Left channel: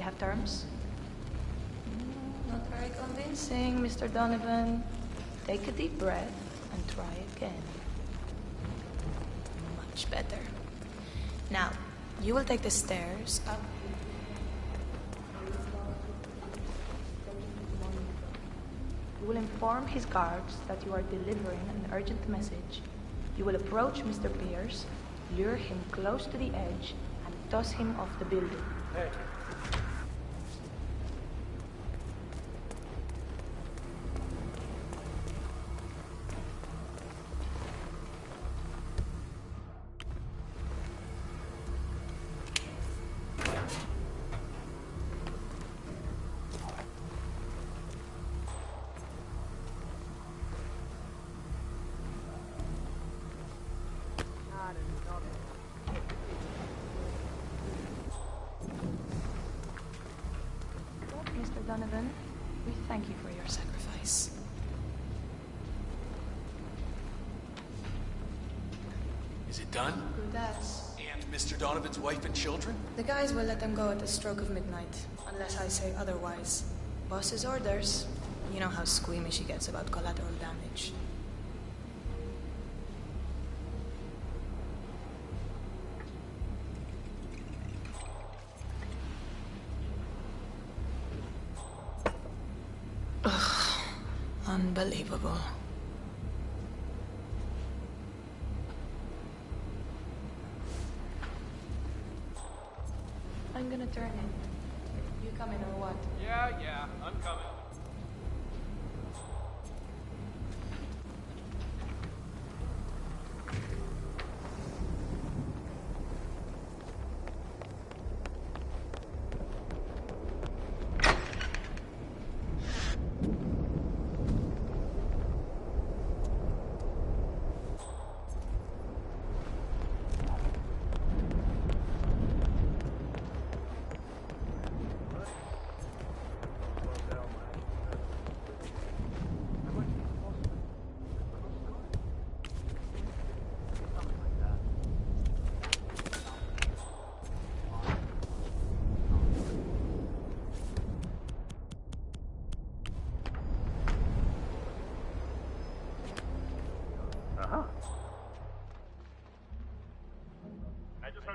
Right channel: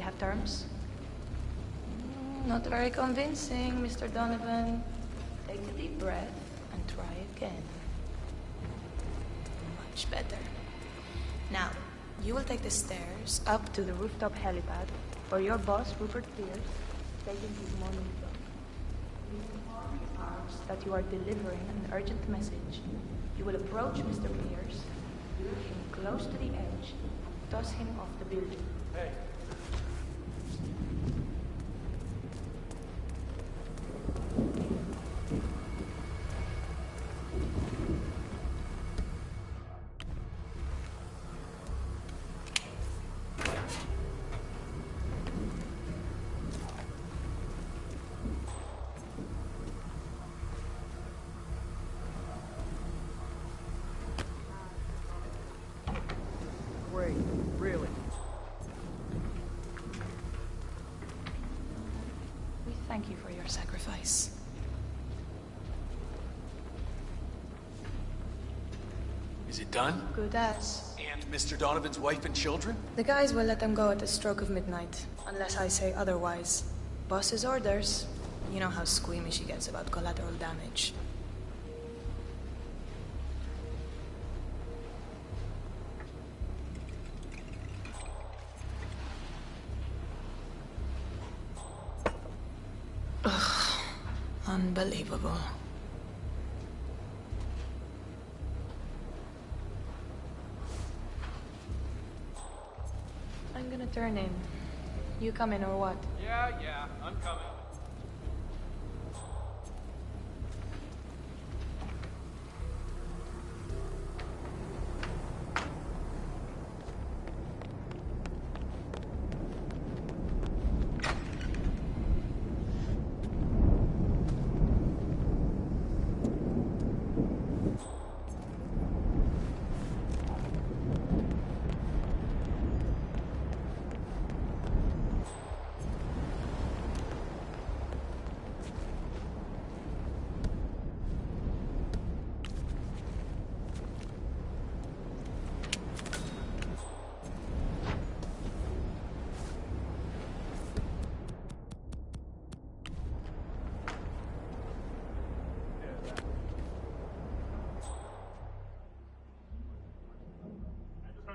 we have terms? Not very convincing, Mr. Donovan. Take a deep breath and try again. Much better. Now, you will take the stairs up to the rooftop helipad, where your boss, Rupert Pierce, is taking his morning job. You will inform his guards that you are delivering an urgent message. You will approach Mr. Pierce, lure him close to the edge, and toss him off the building. Hey. Thank you for your sacrifice. Is it done? Good as. And Mr. Donovan's wife and children? The guys will let them go at the stroke of midnight, unless I say otherwise. Boss's orders. You know how squeamish he gets about collateral damage. Unbelievable. I'm gonna turn in. You come in or what? Yeah, I'm coming.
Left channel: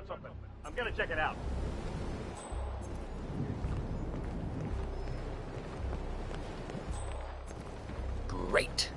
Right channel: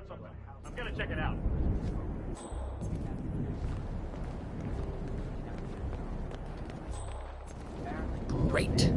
Something. I'm gonna check it out. Great.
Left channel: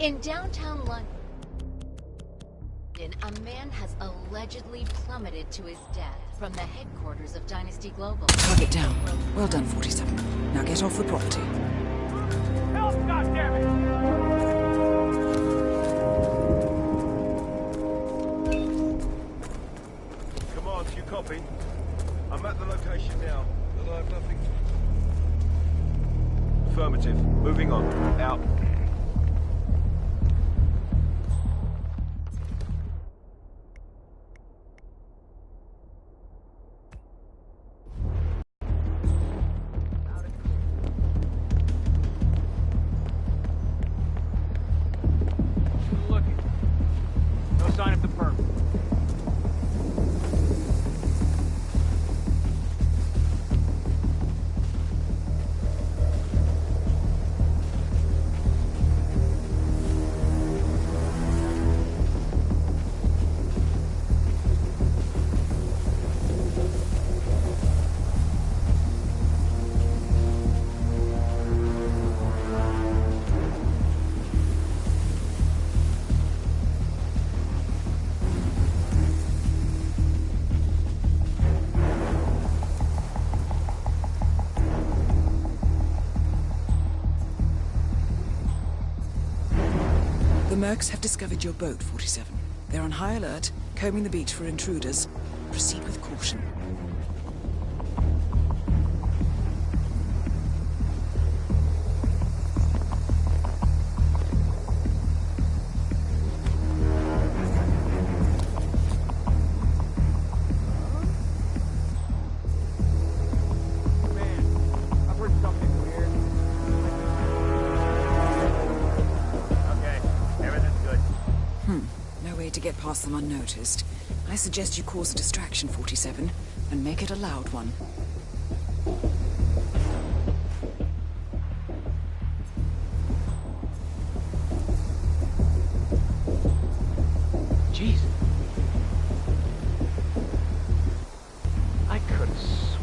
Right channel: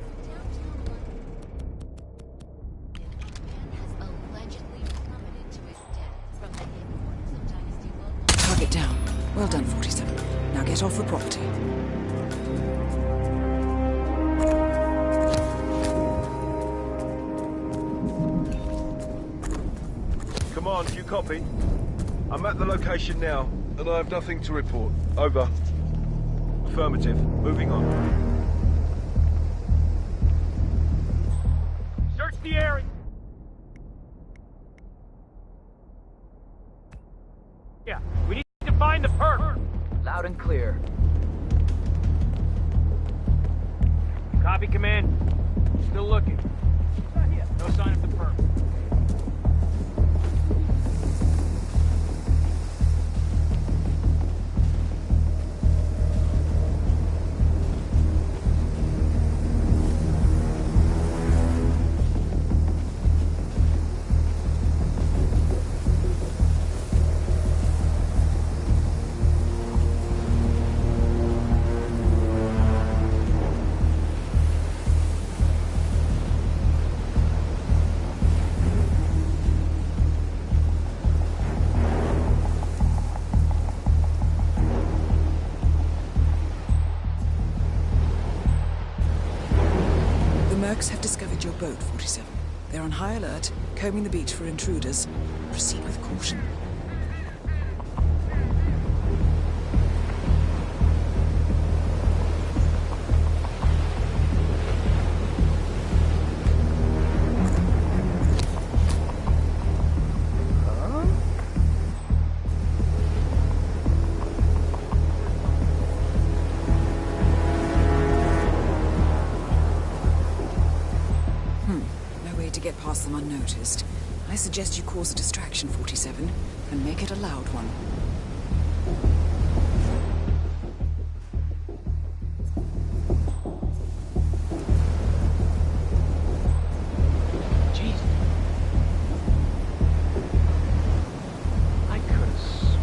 In downtown London, a man has allegedly plummeted to his death from the headquarters of Dynasty Global. Target down. Well done, 47. Now get off the property. Help, goddammit! Come on, do you copy? I'm at the location now, and I have nothing to report. Over. Affirmative. Moving on. Out. Search the area. Yeah, we need to find the perp. Loud and clear. Copy, command. Still looking. No sign of the perp. The Mercs have discovered your boat, 47. They're on high alert, combing the beach for intruders. Proceed with caution. No way to get past them unnoticed. I suggest you cause a distraction, 47, and make it a loud one. Jeez. I could have sworn.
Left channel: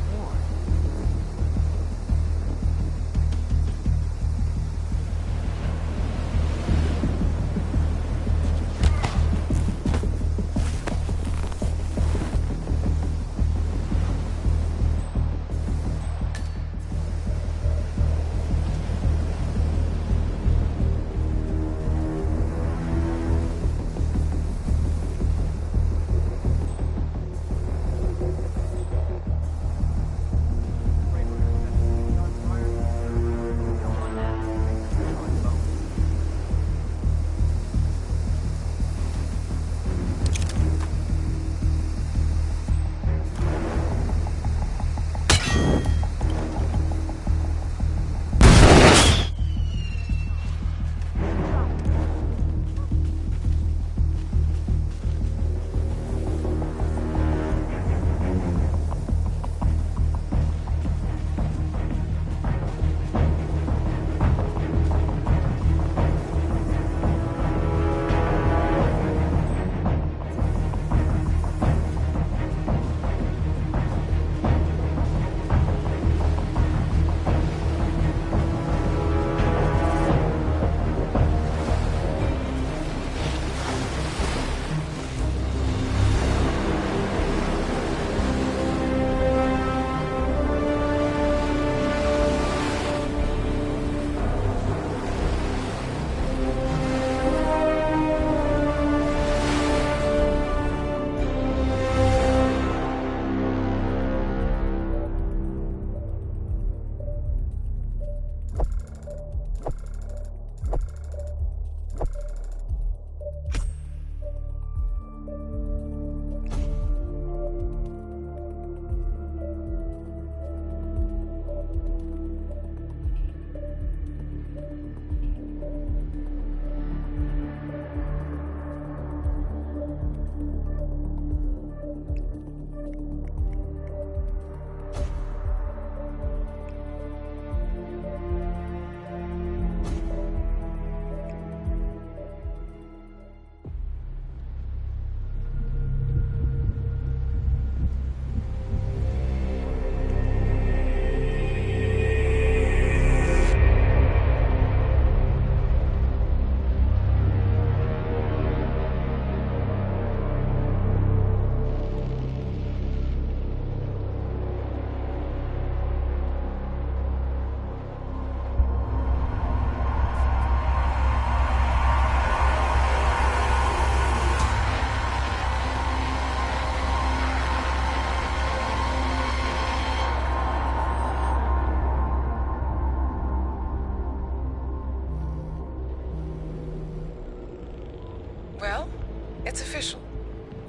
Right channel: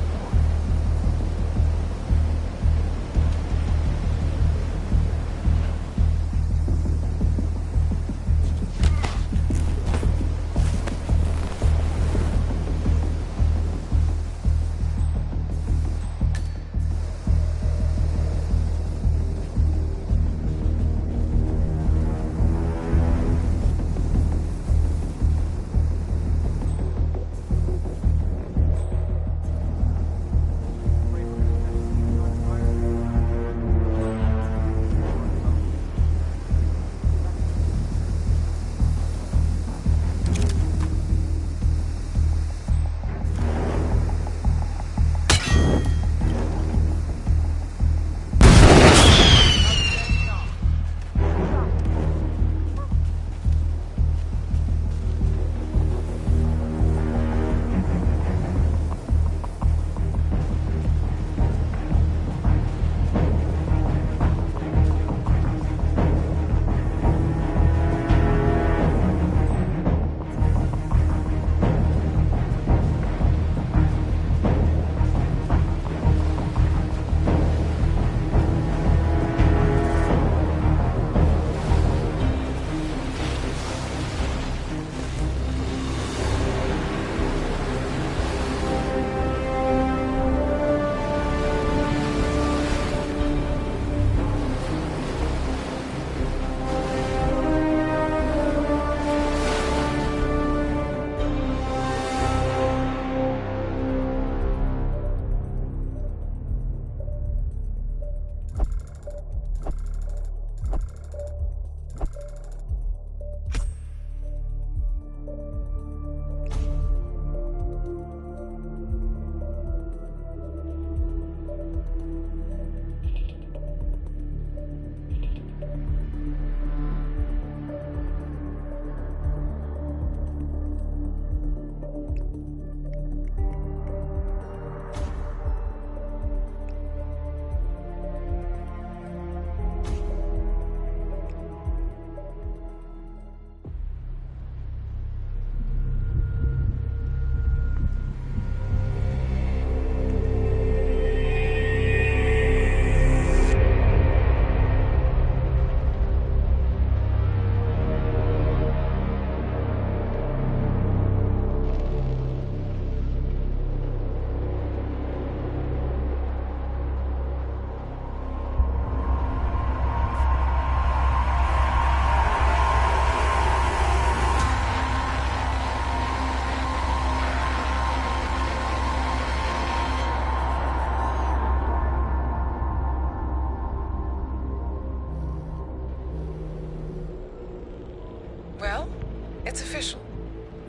It's official.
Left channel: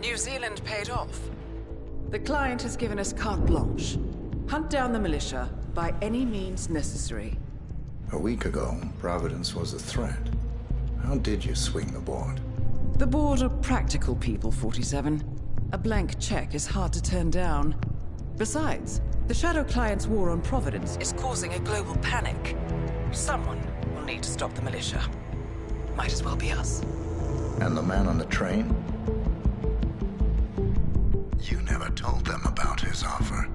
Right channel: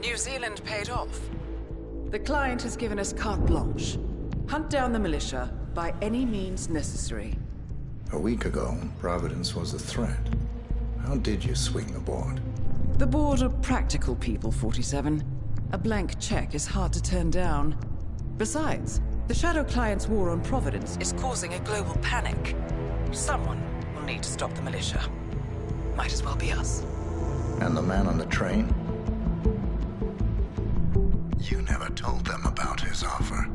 New Zealand paid off. The client has given us carte blanche. Hunt down the militia by any means necessary. A week ago, Providence was a threat. How did you swing the board? The board are practical people, 47. A blank check is hard to turn down. Besides, the Shadow Client's war on Providence is causing a global panic. Someone will need to stop the militia. Might as well be us. And the man on the train? You never told them about his offer.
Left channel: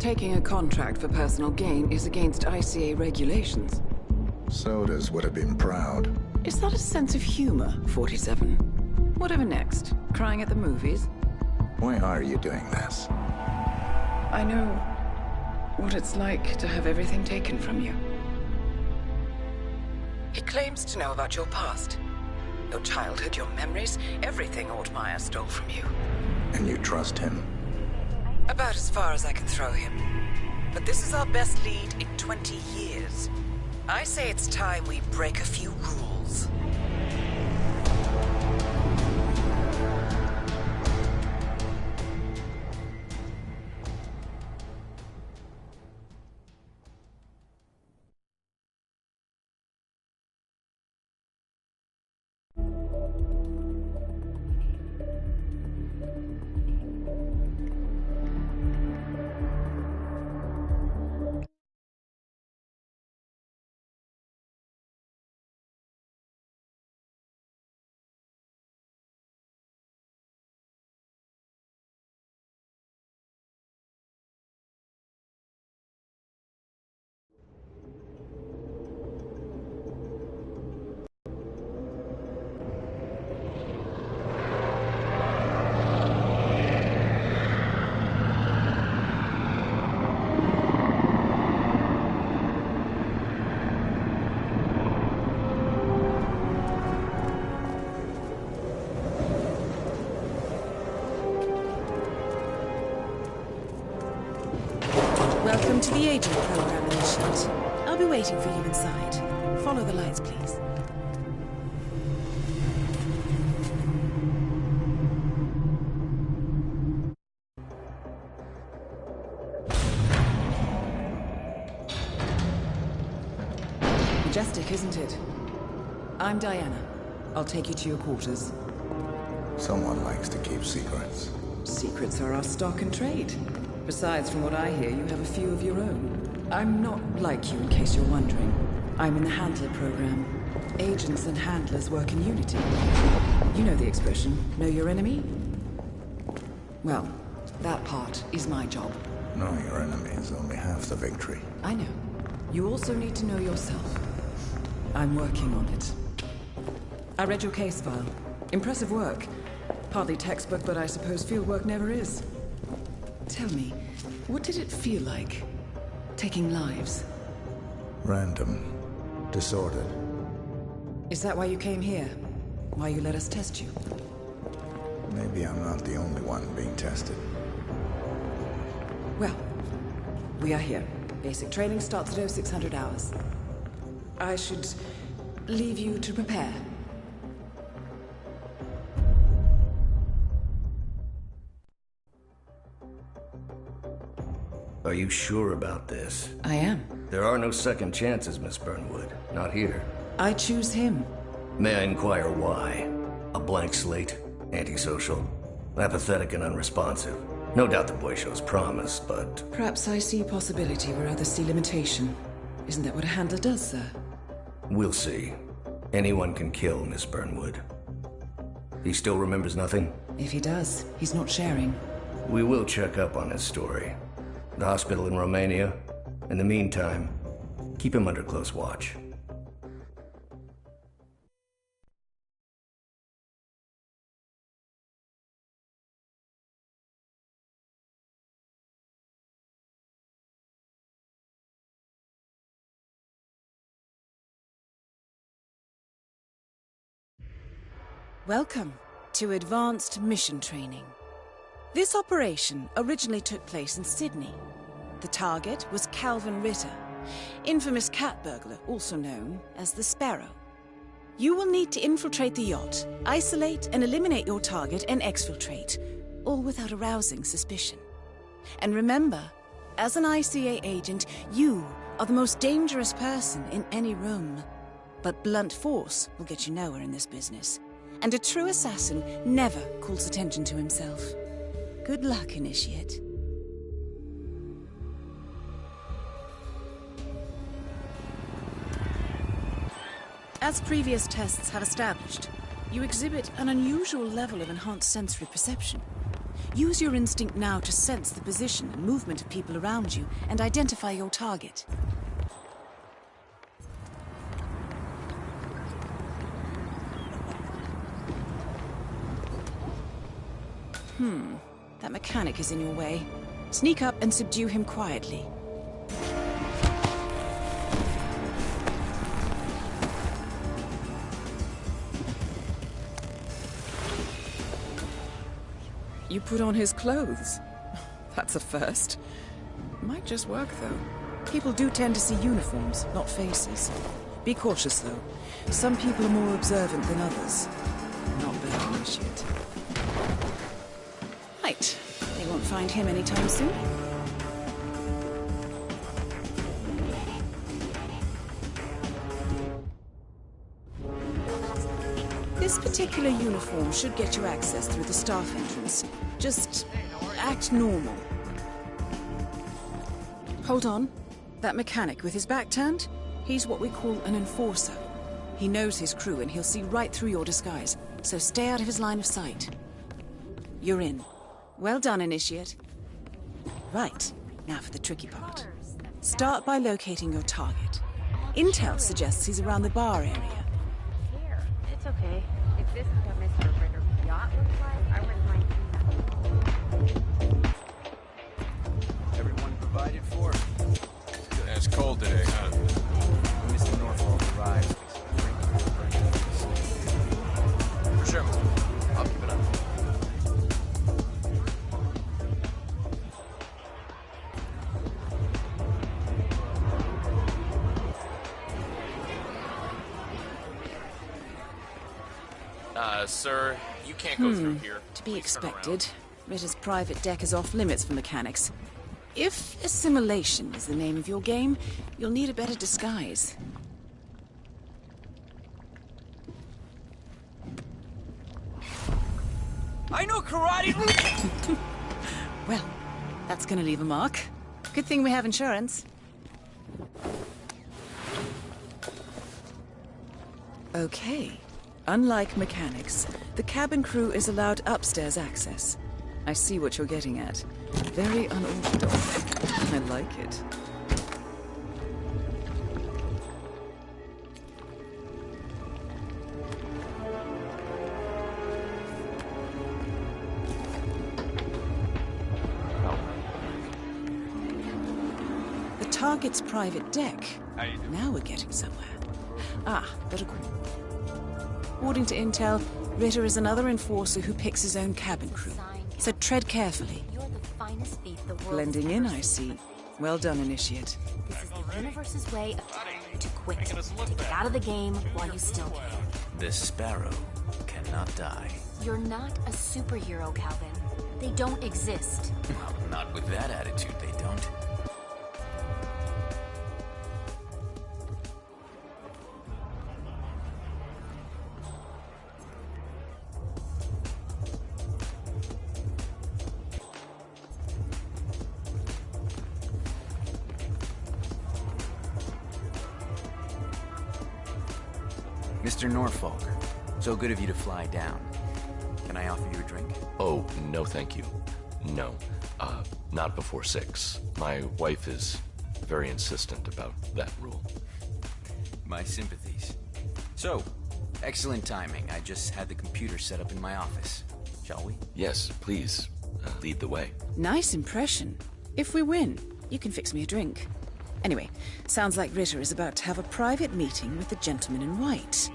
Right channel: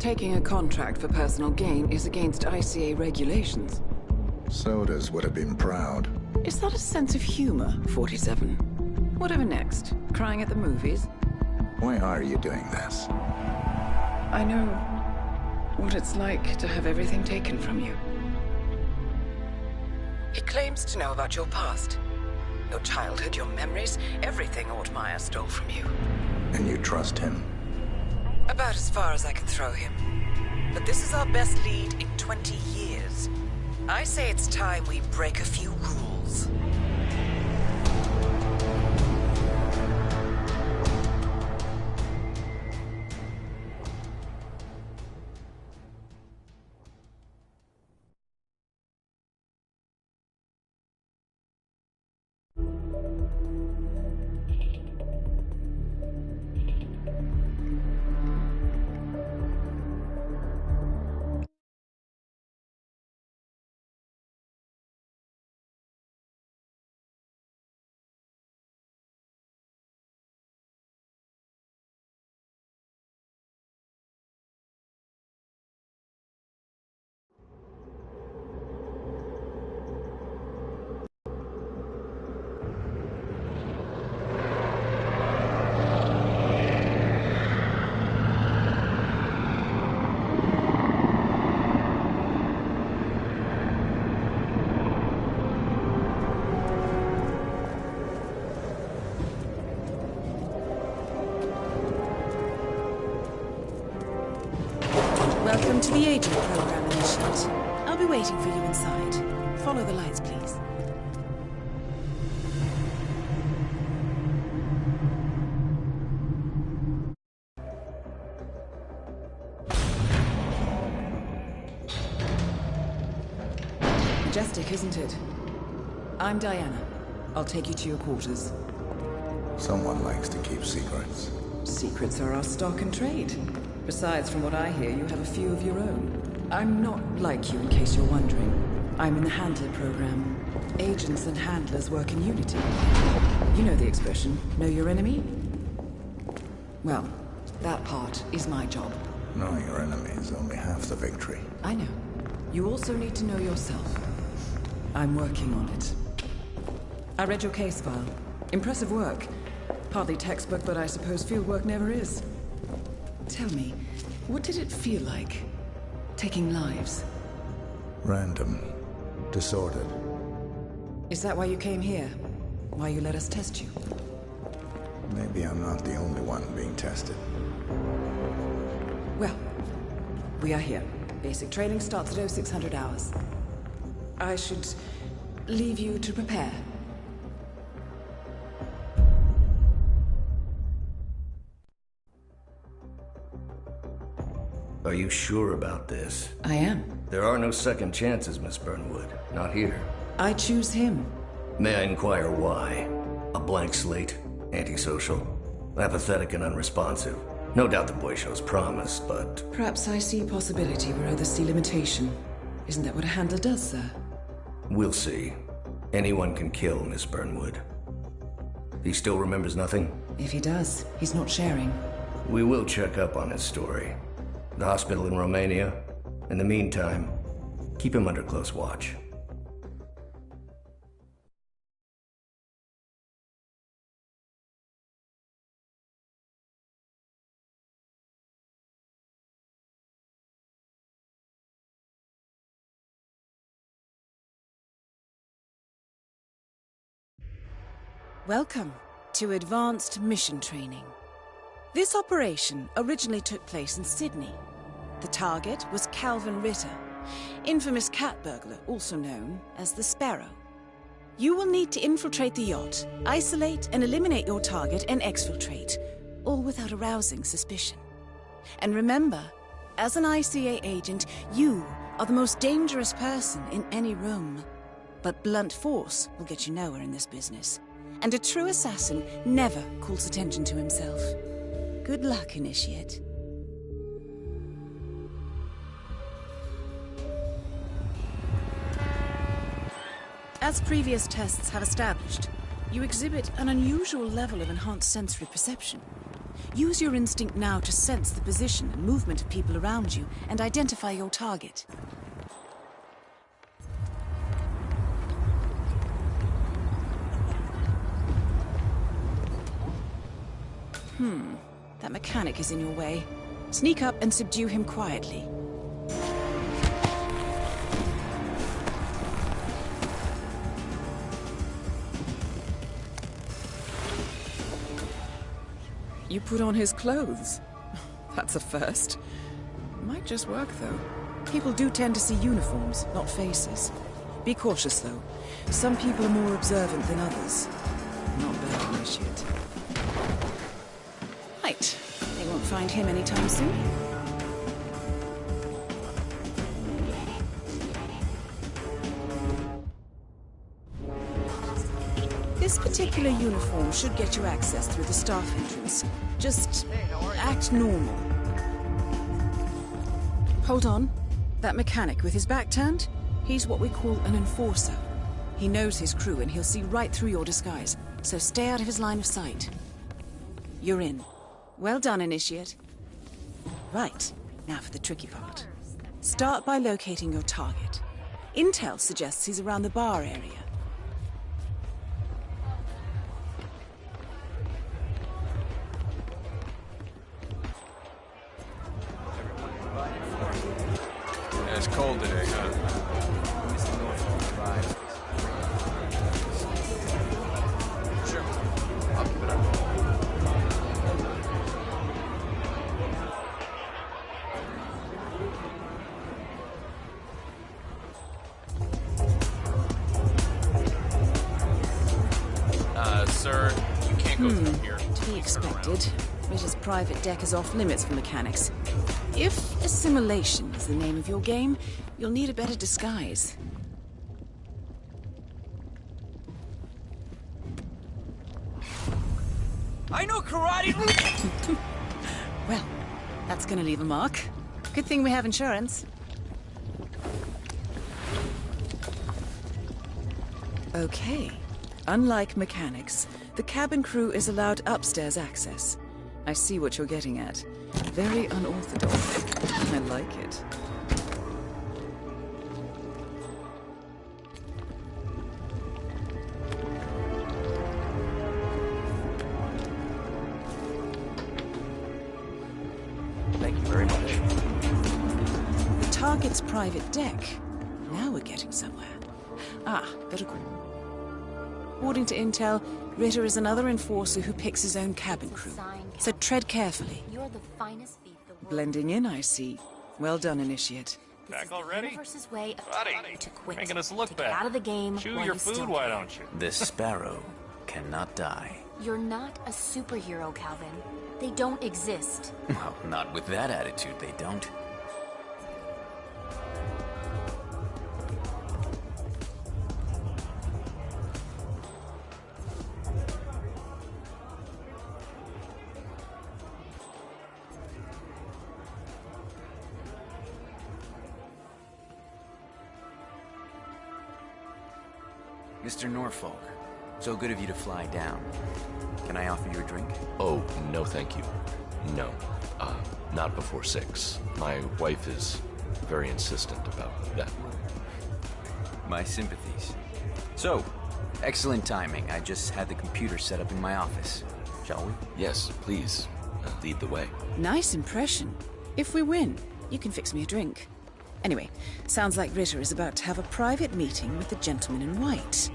Taking a contract for personal gain is against ICA regulations. Sodas would have been proud. Is that a sense of humor, 47? Whatever next? Crying at the movies? Why are you doing this? I know what it's like to have everything taken from you. He claims to know about your past. Your childhood, your memories, everything Altmaier stole from you. And you trust him? About as far as I can throw him. But this is our best lead in 20 years. I say it's time we break a few rules. Welcome to the agent program, Initiate. I'll be waiting for you inside. Follow the lights, please. Majestic, isn't it? I'm Diana. I'll take you to your quarters. Someone likes to keep secrets. Secrets are our stock and trade. Besides, from what I hear, you have a few of your own. I'm not like you, in case you're wondering. I'm in the Handler program. Agents and handlers work in unity. You know the expression, know your enemy? Well, that part is my job. Knowing your enemy is only half the victory. I know. You also need to know yourself. I'm working on it. I read your case file. Impressive work. Hardly textbook, but I suppose field work never is. Tell me, what did it feel like, taking lives? Random. Disordered. Is that why you came here? Why you let us test you? Maybe I'm not the only one being tested. Well, we are here. Basic training starts at 0600 hours. I should leave you to prepare. Are you sure about this? I am. There are no second chances, Miss Burnwood. Not here. I choose him. May I inquire why? A blank slate? Antisocial? Apathetic and unresponsive? No doubt the boy shows promise, but... Perhaps I see possibility where others see limitation. Isn't that what a handler does, sir? We'll see. Anyone can kill Miss Burnwood. He still remembers nothing? If he does, he's not sharing. We will check up on his story. The hospital in Romania. In the meantime, keep him under close watch. Welcome to Advanced Mission Training. This operation originally took place in Sydney. The target was Calvin Ritter, infamous cat burglar, also known as the Sparrow. You will need to infiltrate the yacht, isolate and eliminate your target, and exfiltrate, all without arousing suspicion. And remember, as an ICA agent, you are the most dangerous person in any room. But blunt force will get you nowhere in this business. And a true assassin never calls attention to himself. Good luck, Initiate. As previous tests have established, you exhibit an unusual level of enhanced sensory perception. Use your instinct now to sense the position and movement of people around you and identify your target. That mechanic is in your way. Sneak up and subdue him quietly. You put on his clothes. That's a first. Might just work, though. People do tend to see uniforms, not faces. Be cautious, though. Some people are more observant than others. Not bad, Initiate. Right. They won't find him anytime soon. This particular uniform should get you access through the staff entrance. Just act normal. Hold on. That mechanic with his back turned? He's what we call an enforcer. He knows his crew and he'll see right through your disguise, so stay out of his line of sight. You're in. Well done, Initiate. Right, now for the tricky part. Start by locating your target. Intel suggests he's around the bar area. Everyone provided for. Yeah, it's cold today, huh? Mr. Norfolk provides. Sure. I'll keep it up. Sir, you can't go through here. To be Please turn around. expected. Ritter's private deck is off limits for mechanics. If assimilation is the name of your game, you'll need a better disguise. I know karate! Well, that's gonna leave a mark. Good thing we have insurance. Okay. Unlike mechanics, the cabin crew is allowed upstairs access. I see what you're getting at. Very unorthodox. I like it. Thank you very much. The target's private deck. Now we're getting somewhere. Ah, protocol. According to Intel, Ritter is another enforcer who picks his own cabin crew. So tread carefully. You're the finest thief the world Blending in, I see. Well done, Initiate. This is the universe's way of telling you to quit. Making us look to get bad. out of the game Chew while your you food, still why can. don't you? This sparrow cannot die. You're not a superhero, Calvin. They don't exist. Well, not with that attitude, they don't. Mr. Norfolk, so good of you to fly down. Can I offer you a drink? Oh, no thank you. No. Not before 6. My wife is very insistent about that rule. My sympathies. So, excellent timing. I just had the computer set up in my office. Shall we? Yes, please. Lead the way. Nice impression. If we win, you can fix me a drink. Anyway, sounds like Ritter is about to have a private meeting with the gentleman in white.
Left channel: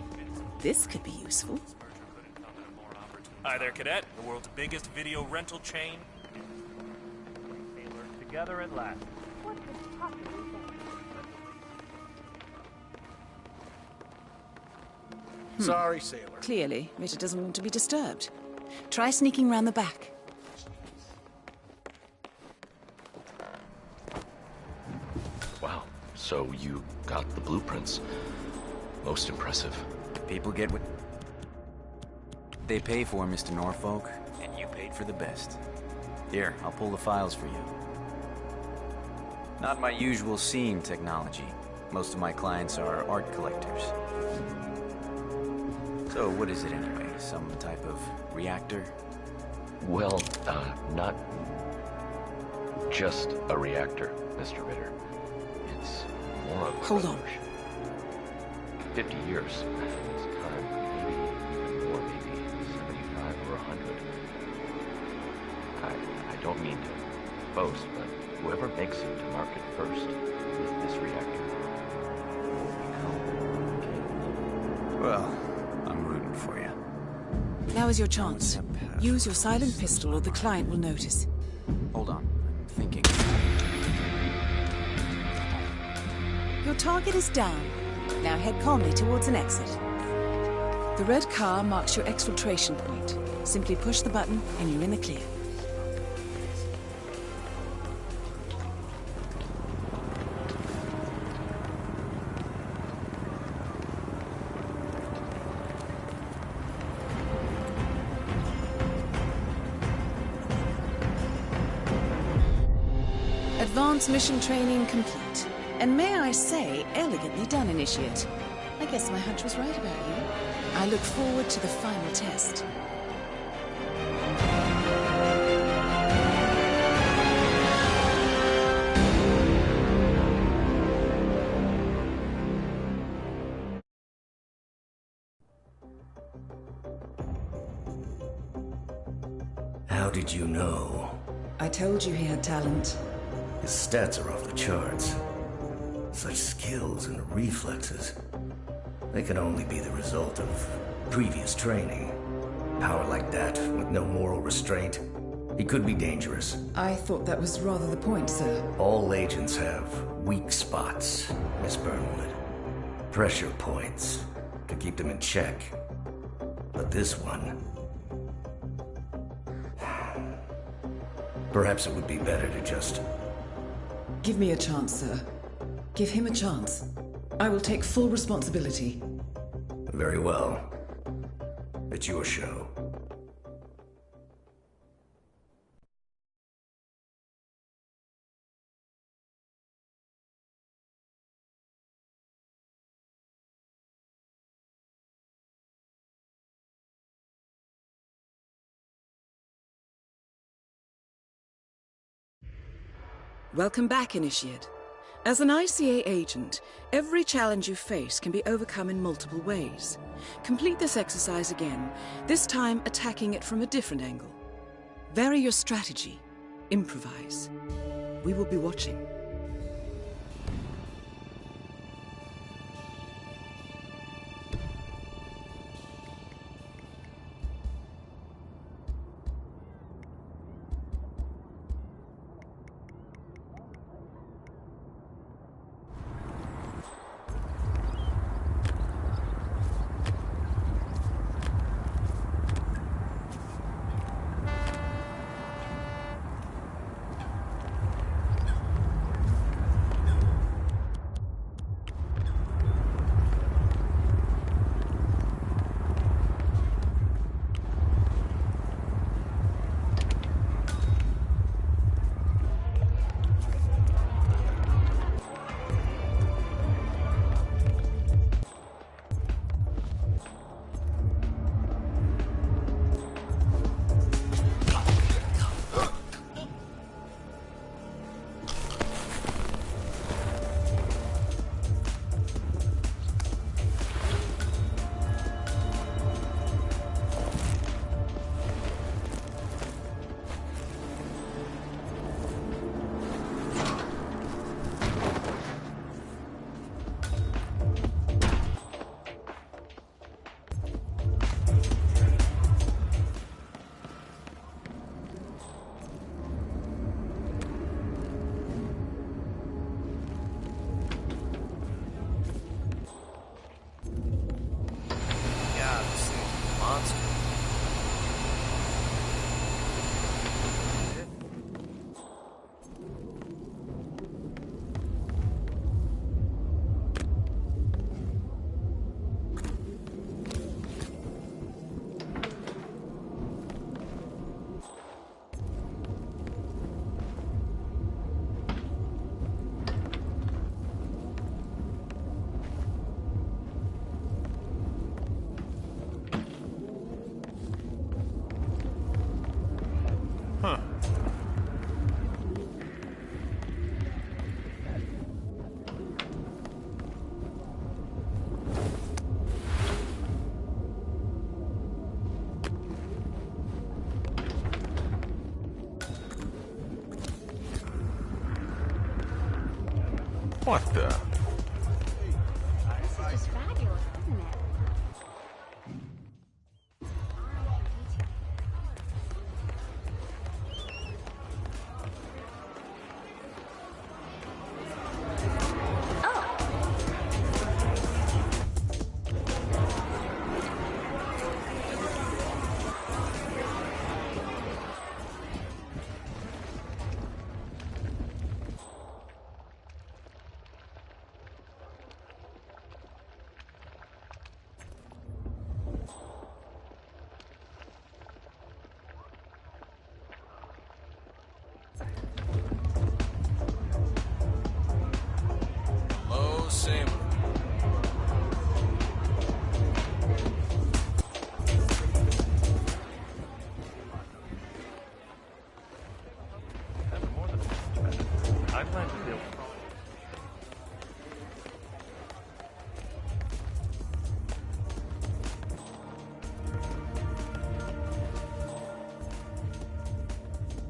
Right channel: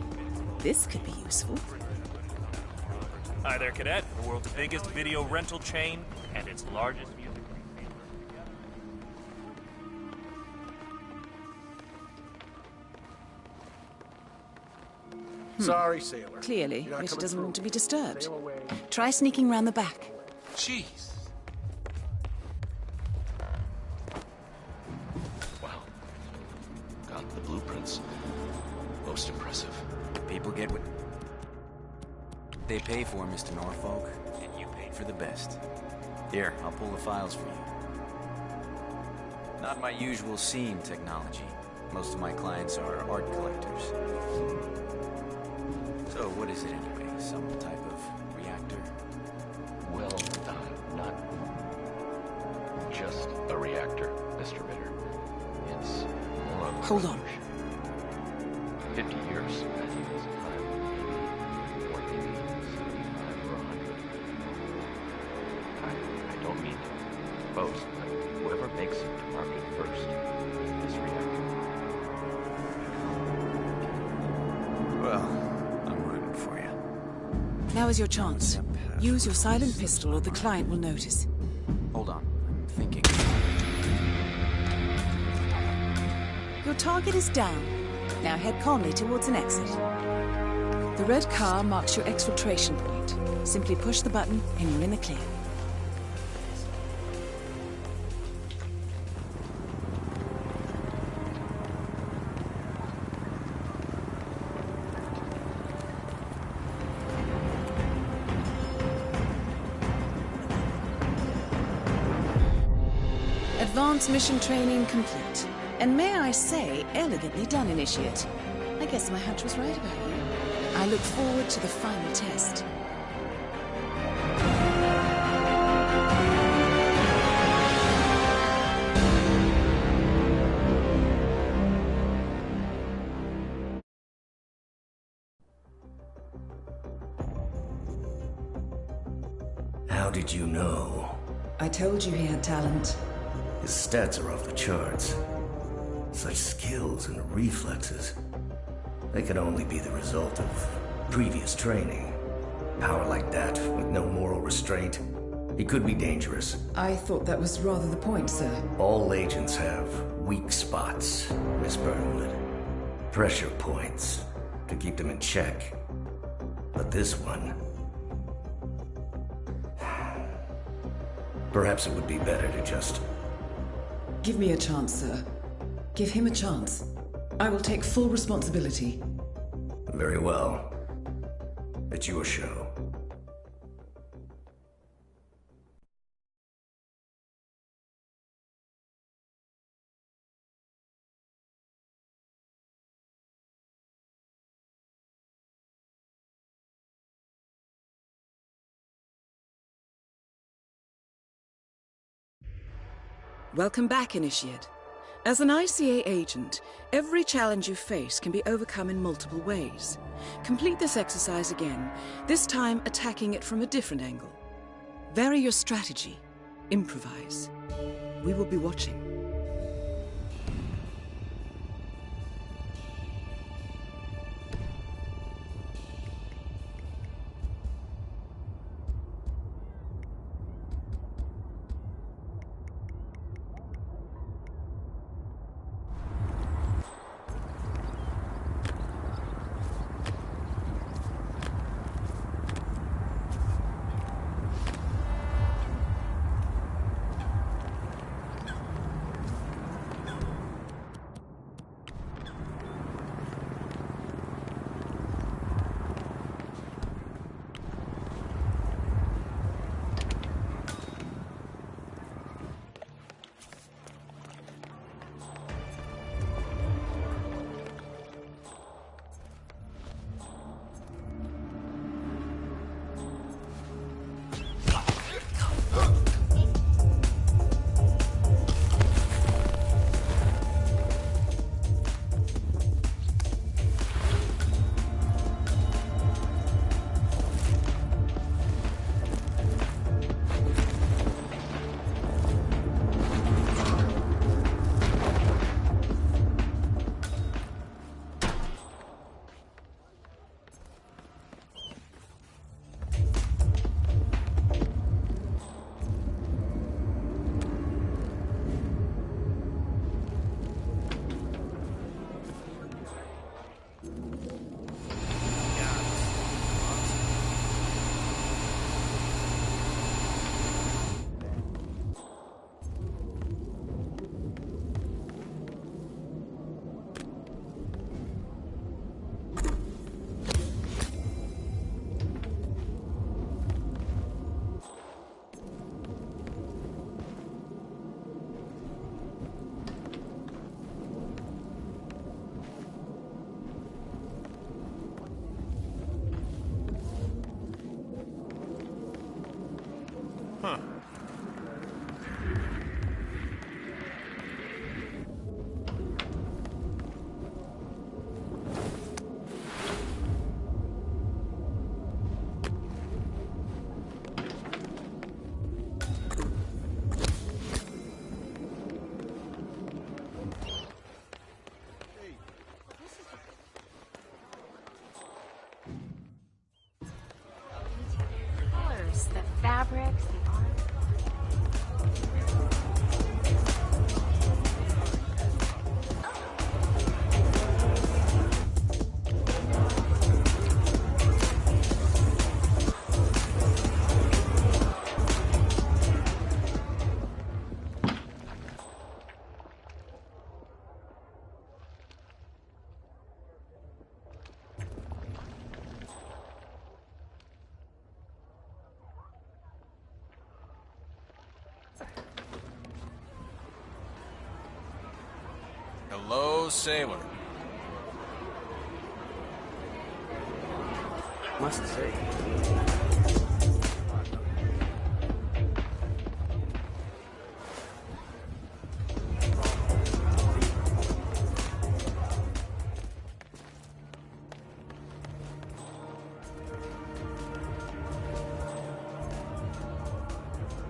This could be useful. Hi there, Cadet. The world's biggest video rental chain and its largest music retailer together at last. Sorry, sailor. Clearly, Ritter doesn't want to be disturbed. Try sneaking round the back. Jeez. Wow, so you got the blueprints. Most impressive. People get what they pay for, Mr. Norfolk, and you paid for the best. Here, I'll pull the files for you. Not my usual scene technology. Most of my clients are art collectors. So what is it anyway? Some type of reactor? Well, not just a reactor, Mr. Ritter. It's more of a Hold on. 50 years at this time, maybe even more, maybe 75 or 100. I don't mean to boast, but whoever makes it to market first with this reactor will become king. Well, I'm rooting for you. Now is your chance. Use your silent pistol or the client will notice. Hold on, I'm thinking. Your target is down. Now head calmly towards an exit. The red car marks your exfiltration point. Simply push the button and you're in the clear. Advanced mission training complete. And may I say, elegantly done, Initiate. I guess my hunch was right about you. I look forward to the final test. How did you know? I told you he had talent. His stats are off the charts. Such skills and reflexes. They can only be the result of previous training. Power like that, with no moral restraint, he could be dangerous. I thought that was rather the point, sir. All agents have weak spots, Miss Burnwood. Pressure points, to keep them in check. But this one... Perhaps it would be better to just... Give me a chance, sir. Give him a chance. I will take full responsibility. Very well. It's your show. Welcome back, Initiate. As an ICA agent, every challenge you face can be overcome in multiple ways. Complete this exercise again, this time attacking it from a different angle. Vary your strategy. Improvise. We will be watching. Huh. What the? This is just fabulous, isn't it? The colors, the fabrics. Hello, sailor. What's his fate? I plan to deal with problems.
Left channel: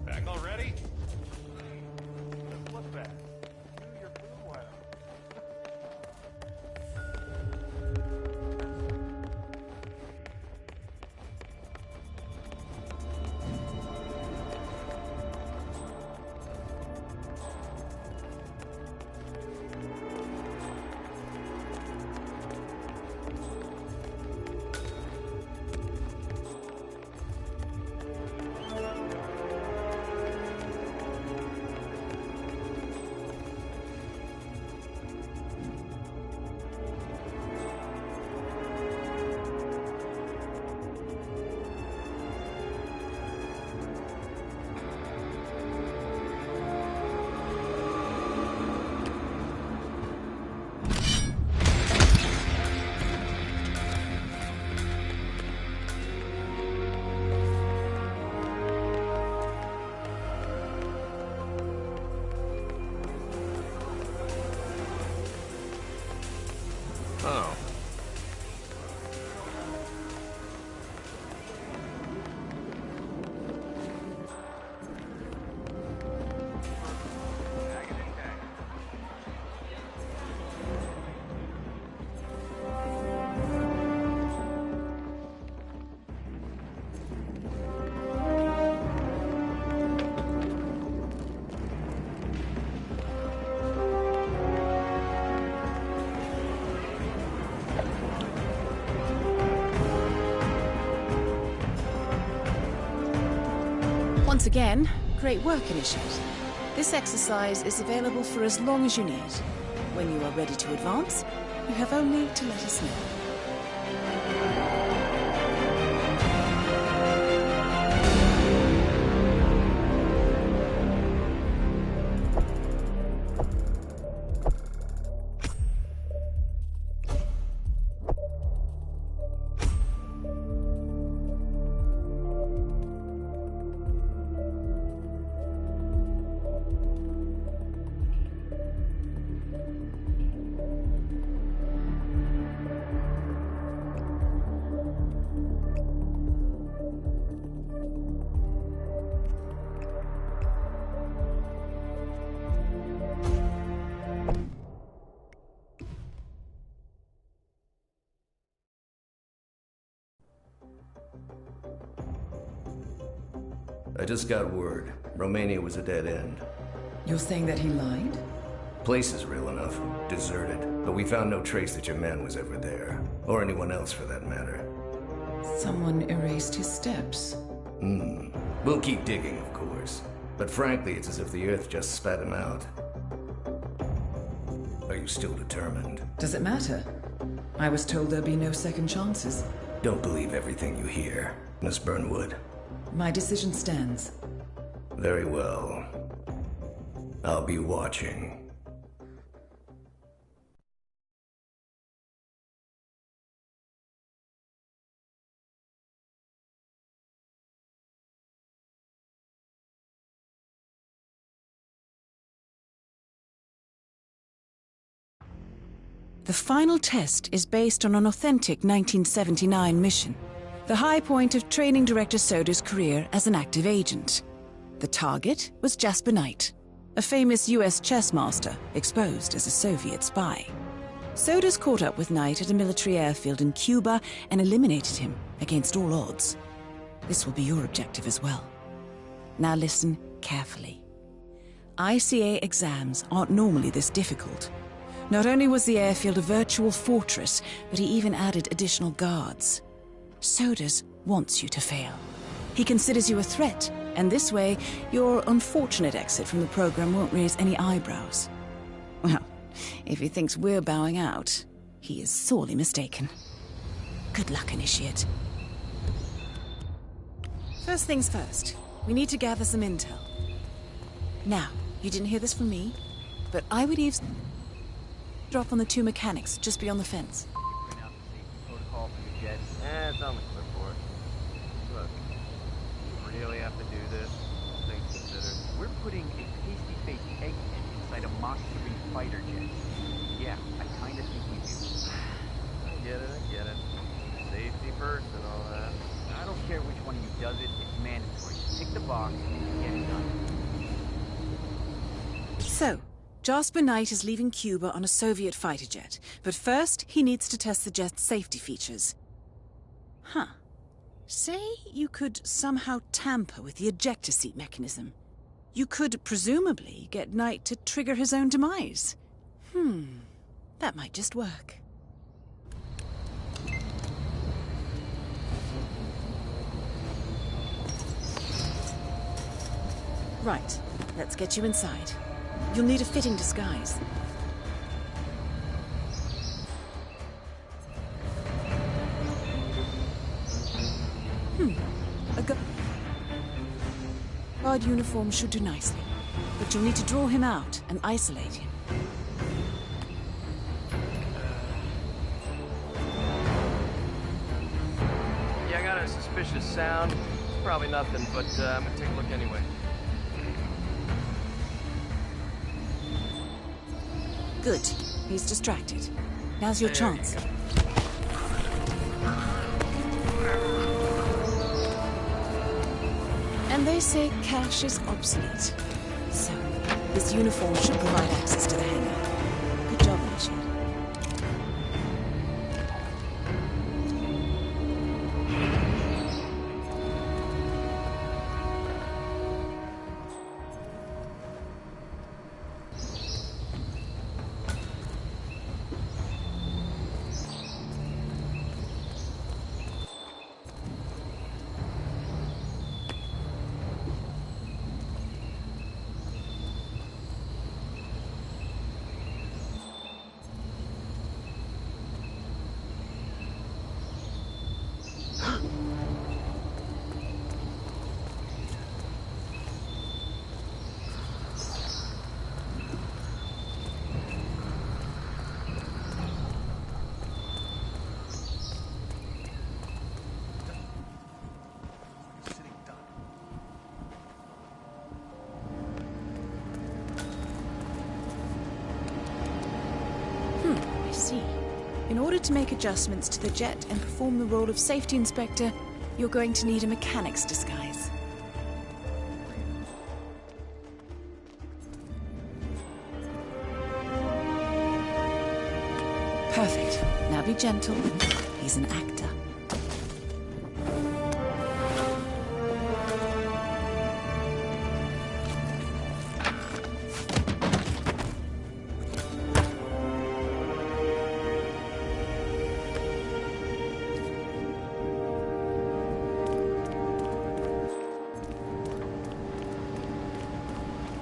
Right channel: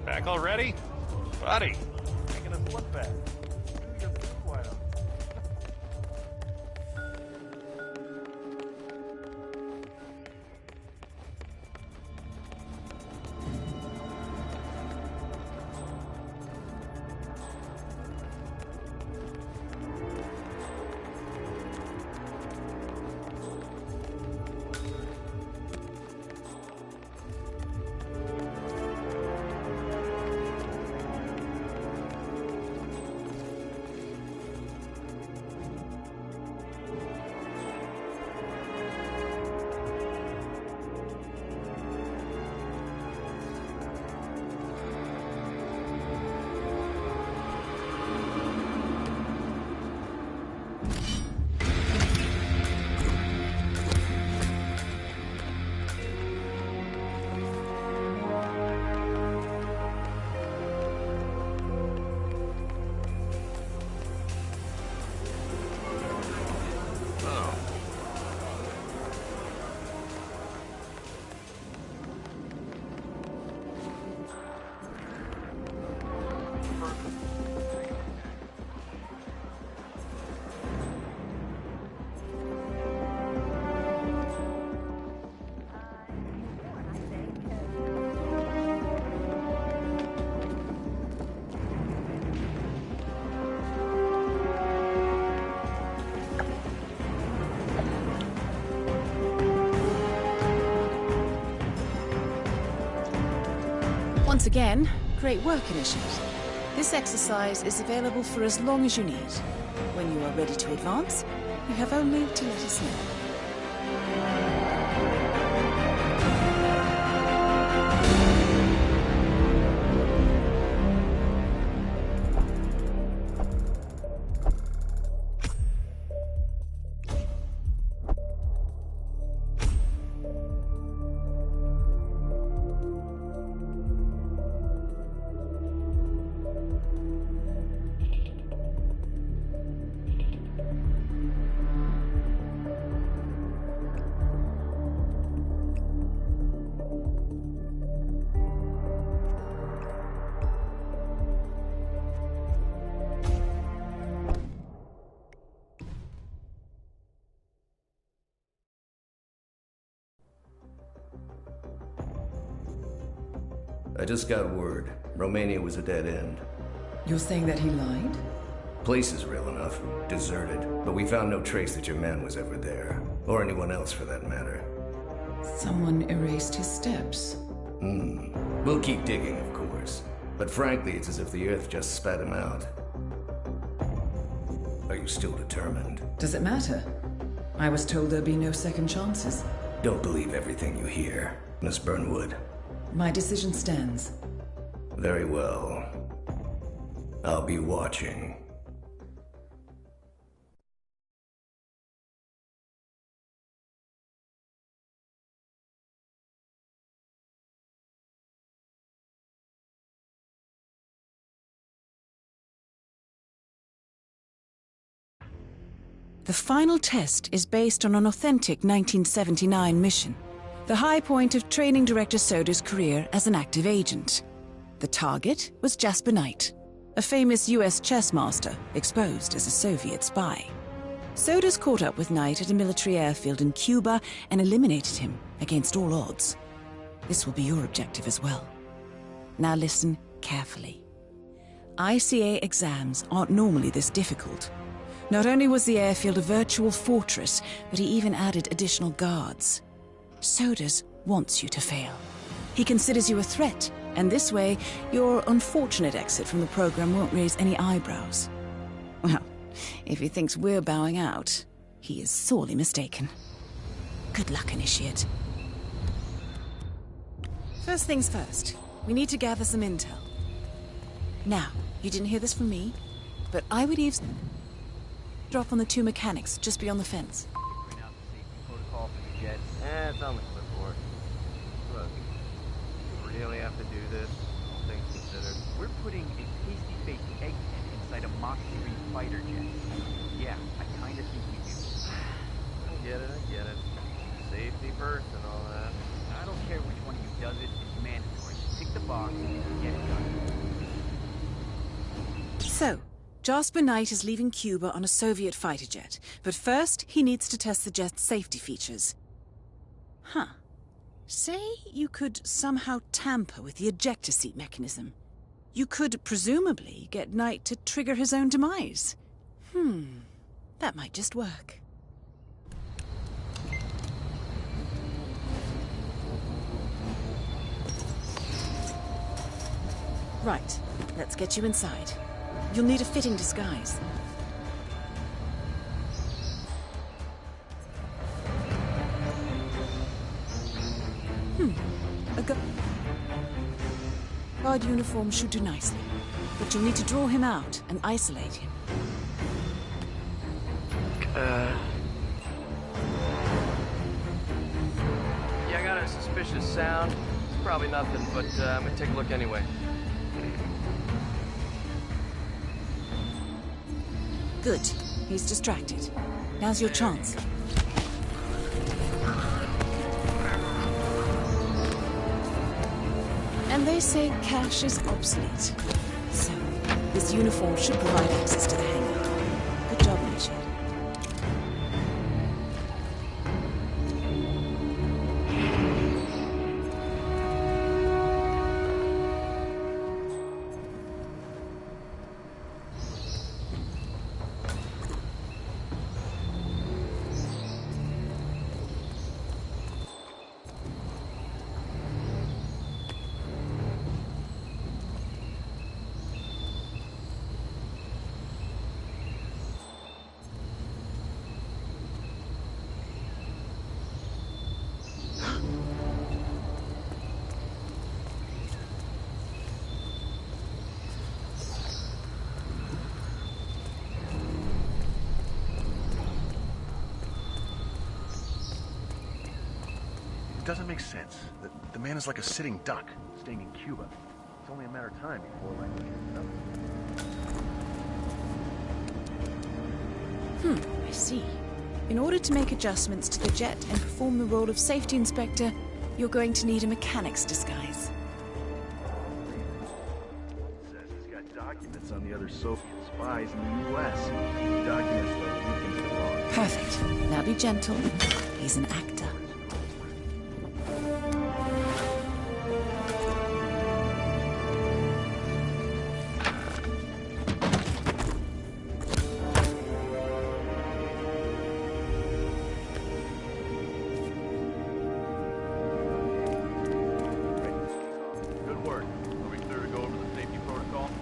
Back already? Buddy, making us look bad. Do your boo, why not? Oh. Once again, great work, Initiate. This exercise is available for as long as you need. When you are ready to advance, you have only to let us know. I just got word. Romania was a dead end. You're saying that he lied? Place is real enough. Deserted. But we found no trace that your man was ever there. Or anyone else for that matter. Someone erased his steps. We'll keep digging, of course. But frankly, it's as if the Earth just spat him out. Are you still determined? Does it matter? I was told there'd be no second chances. Don't believe everything you hear, Miss Burnwood. My decision stands. Very well. I'll be watching. The final test is based on an authentic 1979 mission, the high point of training director Soda's career as an active agent. The target was Jasper Knight, a famous US chess master exposed as a Soviet spy. Soda's caught up with Knight at a military airfield in Cuba and eliminated him against all odds. This will be your objective as well. Now listen carefully. ICA exams aren't normally this difficult. Not only was the airfield a virtual fortress, but he even added additional guards. Sodas wants you to fail. He considers you a threat, and this way, your unfortunate exit from the program won't raise any eyebrows. Well, if he thinks we're bowing out, he is sorely mistaken. Good luck, Initiate. First things first, we need to gather some intel. Now, you didn't hear this from me, but I would eavesdrop on the two mechanics just beyond the fence. Print out the safety protocol for the jet. It's on the clipboard. Look, you really have to do this, all things considered. We're putting a pasty-faced egghead inside a Mach 3 fighter jet. Yeah, I kinda think we do. I get it. Safety first and all that. I don't care which one of you does it, it's mandatory. Tick the box and get it done. So, Jasper Knight is leaving Cuba on a Soviet fighter jet, but first he needs to test the jet's safety features. Huh. Say you could somehow tamper with the ejector seat mechanism. You could presumably get Knight to trigger his own demise. That might just work. Right, let's get you inside. You'll need a fitting disguise. A guard uniform should do nicely, but you'll need to draw him out and isolate him. Yeah, I got a suspicious sound. It's probably nothing, but I'm gonna take a look anyway. Good. He's distracted. Now's your chance. And they say cash is obsolete. So, this uniform should provide access to the hangar. Good job, Initiate. It doesn't make sense. The man is like a sitting duck, staying in Cuba. It's only a matter of time. I see. In order to make adjustments to the jet and perform the role of safety inspector, you're going to need a mechanic's disguise. He's got documents on the other Soviet spies in the US. Perfect. Now be gentle. He's an actor.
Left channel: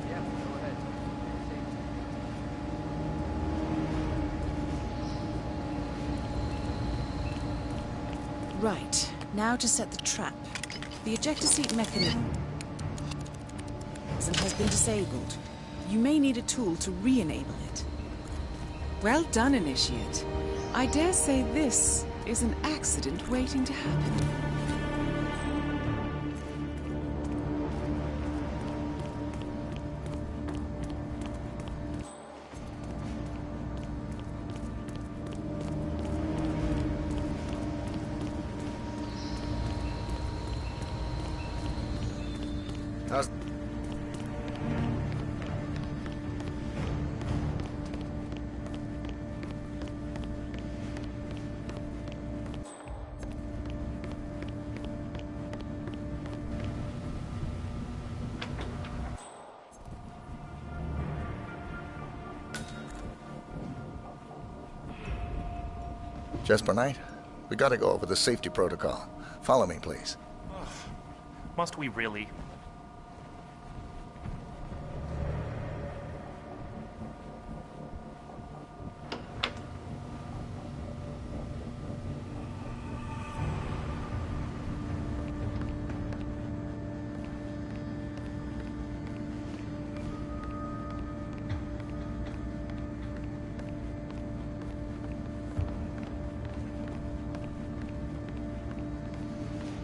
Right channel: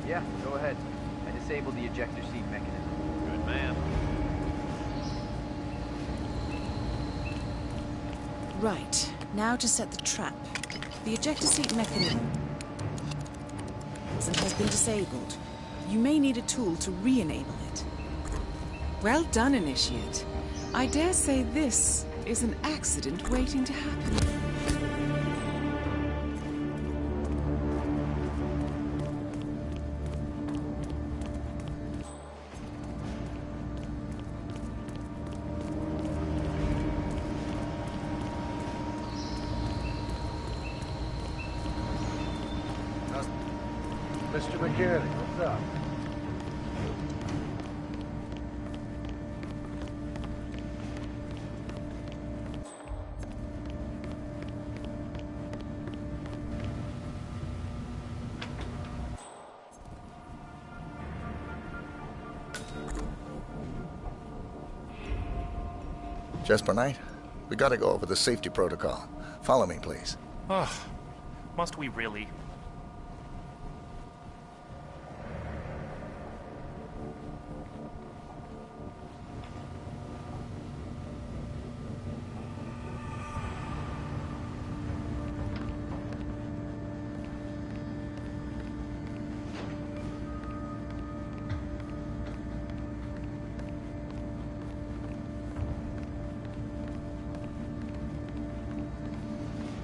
Yeah, go ahead. And disable the ejector seat mechanism. Good man. Right. Now to set the trap. The ejector seat mechanism has been disabled. You may need a tool to re-enable it. Well done, Initiate. I dare say this is an accident waiting to happen. How's... Mr. McGarry, what's up? Jesper Knight, we gotta go over the safety protocol. Follow me, please. Ugh. Must we really?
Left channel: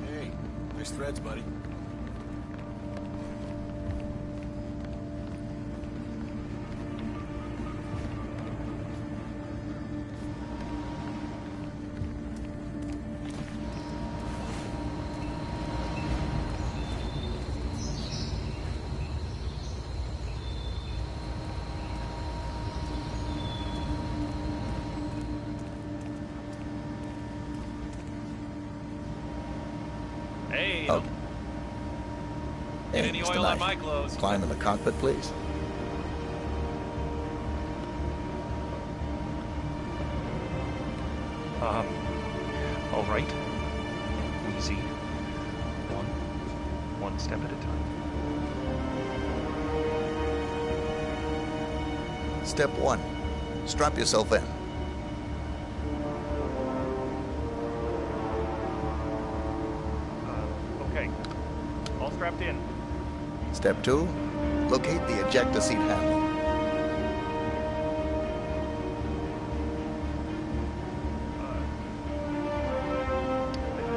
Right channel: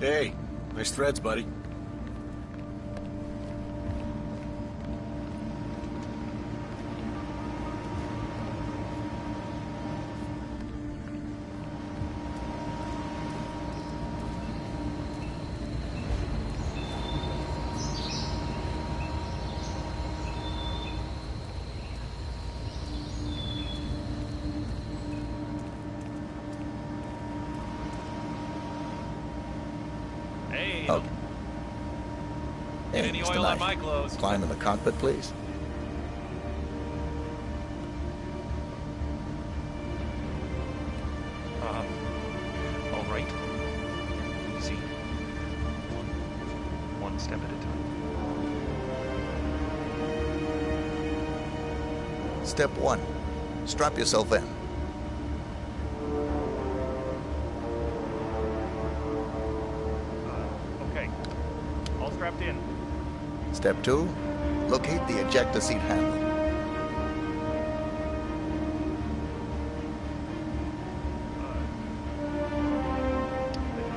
Hey, nice threads, buddy. Hey, Oh. get Hey, any Mr. oil on Knight. my clothes. Climb in the cockpit, please. All right. Easy. One step at a time. Step 1. Strap yourself in. Okay. All strapped in. Step 2. Locate the ejector seat handle.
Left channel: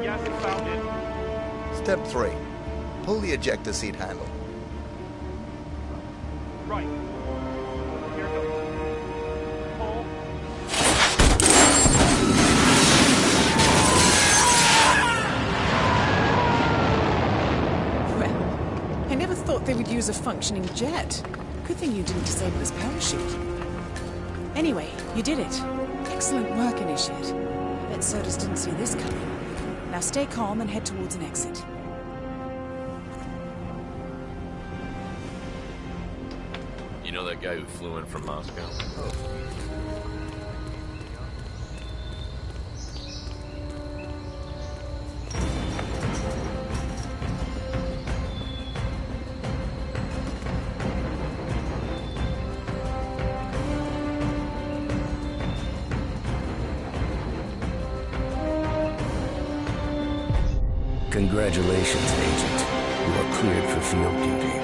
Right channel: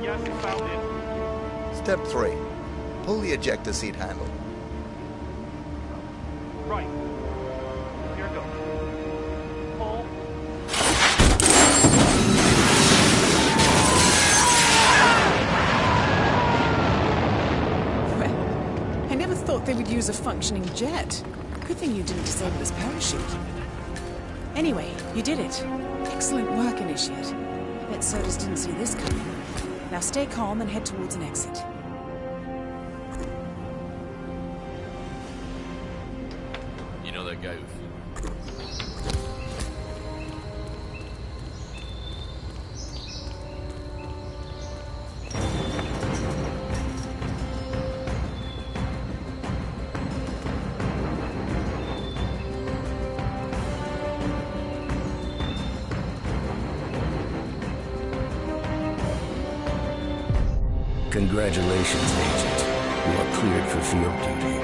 Yes, found it. Step 3. Pull the ejector seat handle. Right. Here it goes. Pull. Well, I never thought they would use a functioning jet. Good thing you didn't disable his parachute. Anyway, you did it. Excellent work, Initiate. I bet Sodas didn't see this coming. Now stay calm and head towards an exit. You know that guy who flew in from Moscow? Congratulations, Agent. You are cleared for field duty.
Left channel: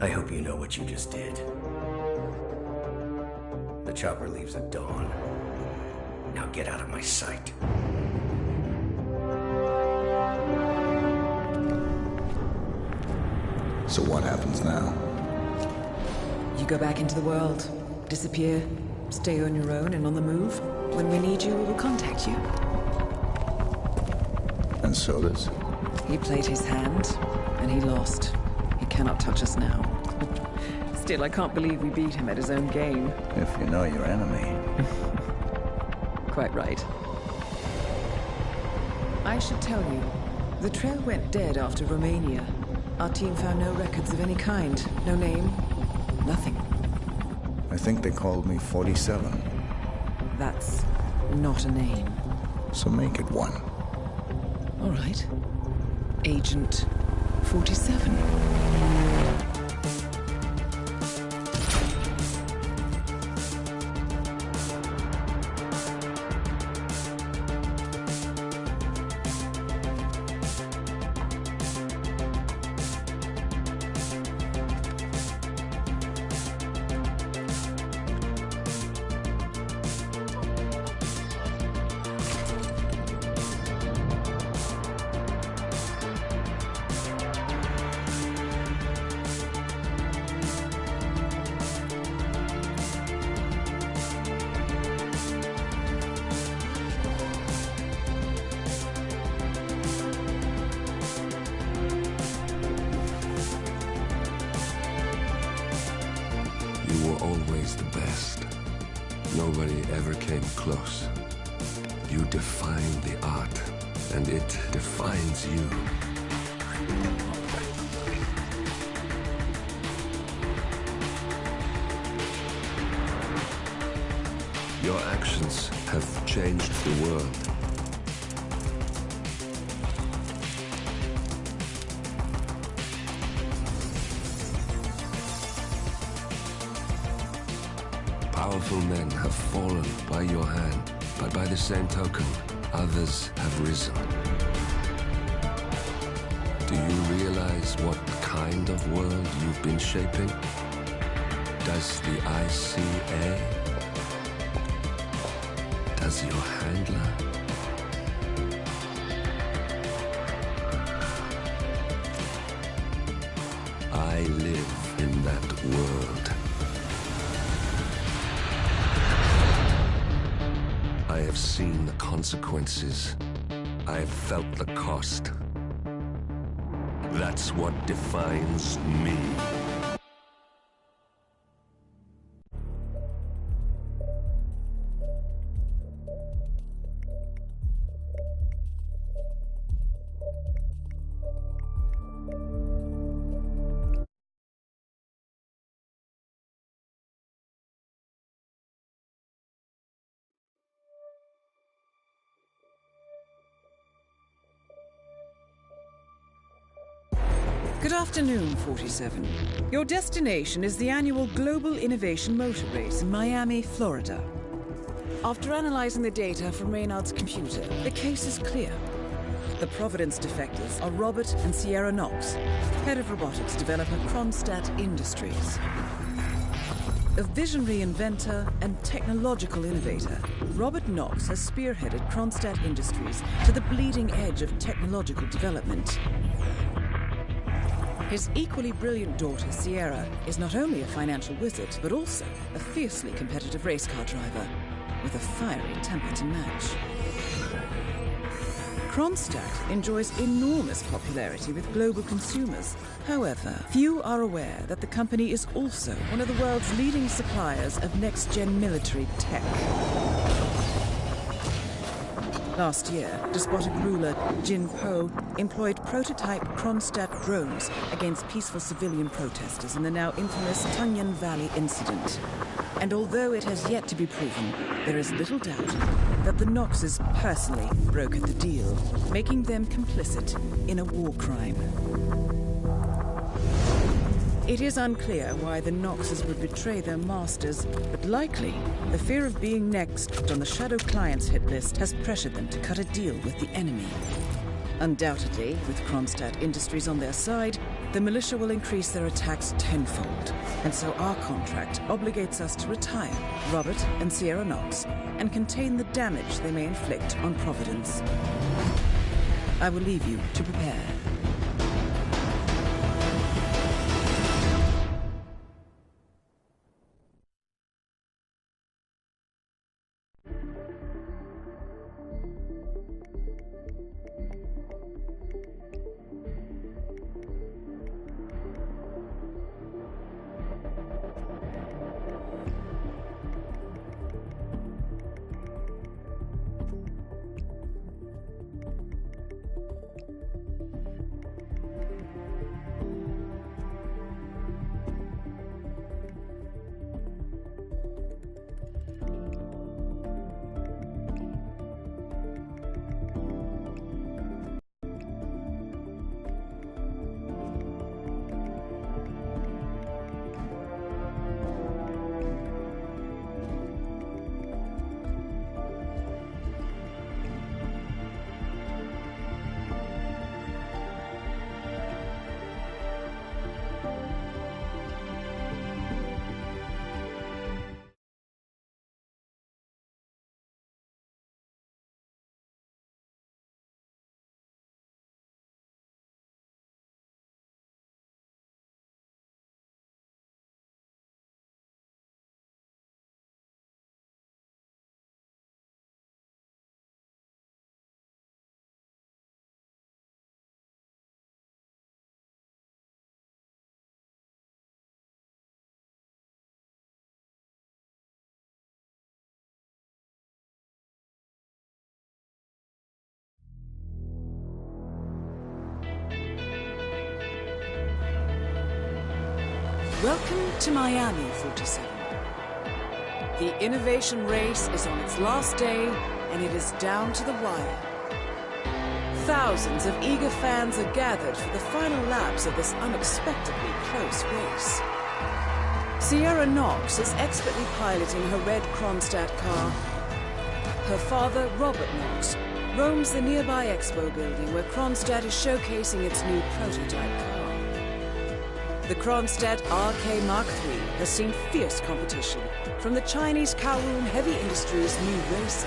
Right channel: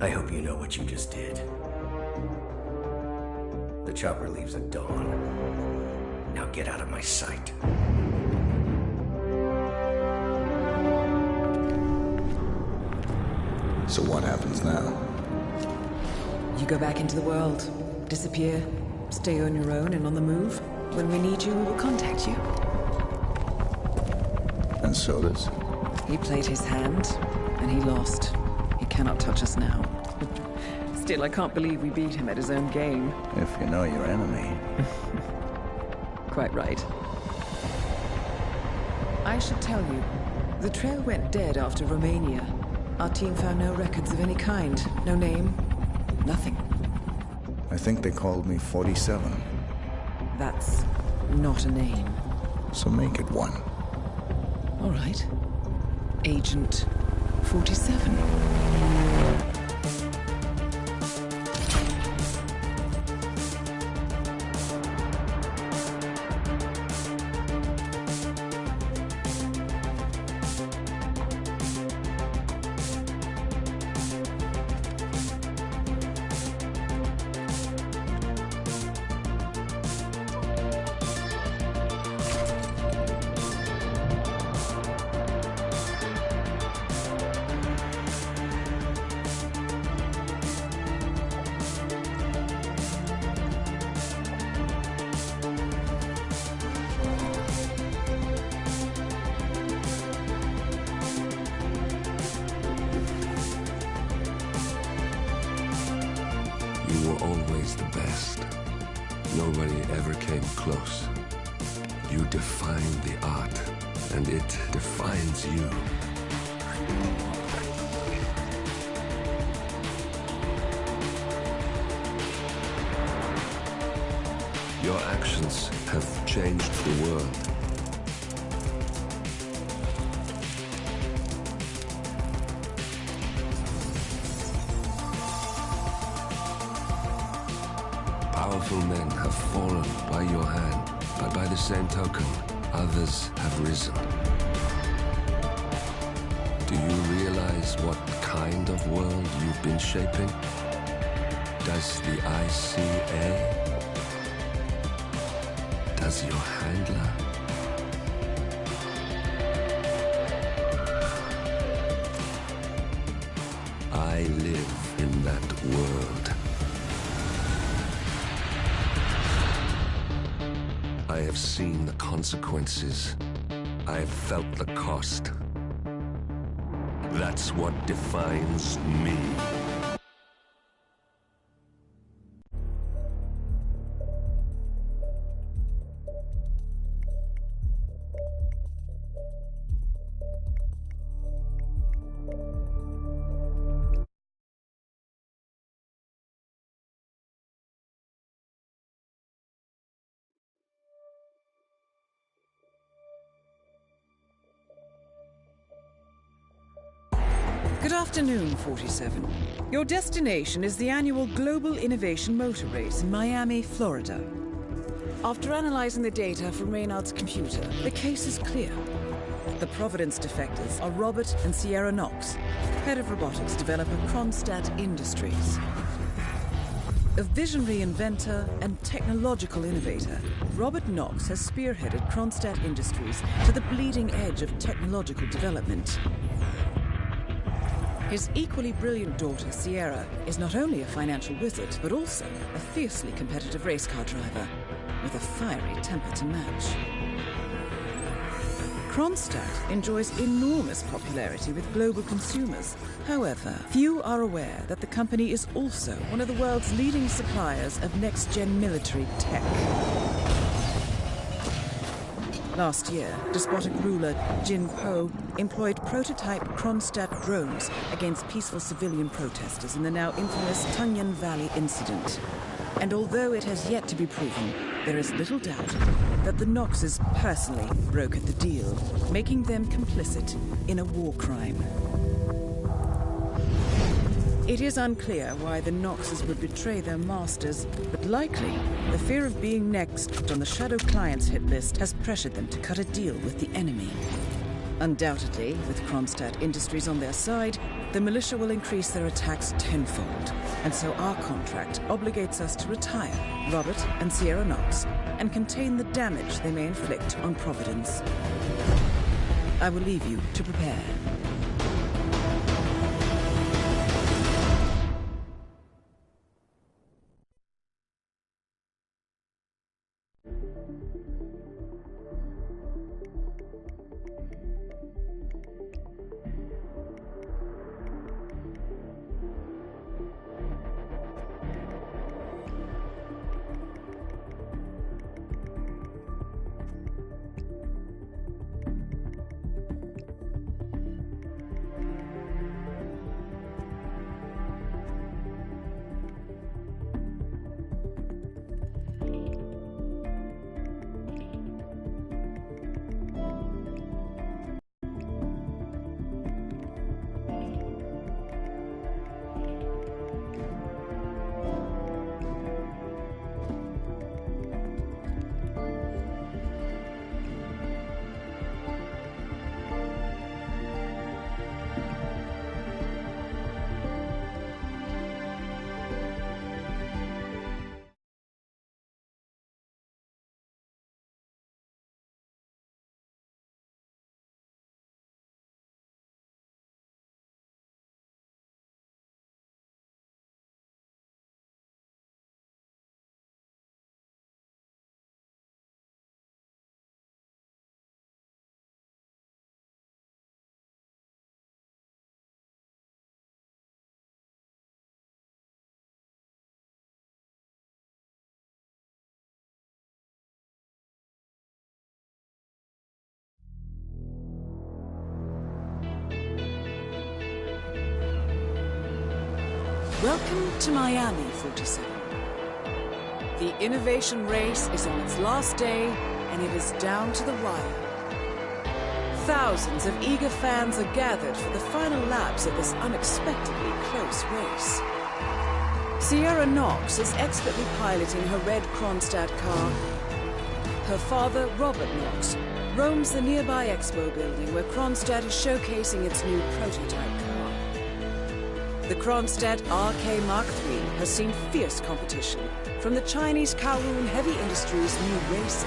I hope you know what you just did. The chopper leaves at dawn. Now get out of my sight. So what happens now? You go back into the world, disappear, stay on your own and on the move. When we need you, we will contact you. And Sodas? He played his hand, and he lost. He cannot touch us now. Still, I can't believe we beat him at his own game. If you know your enemy. Quite right. I should tell you, The trail went dead after Romania. Our team found no records of any kind. No name. Nothing. I think they called me 47. That's not a name. So make it one. All right. Agent 47. You were always the best. Nobody ever came close. You define the art, and it defines you. Your actions have changed the world. Powerful men have fallen by your hand, but by the same token, others have risen. Do you realize what kind of world you've been shaping? Does the ICA? Does your handler? I live in that world. I have seen the consequences. I have felt the cost. That's what defines me. Good afternoon, 47. Your destination is the annual Global Innovation Motor Race in Miami, Florida. After analyzing the data from Reynard's computer, the case is clear. The Providence defectors are Robert and Sierra Knox, head of robotics developer Kronstadt Industries. A visionary inventor and technological innovator, Robert Knox has spearheaded Kronstadt Industries to the bleeding edge of technological development. His equally brilliant daughter, Sierra, is not only a financial wizard, but also a fiercely competitive race car driver, with a fiery temper to match. Kronstadt enjoys enormous popularity with global consumers. However, few are aware that the company is also one of the world's leading suppliers of next-gen military tech. Last year, despotic ruler Jin Po employed prototype Kronstadt drones against peaceful civilian protesters in the now infamous Tungan Valley incident. And although it has yet to be proven, there is little doubt that the Knoxes personally brokered the deal, making them complicit in a war crime. It is unclear why the Knoxes would betray their masters, but likely the fear of being next on the Shadow Clients hit list has pressured them to cut a deal with the enemy. Undoubtedly, with Kronstadt Industries on their side, the militia will increase their attacks tenfold, and so our contract obligates us to retire Robert and Sierra Knox and contain the damage they may inflict on Providence. I will leave you to prepare. Welcome to Miami, 47. The innovation race is on its last day, and it is down to the wire. Thousands of eager fans are gathered for the final laps of this unexpectedly close race. Sierra Knox is expertly piloting her red Kronstadt car. Her father, Robert Knox, roams the nearby expo building where Kronstadt is showcasing its new prototype car. The Kronstadt RK Mark III has seen fierce competition from the Chinese Kowloon Heavy Industries' new racer.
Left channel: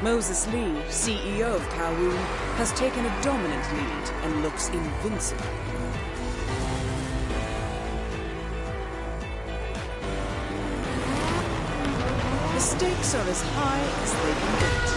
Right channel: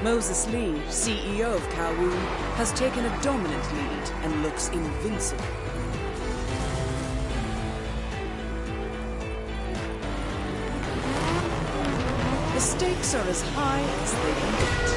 Moses Lee, CEO of Kowloon, has taken a dominant lead and looks invincible. The stakes are as high as they can get.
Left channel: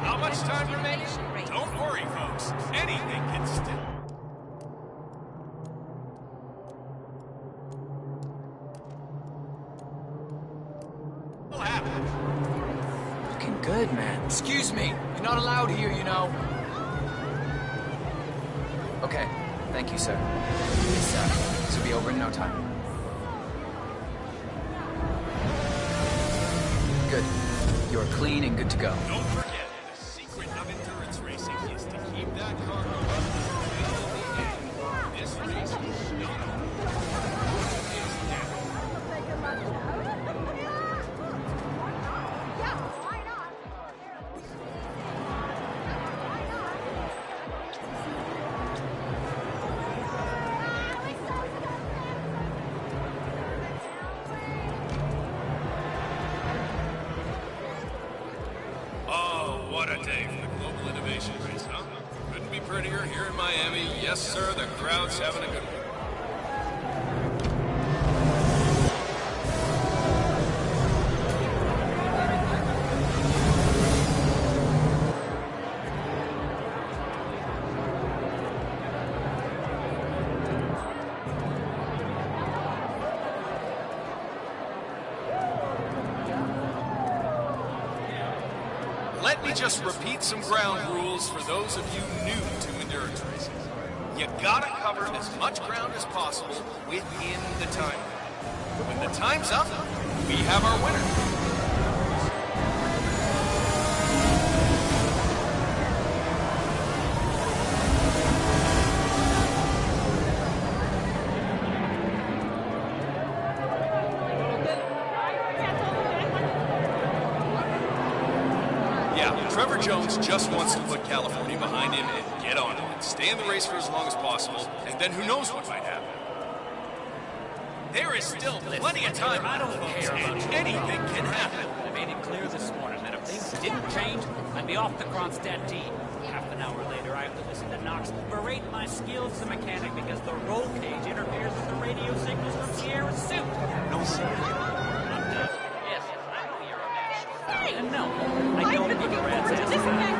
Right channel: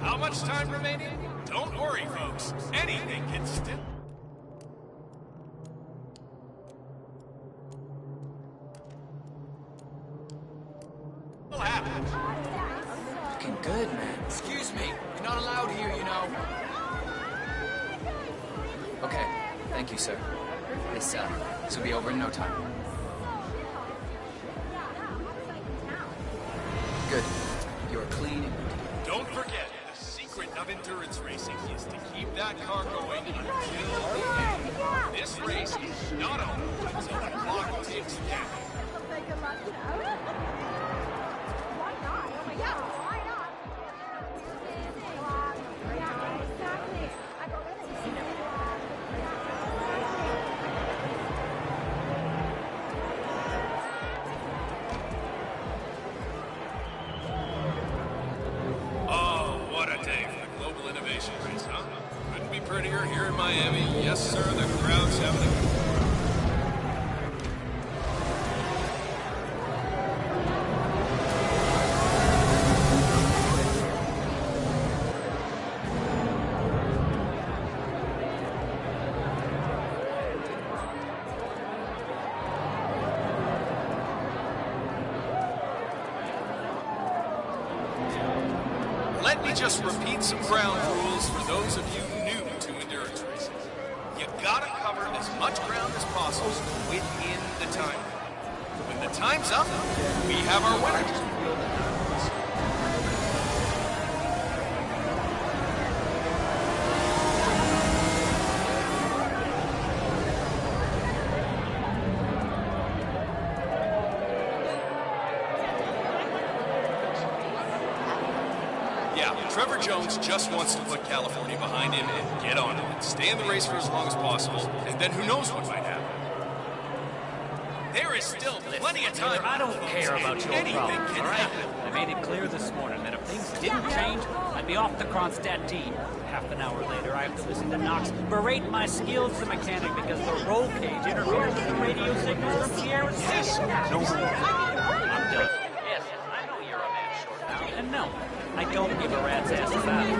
How much time remaining? Don't worry, folks. Anything can still... happen. Looking good, man. Excuse me. You're not allowed here, you know. Okay. Thank you, sir. This will be over in no time. Good. You're clean and good to go. Don't forget, the secret of endurance racing is to keep that car going until the end. This race is not over until the clock ticks down. What a day for the Global Innovation Race, huh? Couldn't be prettier here in Miami. Yes, sir, the crowd's having a good one. Let me just repeat some ground rules for those of you new to endurance racing. You gotta cover as much ground as possible within the time. When the time's up, we have our winner. Trevor Jones just wants to put California behind him and get on it. Stay in the race for as long as possible, and then who knows what might happen. There is still plenty of time. I don't care about your anything problem, can all right? happen. I made it clear this morning that if things didn't change, I'd be off the Kronstadt team. Half an hour later, I have to listen to Knox berate my skills as a mechanic because the roll cage interferes with the radio signals from Sierra's system. No more. I'm done. Yes, I know you're a man short now. And no, I don't give a rat's ass about it.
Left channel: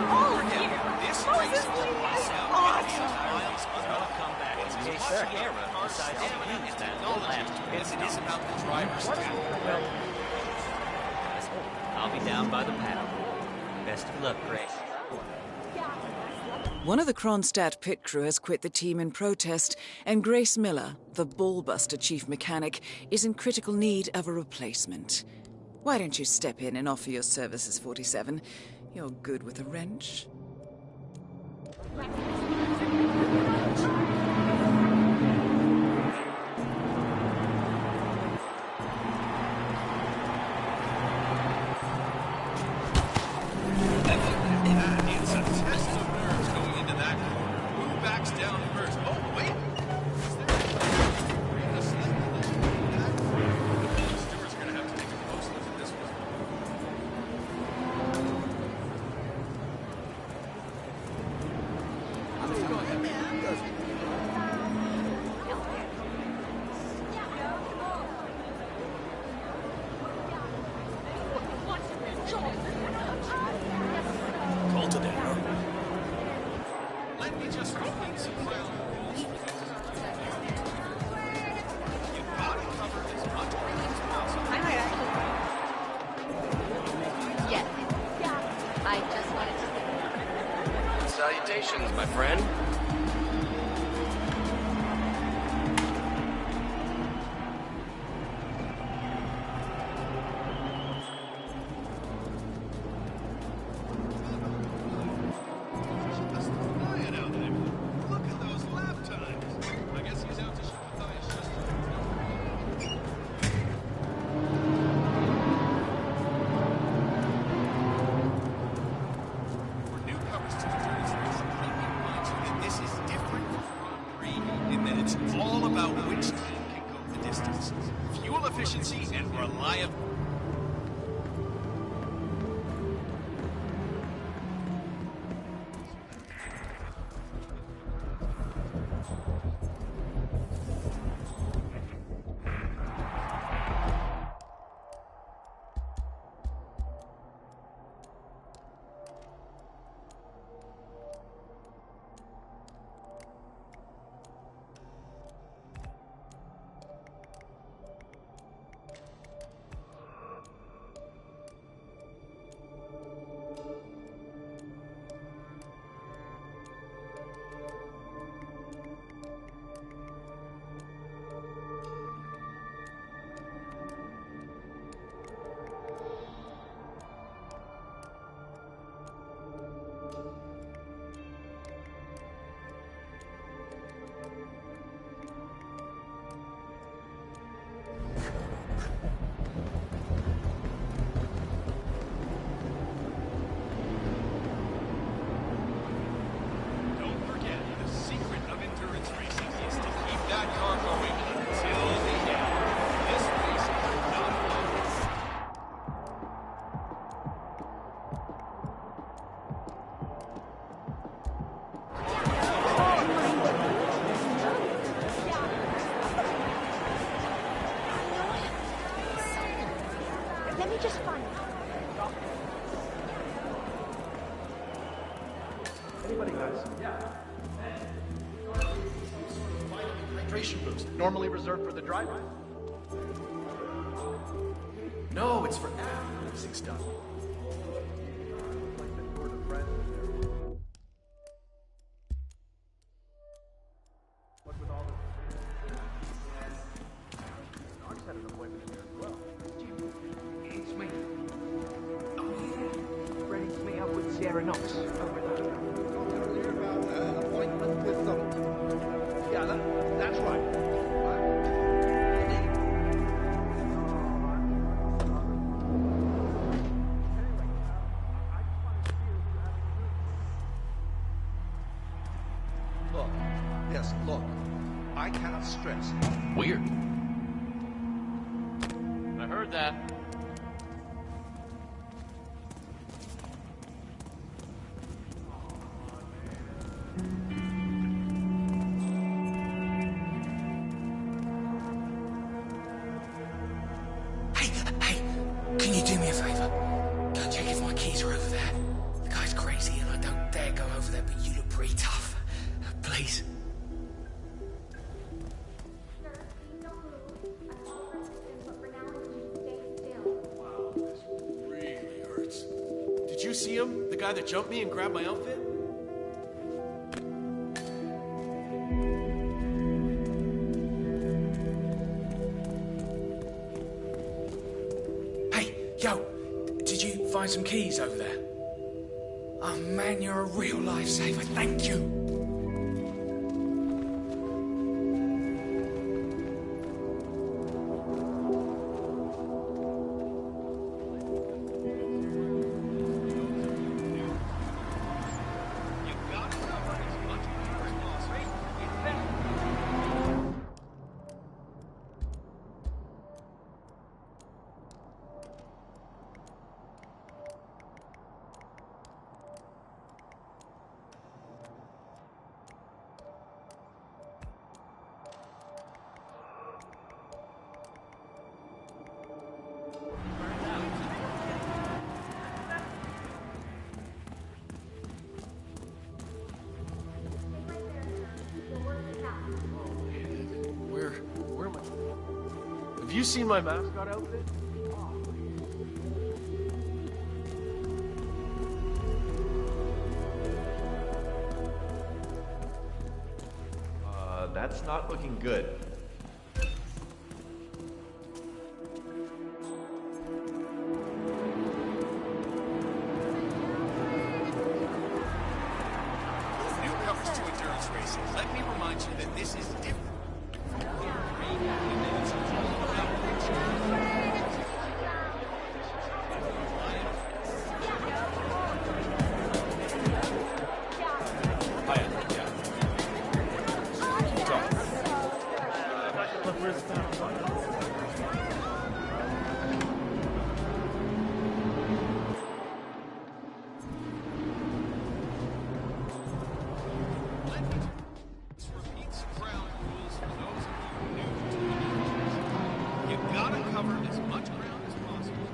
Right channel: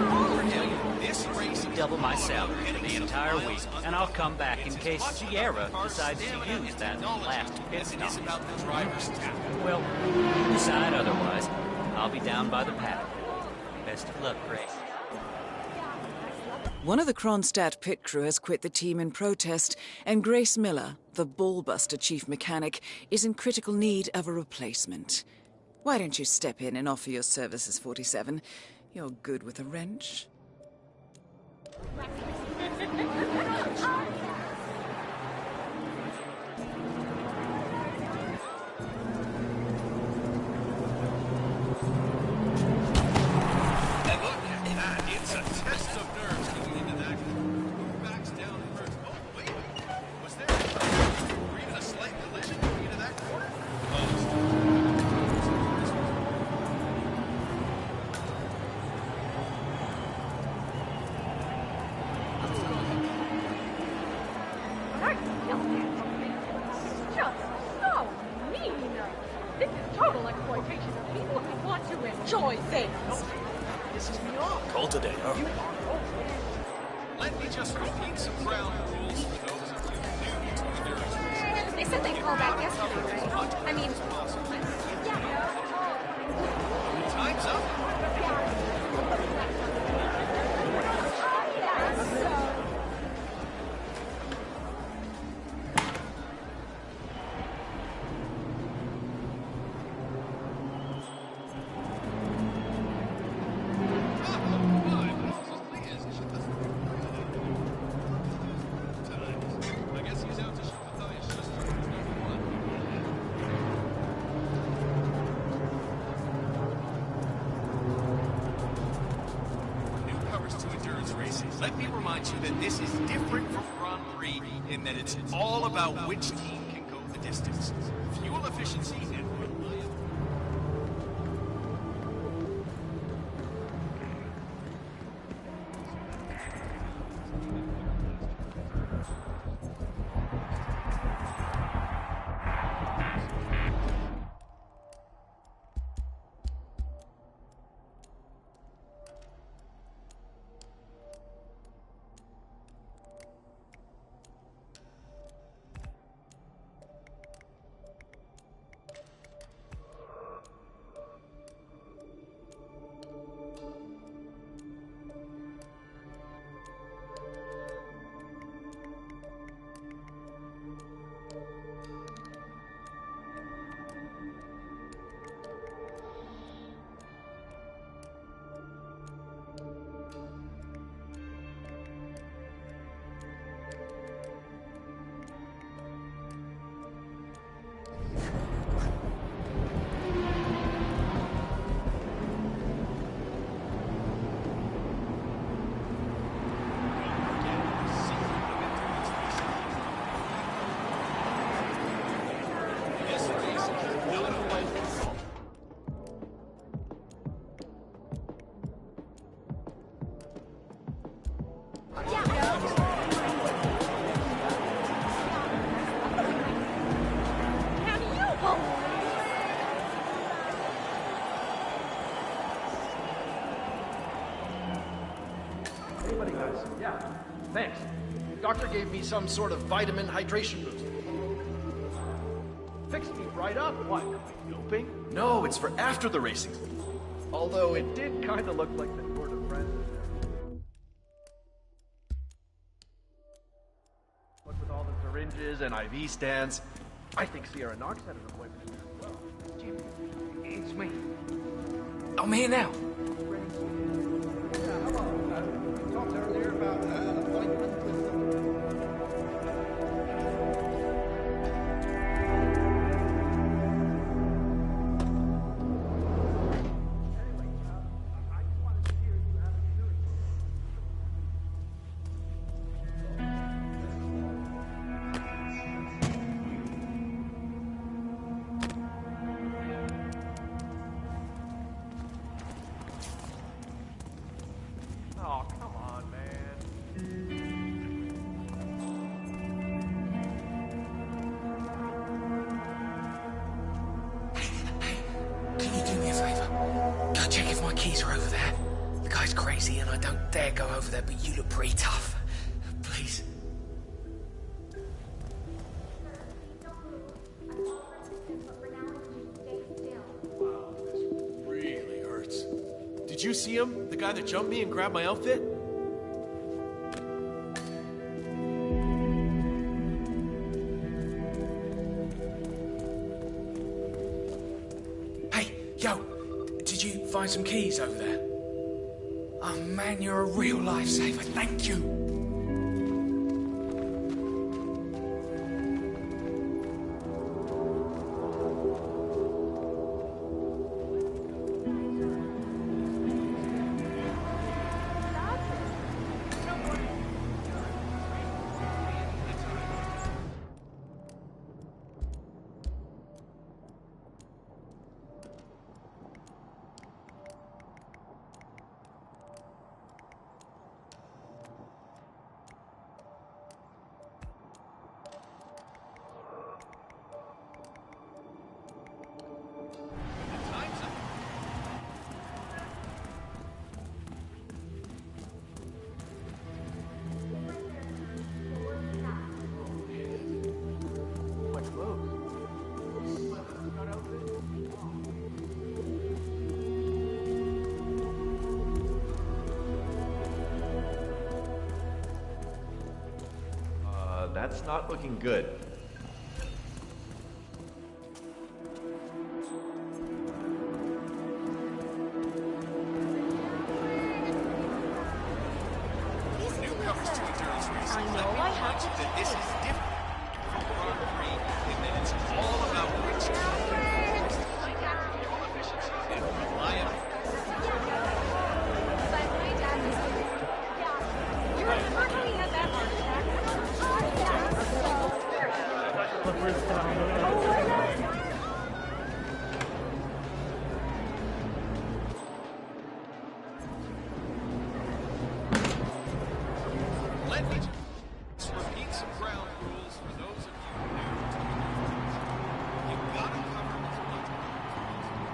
This race is double my salary the entire week, and I'll come back in case Sierra decides to use that last pit stop. It is about the driver's tap. Well, you decide otherwise. I'll be down by the paddock. Best of luck, Grace. One of the Kronstadt pit crew has quit the team in protest, and Grace Miller, the ballbuster chief mechanic, is in critical need of a replacement. Why don't you step in and offer your services, 47? You're good with a wrench. just repeat some ground rules for those of you new to endurance racing. You gotta cover as much ground as possible. Time's up. Salutations, my friend. Let me remind you that this is different from Grand Prix in that it's all about which team can go the distance. Fuel efficiency and reliability. Anybody got some? Yeah, thanks. Doctor gave me some sort of vitamin hydration boost, normally reserved for the driver. Fixed me right up. What? Doping? No, it's for after the racing stuff. Although it did kind of look like the Tour de France was there. What with all the syringes and IV stands, I think Sierra Knox had an appointment in there as well. Jim, it's me. I'm here now. Ready to meet up with Sierra Knox. We talked earlier about an appointment with some... Yeah, that's right. Look, yes, look. I can't stress. Weird. I heard that. Oh, come on, man. Hey, can you do me a favor? Go check if my keys are over there. The guy's crazy and I don't dare go over there, but you look pretty tough. Please. Wow, this really hurts. Did you see him? The guy that jumped me and grabbed my outfit? Hey, yo, did you find some keys over there? Oh man, you're a real lifesaver. Thank you. you seen my mascot outfit? That's not looking good. Newcomers to endurance racing, let me remind you that this is different from Grand Prix in that it's all about reaching fuel efficiency and reliability. Let me just repeat some ground rules for those of you new to endurance racing. You gotta cover as much ground as possible.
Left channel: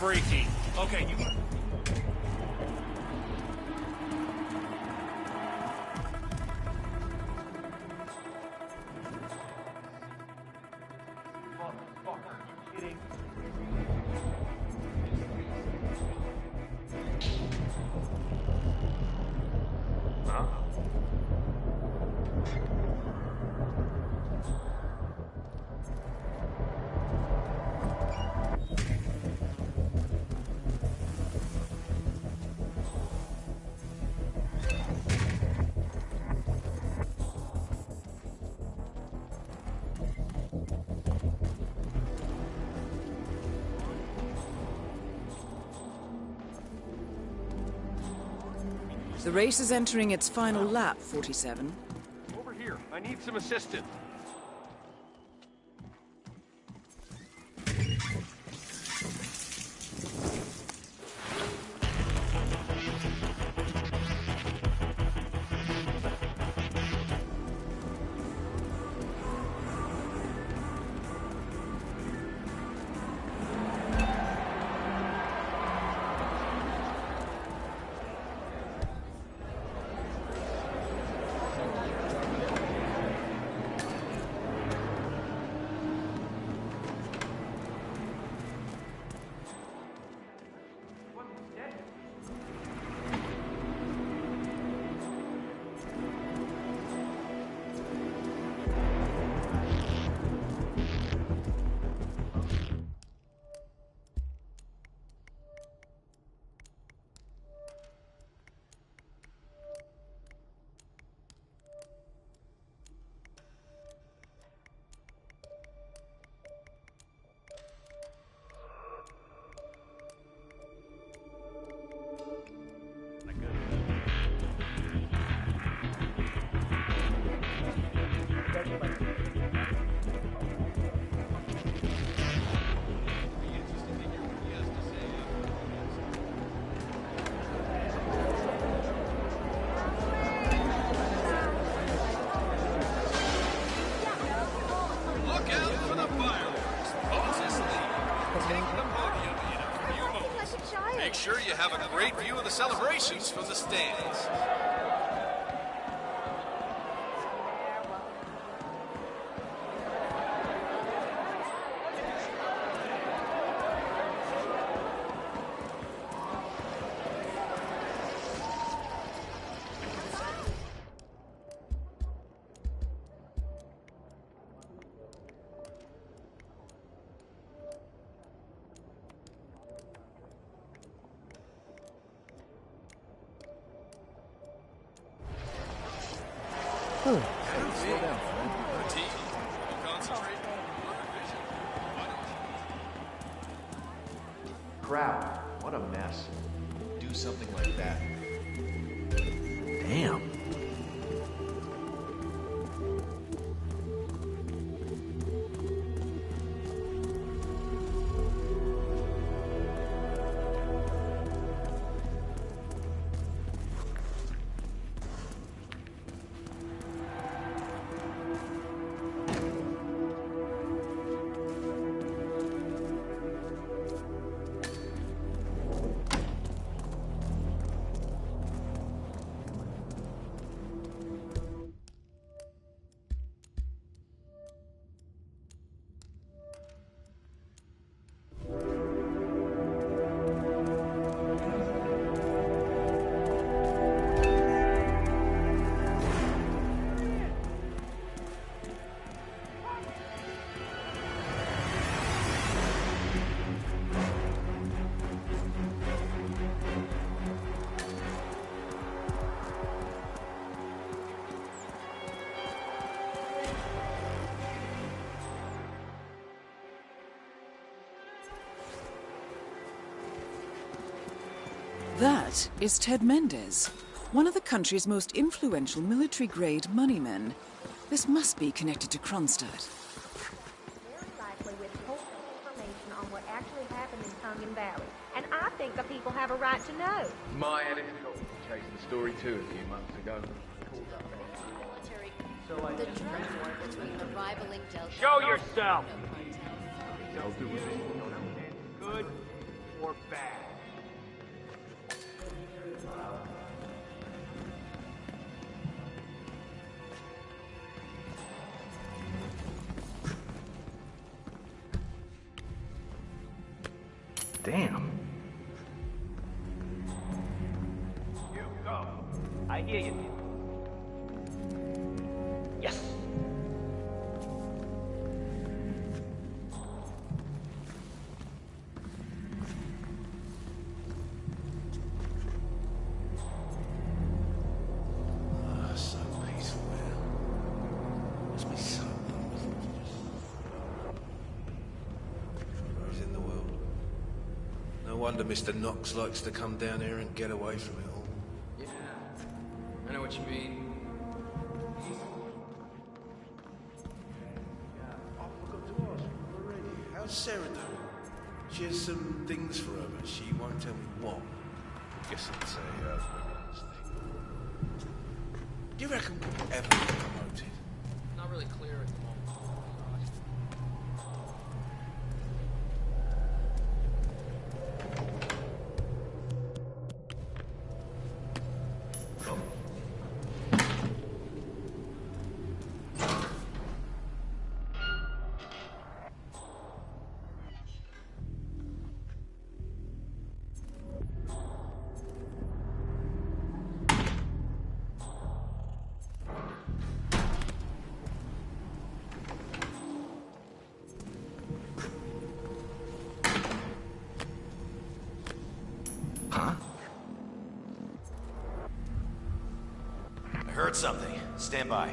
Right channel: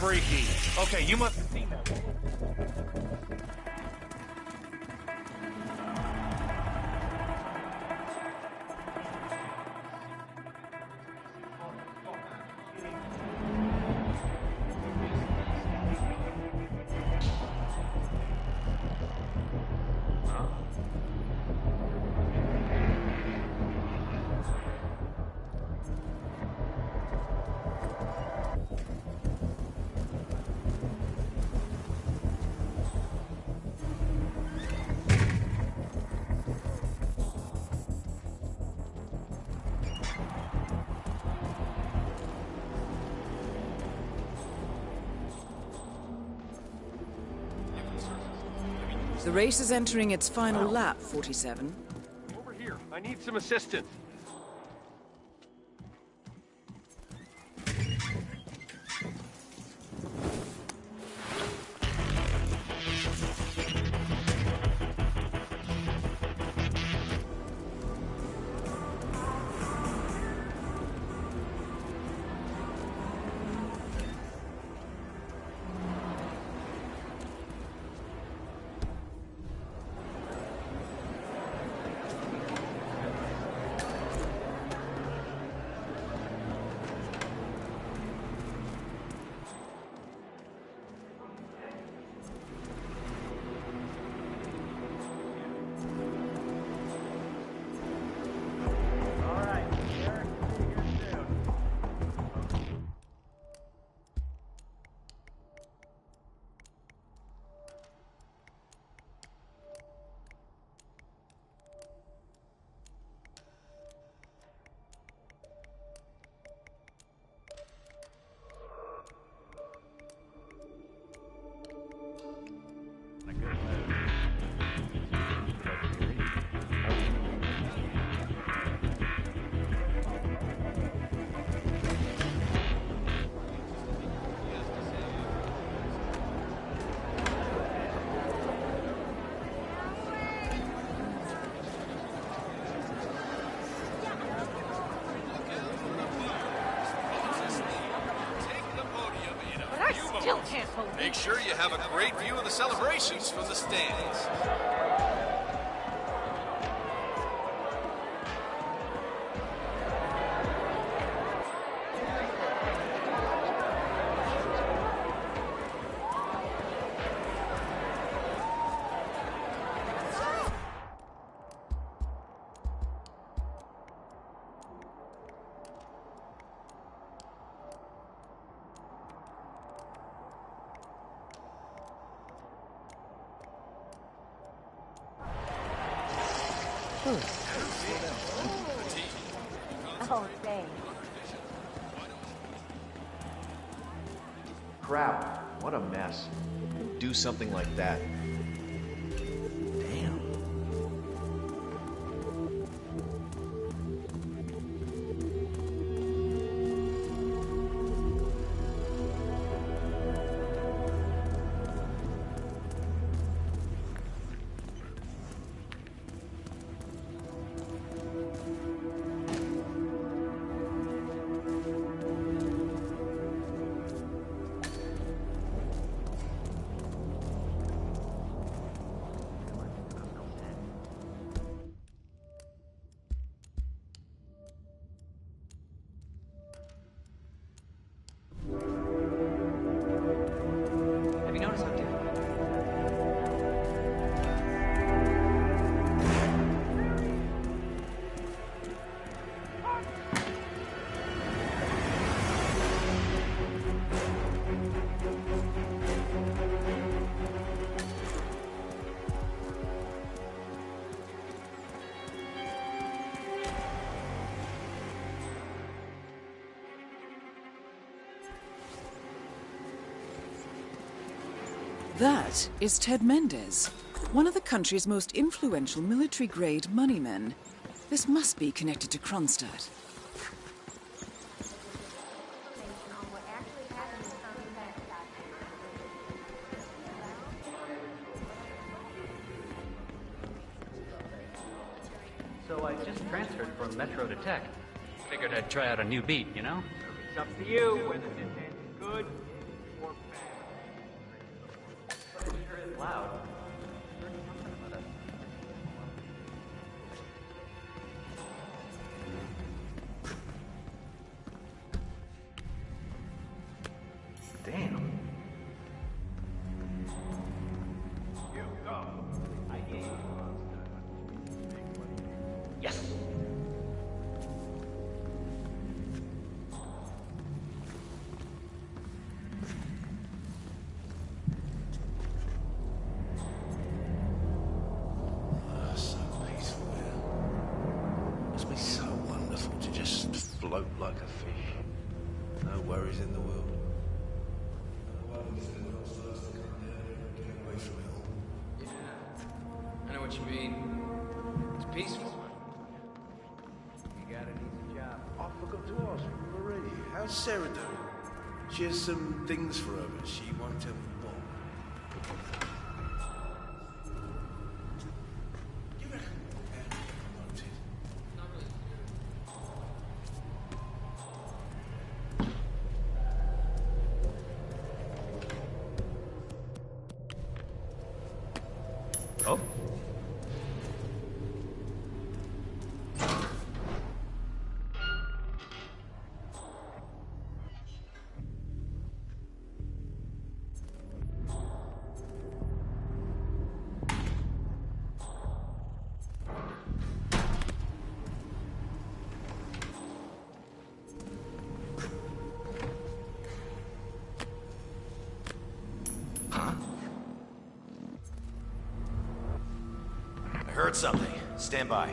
Freaky. Okay, you must have seen that. The race is entering its final lap, 47. Over here. I need some assistance. Make sure you have a great view of the celebrations from the stands. crowd. What a mess. Do something like that. Damn. Have you noticed something? That is Ted Mendez, one of the country's most influential military-grade moneymen. This must be connected to Kronstadt. Information on what actually happened in Tongan Valley, and I think the people have a right to know. My editor chased the story too a few months ago. So I just transferred from Metro to Tech. I gotta try out a new beat, you know? It's up to you whether this ends good or bad. Wow. Damn. You go. I hear you. Yes. So peaceful here. Must be so wonderful to just float like a fish. No worries in the world. No wonder Mr. Knox likes to come down here and get away from it all. Yeah, I know what you mean. It's peaceful. You got a job. I forgot to ask Marie, how's Sarah doing? She has some things for her, but she won't tell me what. I guess I'd say do you reckon we'll ever get promoted? Not really clear. Oh? Huh? I heard something. Stand by.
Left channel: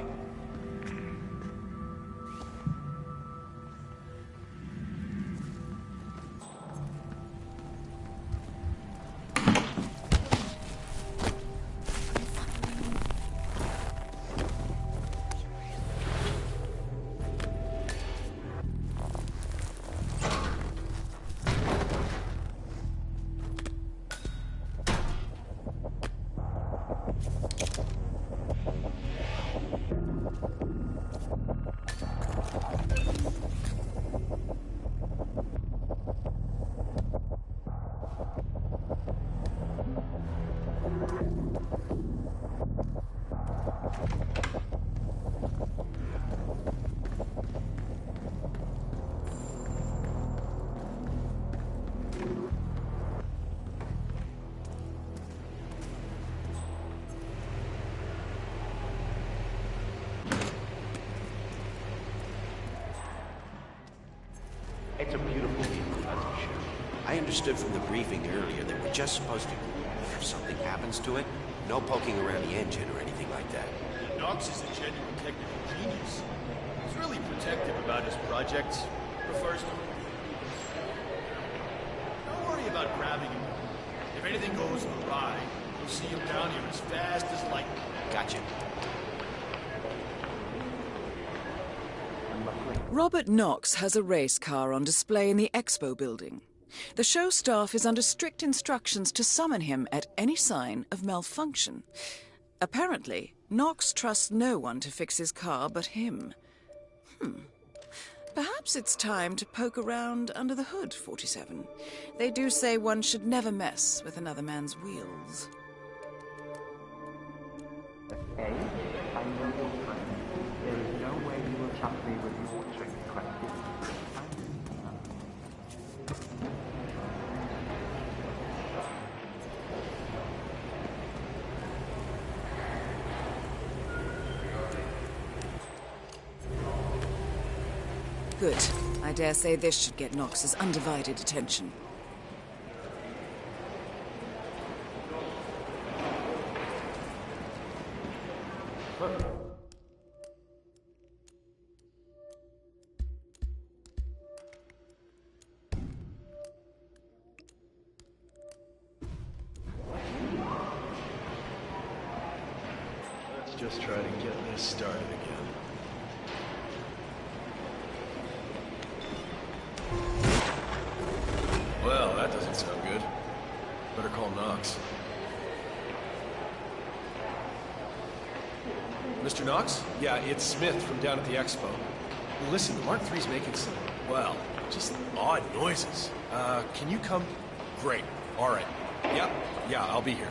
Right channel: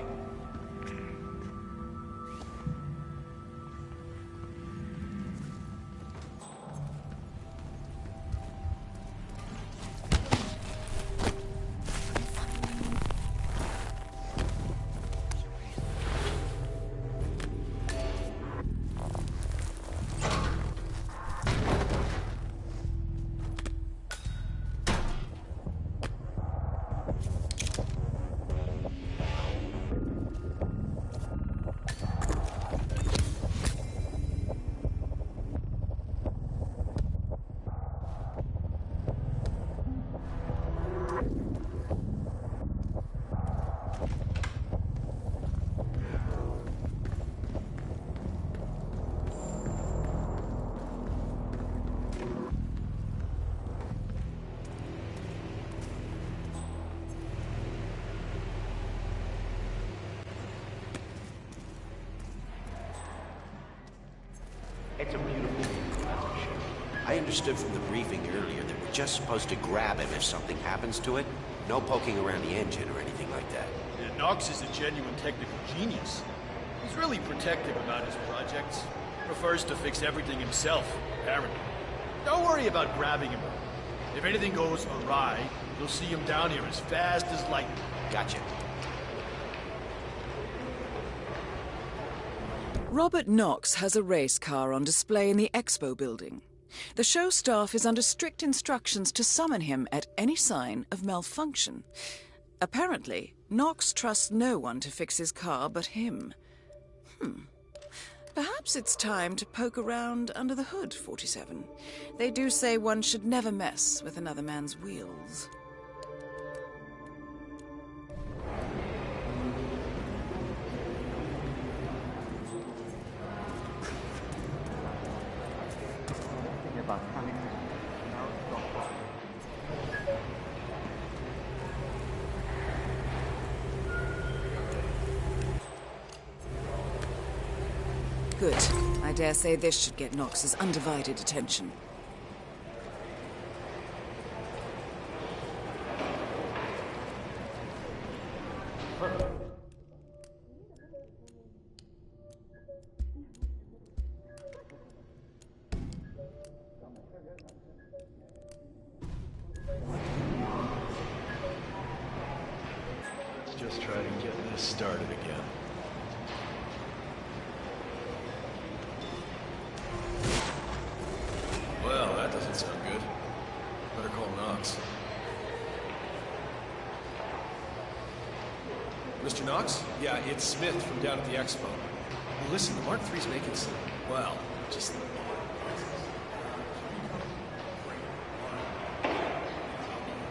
It's a beautiful vehicle, that's for sure. I understood from the briefing earlier that we're just supposed to grab it if something happens to it. No poking around the engine or anything like that. Yeah, Knox is a genuine technical genius. He's really protective about his projects. Prefers to fix everything himself, apparently. Don't worry about grabbing him. If anything goes awry, you'll see him down here as fast as lightning. Gotcha. Robert Knox has a race car on display in the expo building. The show staff is under strict instructions to summon him at any sign of malfunction. Apparently, Knox trusts no one to fix his car but him. Perhaps it's time to poke around under the hood, 47. They do say one should never mess with another man's wheels. Good. I dare say this should get Knox's undivided attention. Let's just try to get this started again. Well, that doesn't sound good. Better call Knox. Mr. Knox? Yeah, it's Smith from down at the expo. Well, listen, the Mark III's making some, well, just odd noises. Can you come? Great. All right. Yeah, I'll be here.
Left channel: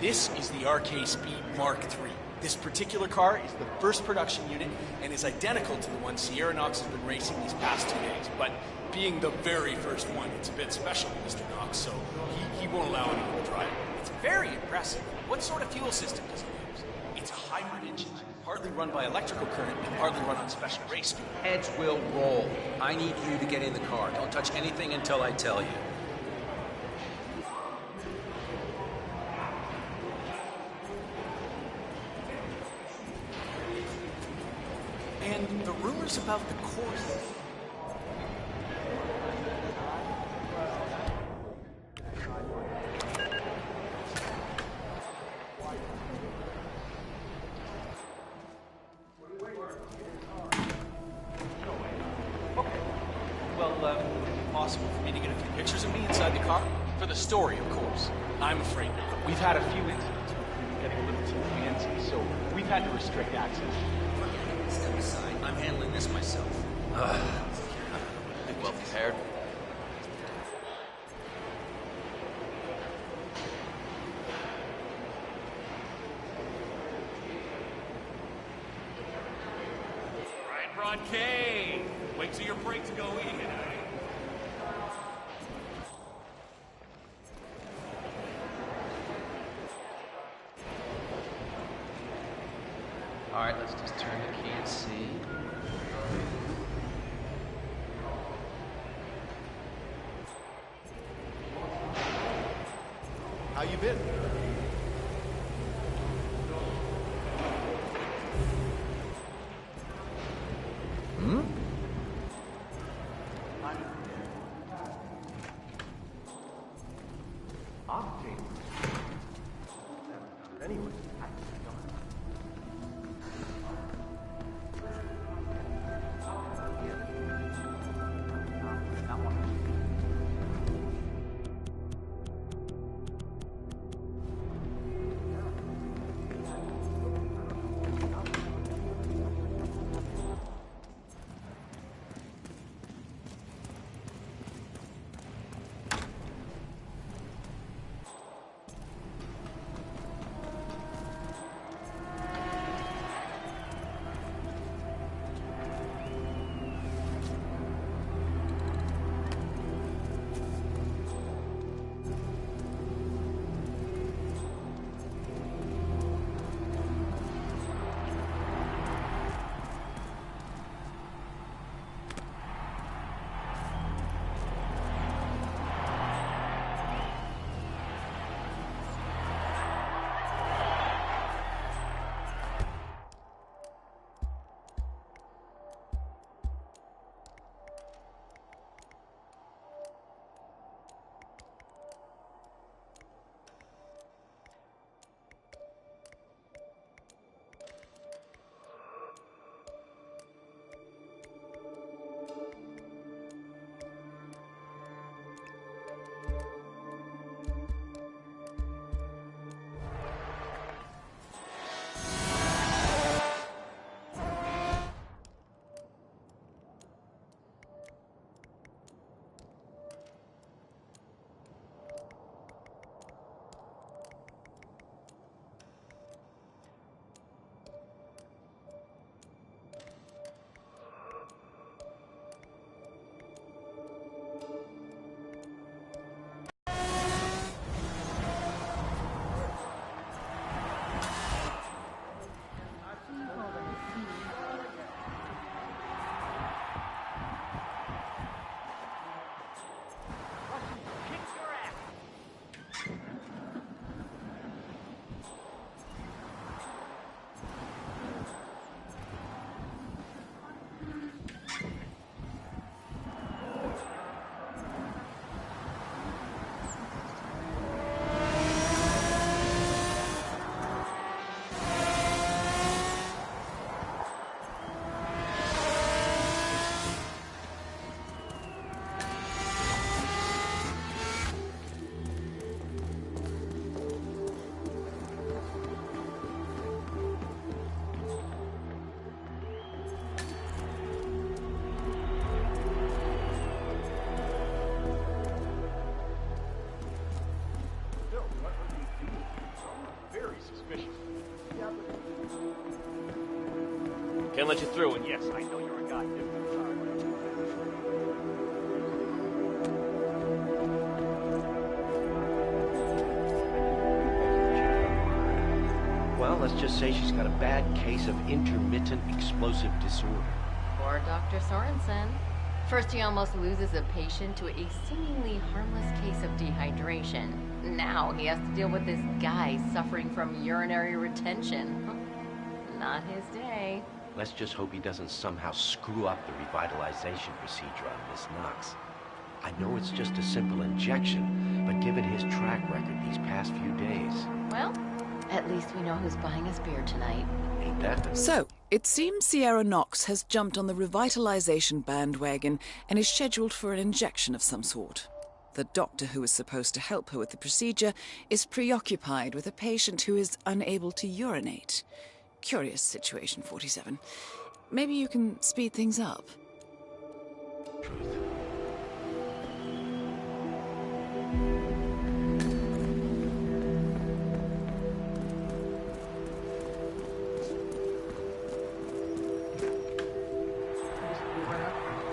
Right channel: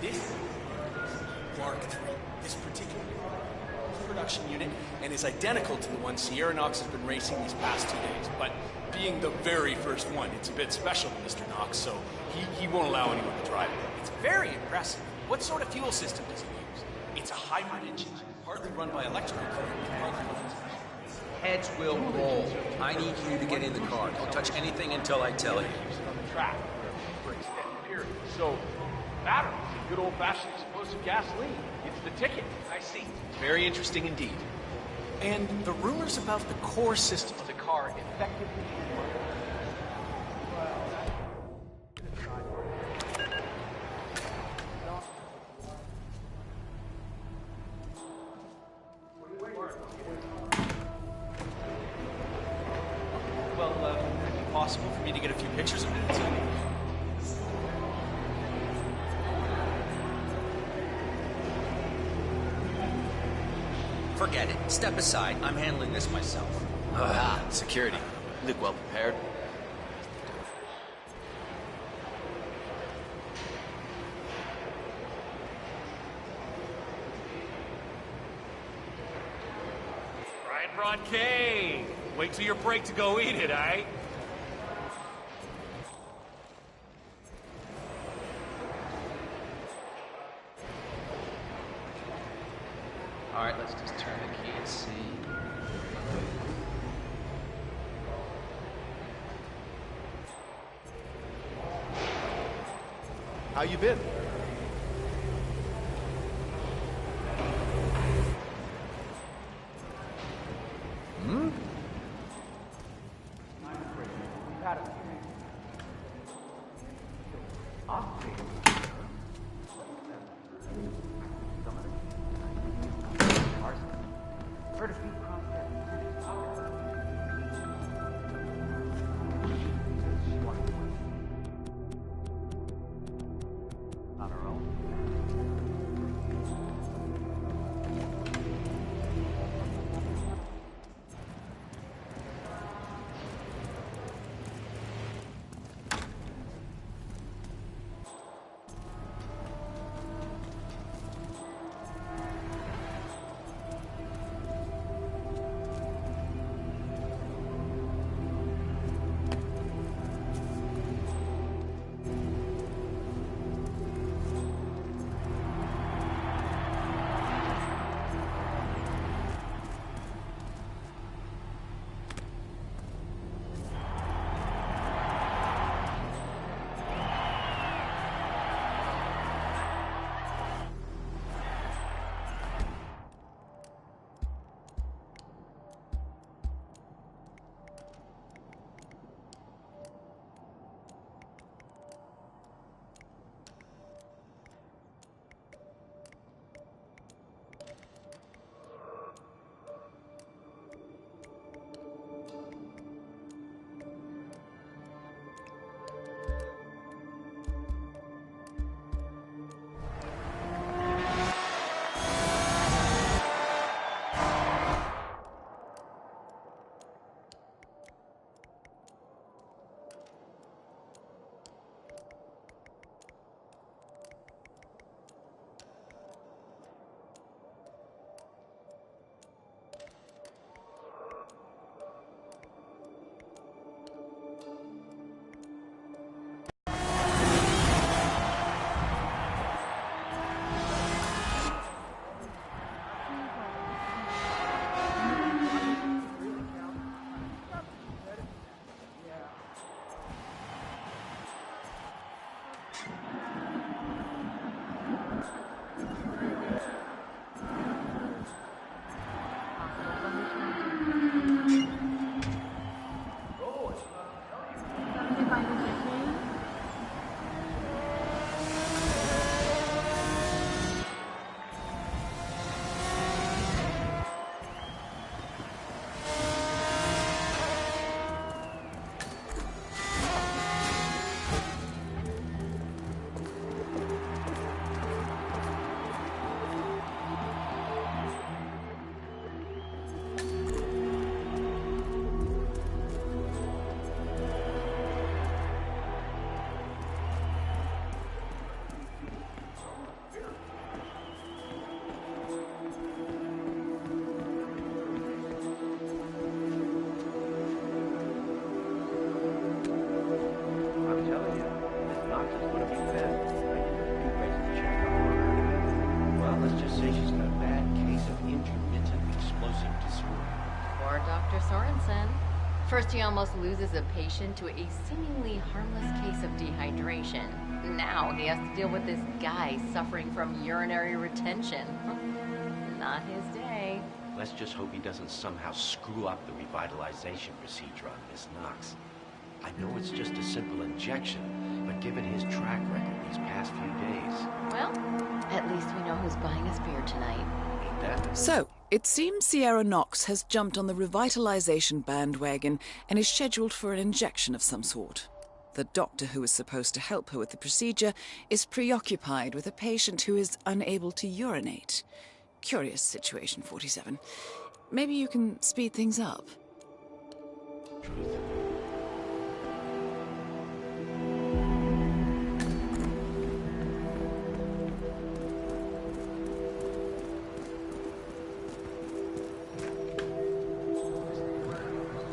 This is the RK Speed Mark III. This particular car is the first production unit and is identical to the one Sierra Knox has been racing these past 2 days. But being the very first one, it's a bit special to Mr. Knox, so he won't allow anyone to drive it. It's very impressive. What sort of fuel system does he use? It's a hybrid engine, partly run by electrical current and partly run on special race fuel. Heads will roll. I need you to get in the car. Don't touch anything until I tell you. So, that good old-fashioned explosive gasoline. It's the ticket. I see. Very interesting indeed. And the rumors about the core system of the car effectively... Well, would it be possible for me to get a few pictures of me inside the car? For the story, of course. I'm afraid we've had a few incidents so we've had to restrict access. Forget it. Step aside. I'm handling this myself. Security. Look well prepared. Brian Bronte! Wait till your break to go eat it, eh? All right, let's just turn the key and see. How you been? can't let you through, and yes, I know you're a goddamn Well, let's just say she's got a bad case of intermittent explosive disorder. Poor Dr. Sorensen. First he almost loses a patient to a seemingly harmless case of dehydration. Now he has to deal with this guy suffering from urinary retention. Not his day. Let's just hope he doesn't somehow screw up the revitalization procedure on Miss Knox. I know it's just a simple injection, but given his track record these past few days... Well, at least we know who's buying us beer tonight. Ain't that the... So, it seems Sierra Knox has jumped on the revitalization bandwagon and is scheduled for an injection of some sort. The doctor who is supposed to help her with the procedure is preoccupied with a patient who is unable to urinate. Curious situation, 47. Maybe you can speed things up. Truth.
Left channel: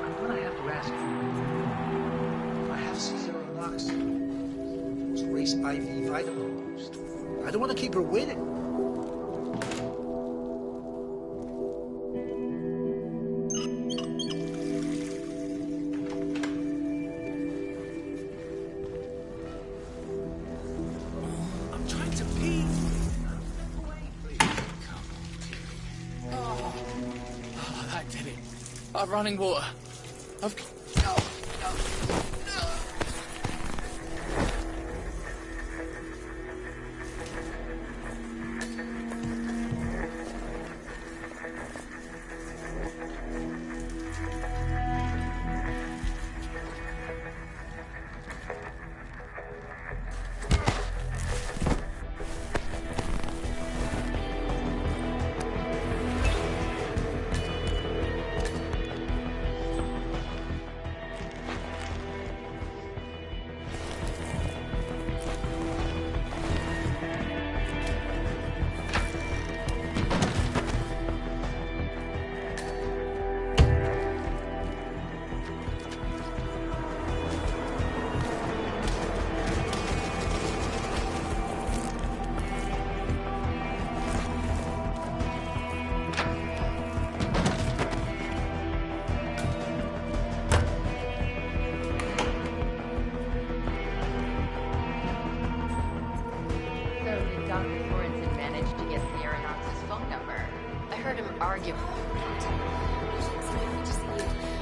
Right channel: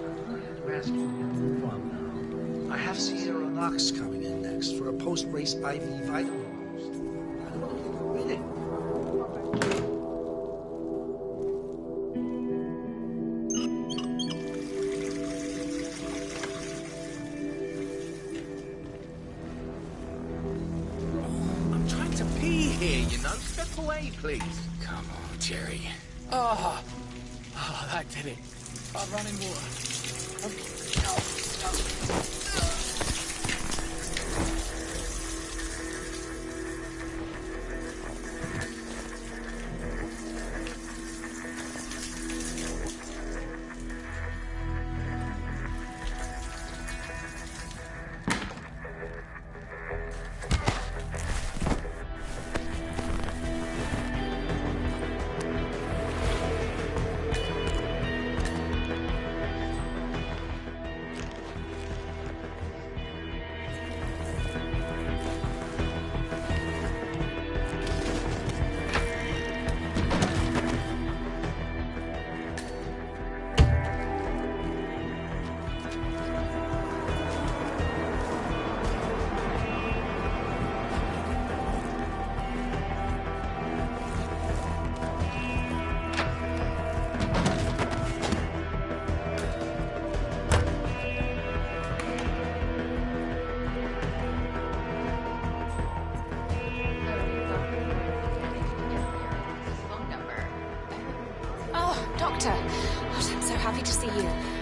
I'm gonna have to ask you. I have Sierra Knox coming in next for a post-race IV vitamin boost. I don't want to keep her waiting. I'm trying to pee here, you know. Step away, please. Come on, Jerry. Oh, that did it. Running water.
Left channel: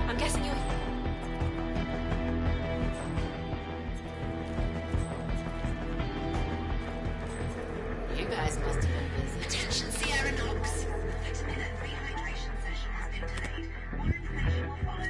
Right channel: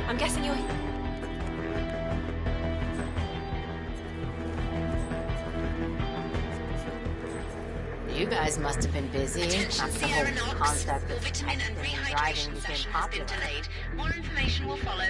I'm guessing you're... You guys must have been busy. Attention, Sierra Knox. Vitamin and rehydration session has been delayed. More information will follow.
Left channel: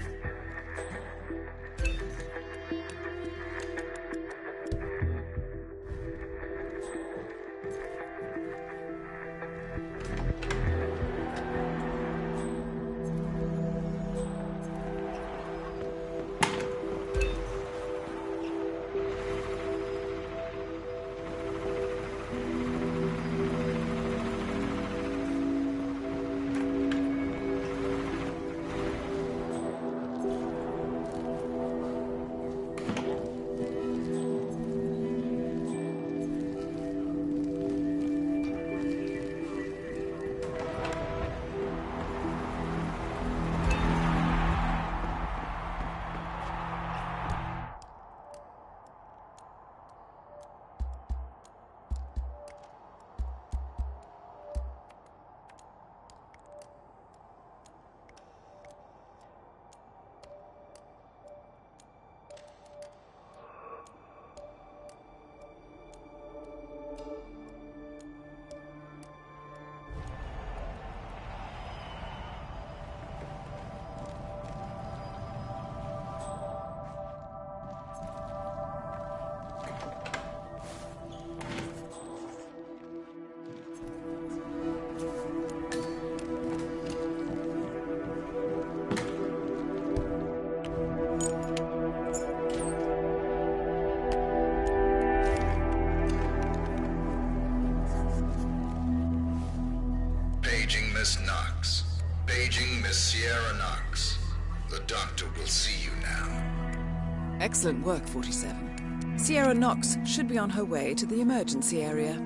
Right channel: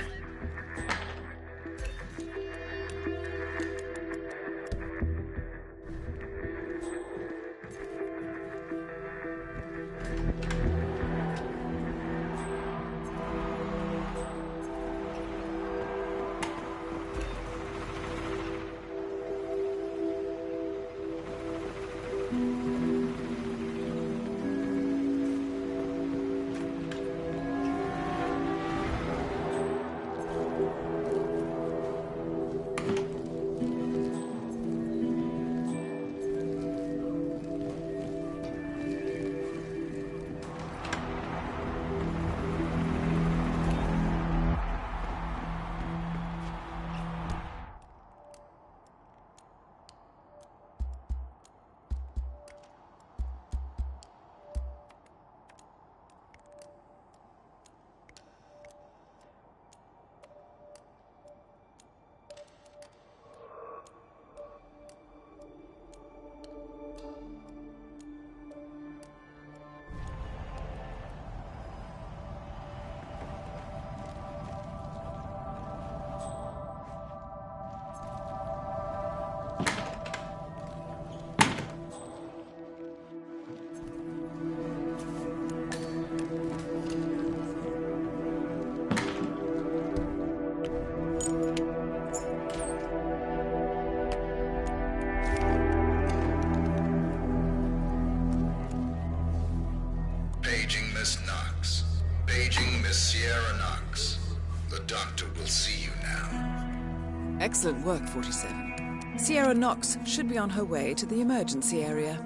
Paging Miss Knox. Paging Miss Sierra Knox. The doctor will see you now. Excellent work, 47. Sierra Knox should be on her way to the emergency area.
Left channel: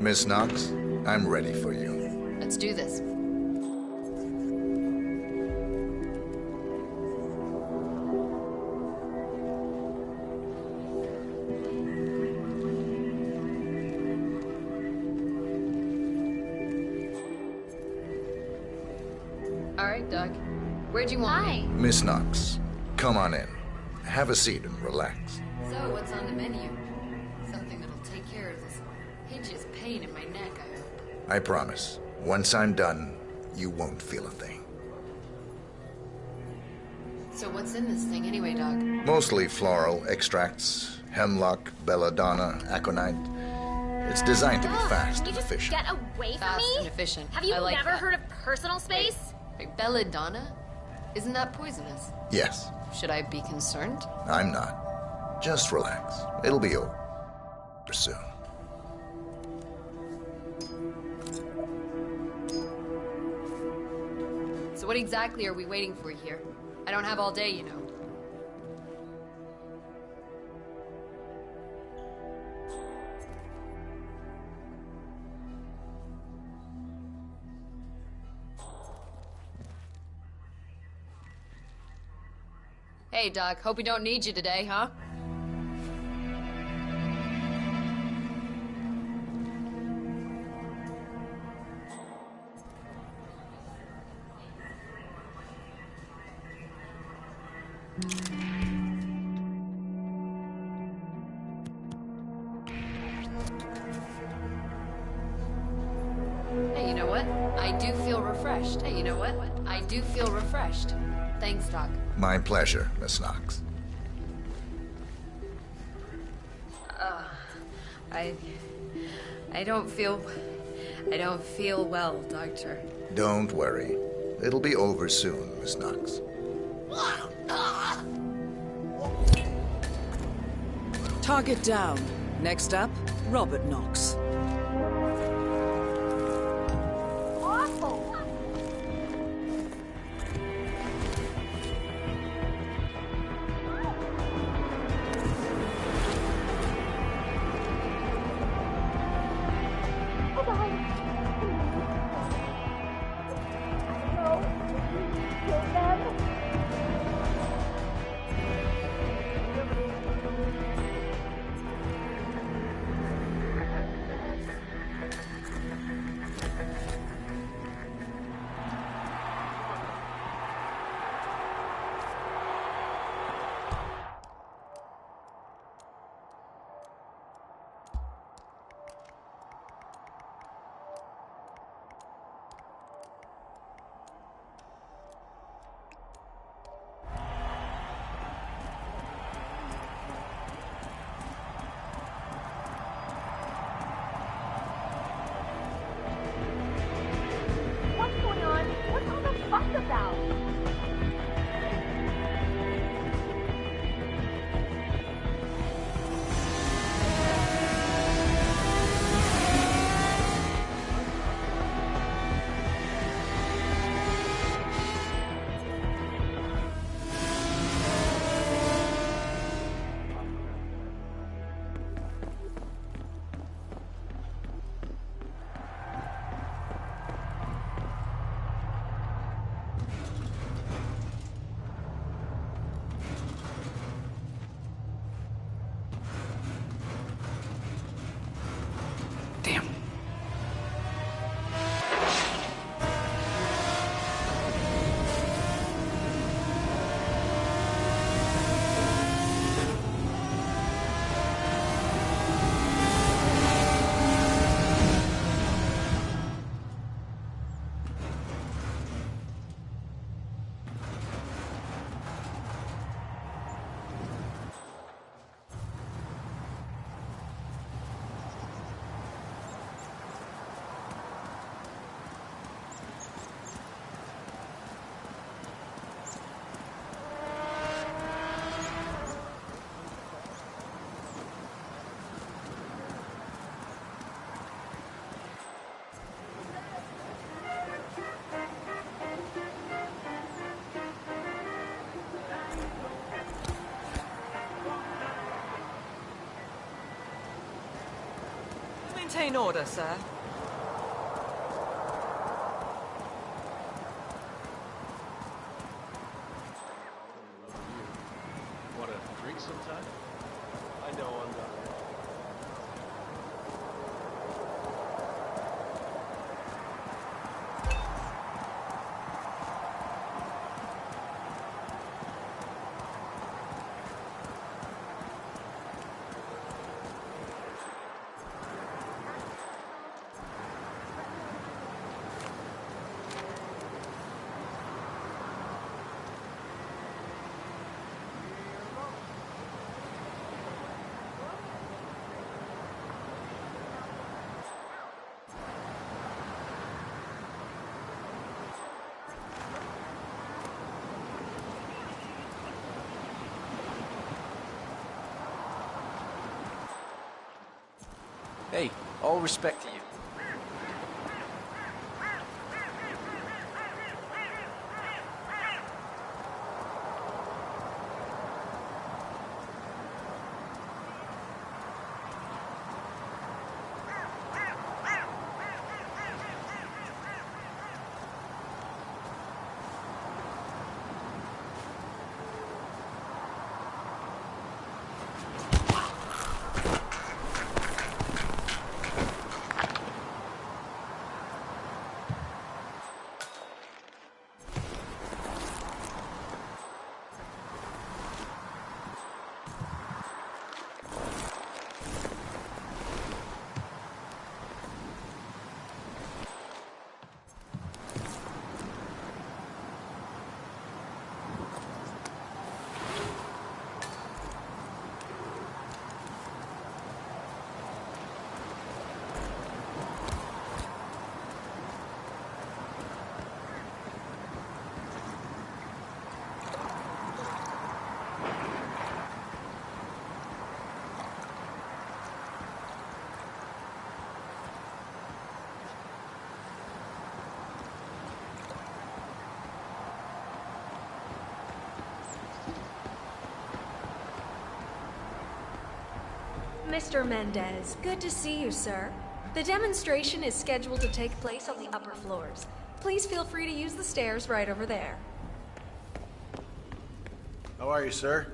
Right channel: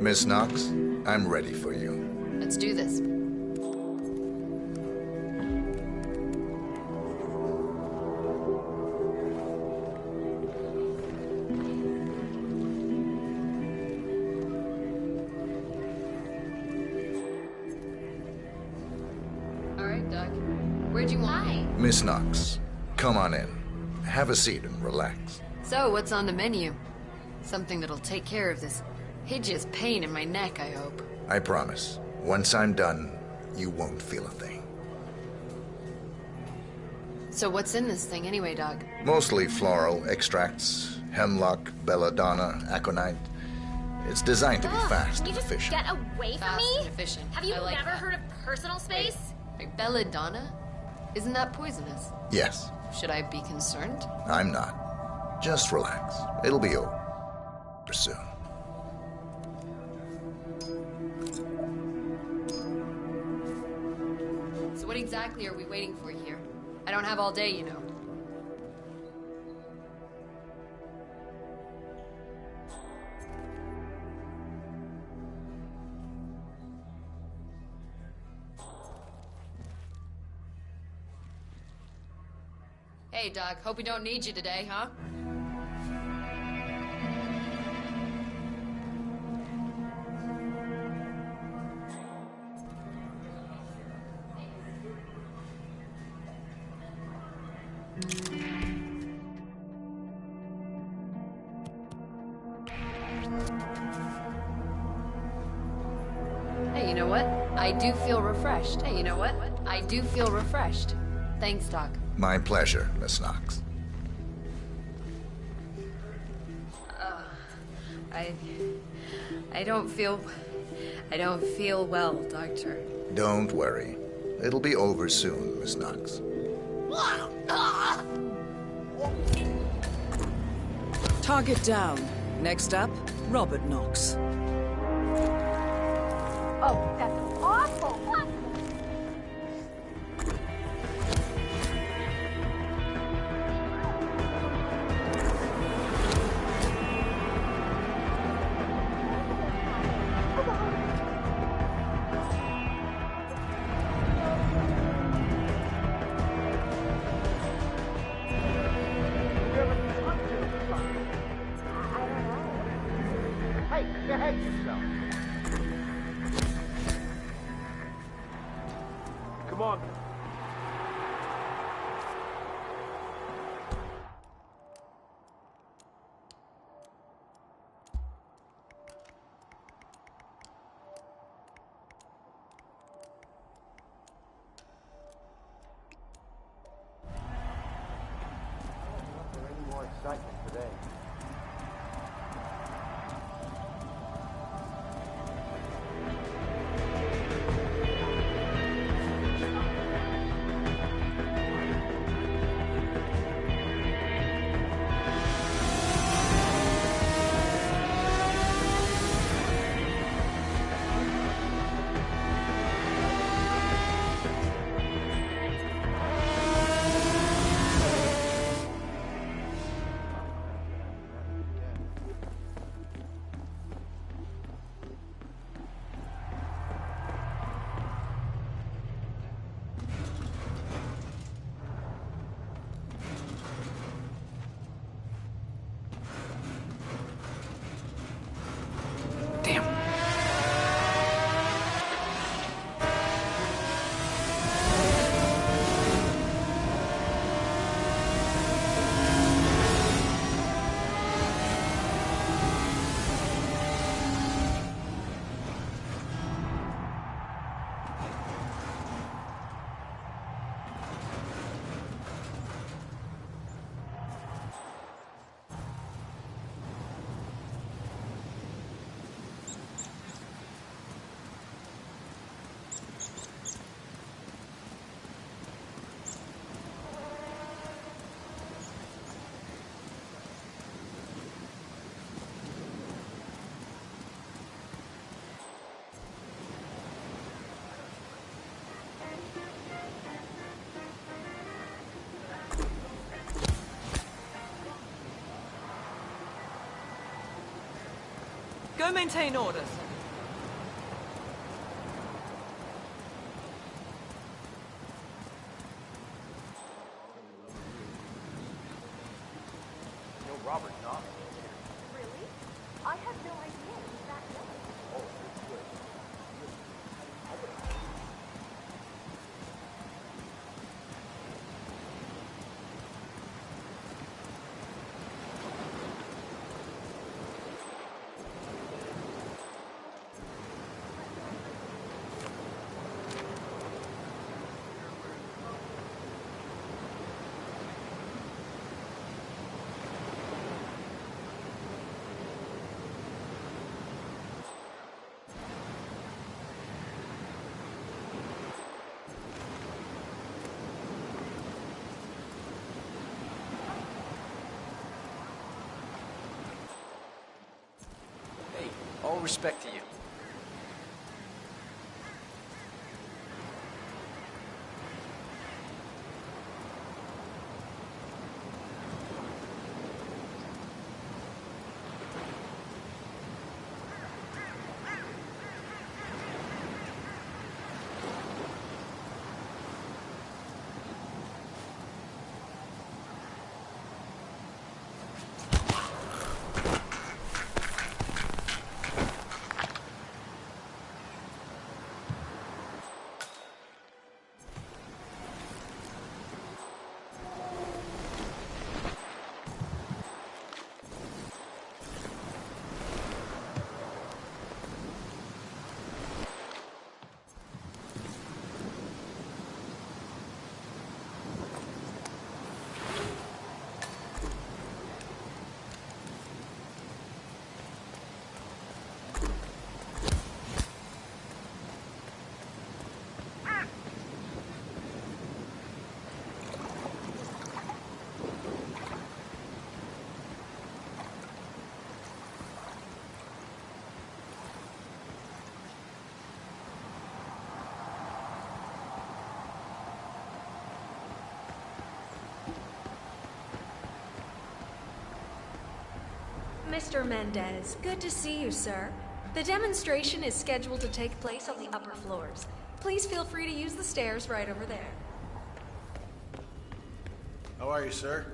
Miss Knox, I'm ready for you. Let's do this. All right, Doc. Where'd you want me? Miss Knox, come on in. Have a seat and relax. So, what's on the menu? Something that'll take care of this hideous pain in my neck, I hope. I promise. Once I'm done, you won't feel a thing. So what's in this thing anyway, Doc? Mostly floral extracts, hemlock, belladonna, aconite. It's designed to be fast Can you and just efficient. get away from Fast me? and efficient. Have you I like never that. heard of personal space? Wait, belladonna? Isn't that poisonous? Yes, Should I be concerned? I'm not. Just relax. It'll be over soon. So what exactly are we waiting for here? I don't have all day, you know. Hey, Doc. Hope we don't need you today, huh? Hey, you know what? I do feel refreshed. Hey, you know what? I do feel refreshed. Thanks, Doc. My pleasure, Miss Knox. I don't feel well, Doctor. Don't worry. It'll be over soon, Miss Knox. Target down. Next up, Robert Knox. Oh, that's awful. maintain order, sir. Hey, all respect to you. Mr. Mendez, good to see you, sir. The demonstration is scheduled to take place on the upper floors. Please feel free to use the stairs right over there. How are you, sir?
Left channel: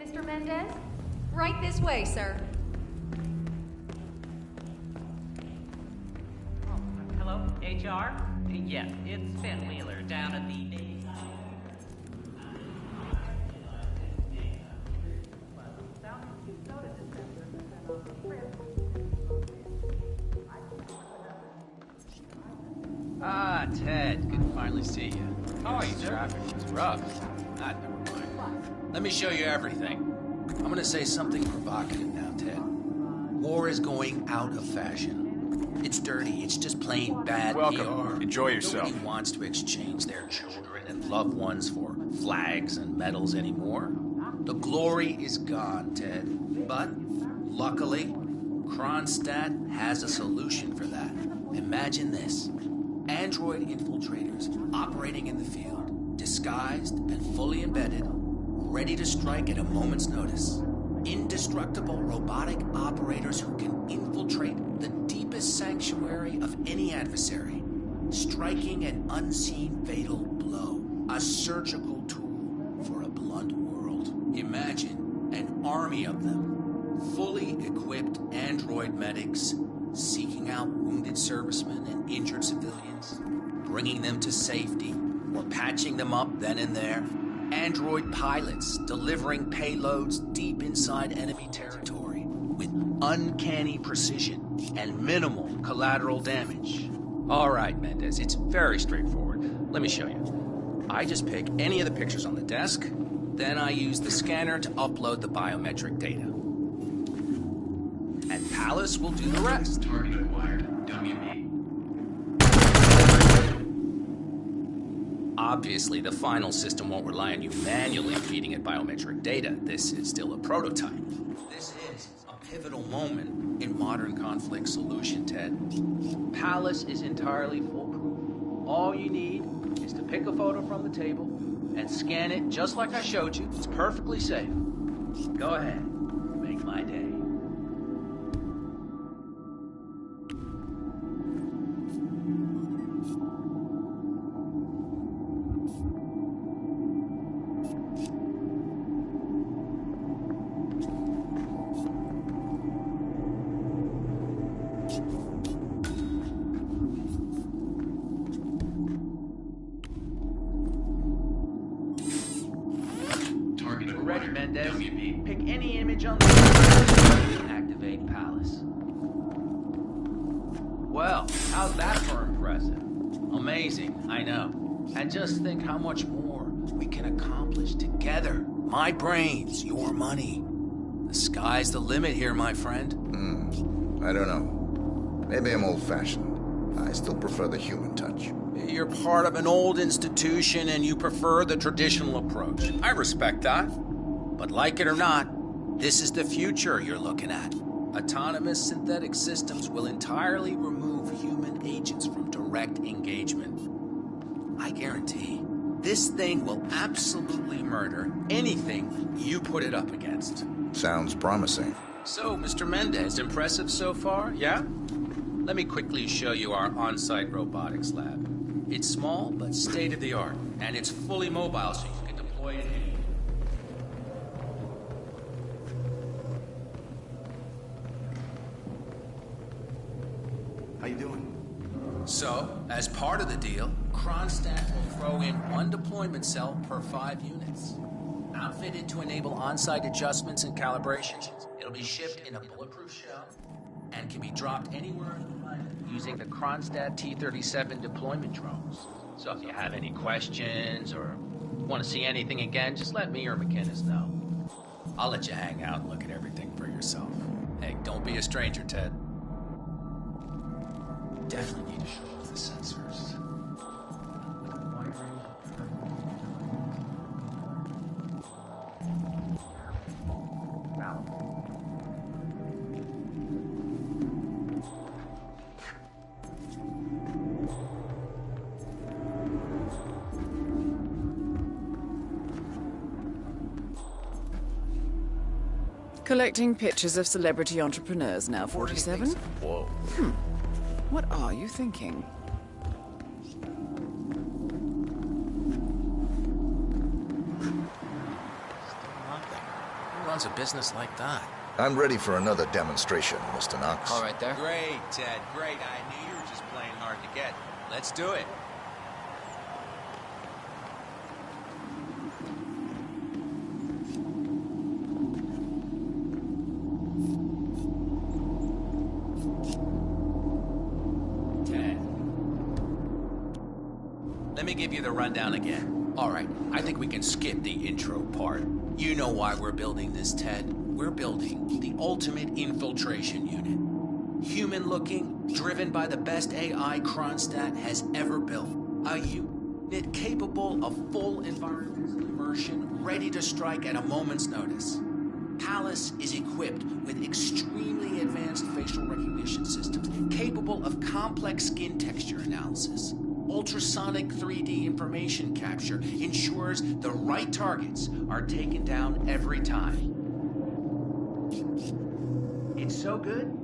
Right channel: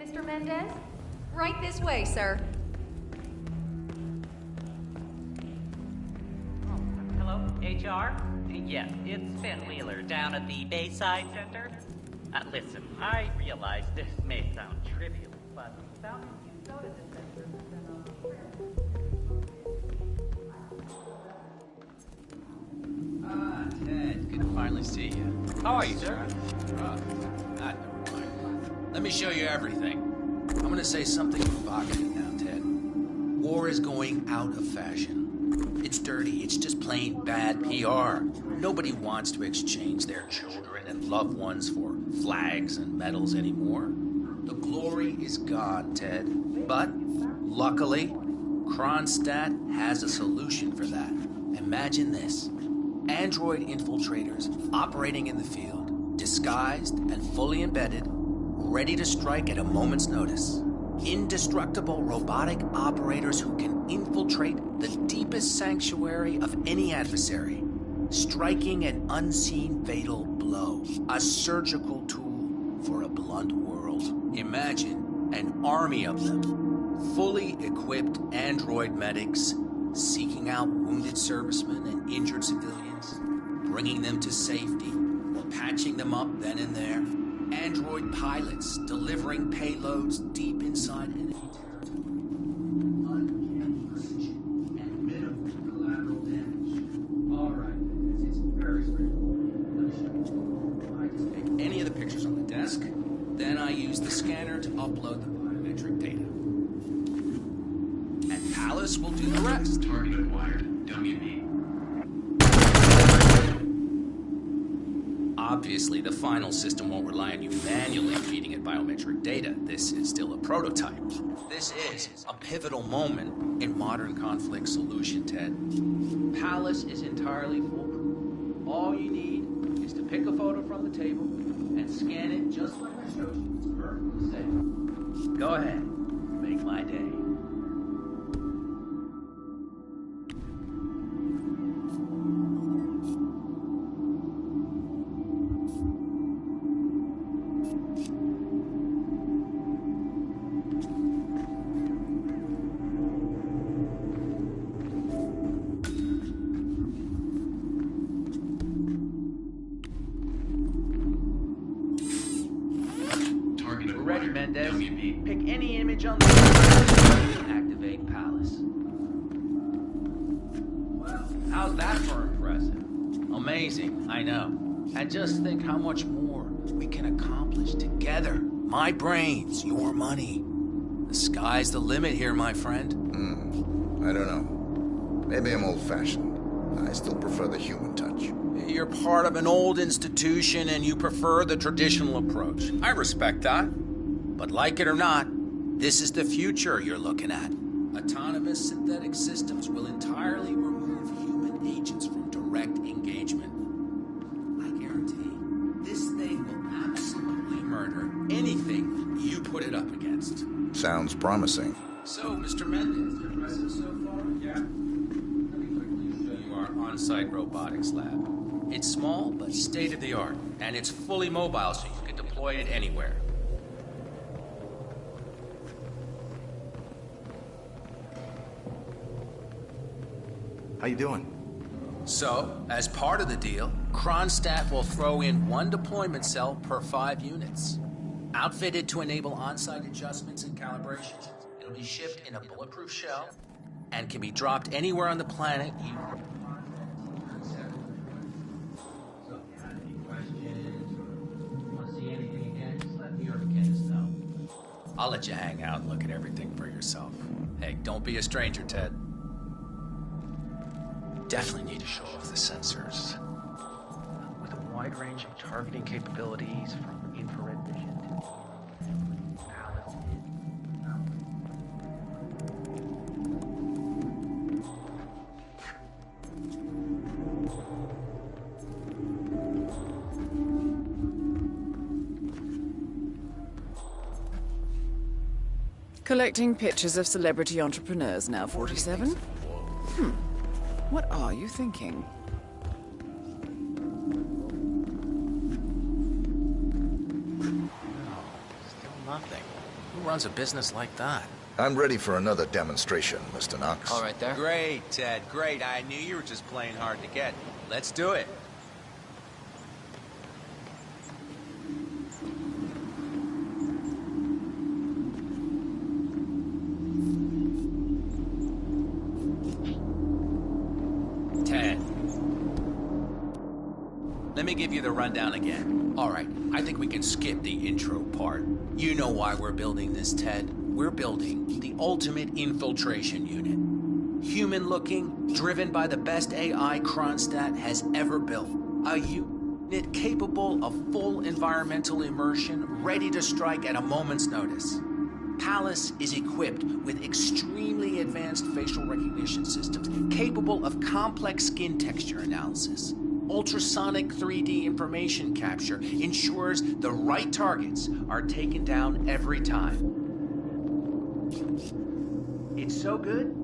Mr. Mendez? Right this way, sir. Hello, HR? Yes, it's Ben Wheeler down at the Bayside Center. Listen, I realize this may sound trivial, but sounding you soda dispensers has been on the trip. Ah, Ted, good to finally see you. How are you, sir? It's rough. Ah, never mind. Let me show you everything. I'm gonna say something provocative now, Ted. War is going out of fashion. It's dirty. It's just plain bad PR. Enjoy yourself. Nobody wants to exchange their children and loved ones for flags and medals anymore. The glory is gone, Ted. But, luckily, Kronstadt has a solution for that. Imagine this. Android infiltrators operating in the field, disguised and fully embedded, ready to strike at a moment's notice. Indestructible robotic operators who can infiltrate the deepest sanctuary of any adversary, striking an unseen fatal blow. A surgical tool for a blunt world. Imagine an army of them, fully equipped android medics, seeking out wounded servicemen and injured civilians, bringing them to safety, or patching them up then and there. Android pilots delivering payloads deep inside enemy territory with uncanny precision and minimal collateral damage. All right, Mendez, it's very straightforward. Let me show you. I just pick any of the pictures on the desk, then I use the scanner to upload the biometric data. And Palace will do the rest. Target acquired. WB. Obviously, the final system won't rely on you manually feeding it biometric data. This is still a prototype. This is a pivotal moment in modern conflict solution, Ted. Palace is entirely foolproof. All you need is to pick a photo from the table and scan it just like I showed you. It's perfectly safe. Go ahead. Make my day. We're ready, Mendez. Pick any image on the and activate Palace. Well, how's that for impressive? Amazing, I know. And just think how much more we can accomplish together. My brains, your money. The sky's the limit here, my friend. I don't know. Maybe I'm old-fashioned. I still prefer the human touch. You're part of an old institution and you prefer the traditional approach. I respect that. But like it or not, this is the future you're looking at. Autonomous synthetic systems will entirely remove human agents from direct engagement. I guarantee this thing will absolutely murder anything you put it up against. Sounds promising. So, Mr. Mendez, impressive so far, yeah? Let me quickly show you our on-site robotics lab. It's small, but state-of-the-art, and it's fully mobile, so you can deploy it anywhere. How you doing? So, as part of the deal, Kronstadt will throw in one deployment cell per 5 units. Outfitted to enable on-site adjustments and calibrations, it'll be shipped in a bulletproof shell and can be dropped anywhere on the planet using the Kronstadt T-37 deployment drones. So if you have any questions or want to see anything again, just let me or McInnes know. I'll let you hang out and look at everything for yourself. Hey, don't be a stranger, Ted. Definitely need to show off the sensors. With a wide range of targeting capabilities from infrared vision. Collecting pictures of celebrity entrepreneurs now, 47? Whoa. What are you thinking? Still nothing. Who runs a business like that? I'm ready for another demonstration, Mr. Knox. All right there. Great, Ted, great. I knew you were just playing hard to get. Let's do it. Ted. Let me give you the rundown again. All right, I think we can skip the intro part. You know why we're building this, Ted. We're building the ultimate infiltration unit. Human-looking, driven by the best AI Kronstadt has ever built. A unit capable of full environmental immersion, ready to strike at a moment's notice. Palace is equipped with extremely advanced facial recognition systems, capable of complex skin texture analysis. Ultrasonic 3D information capture ensures the right targets are taken down every time. It's so good,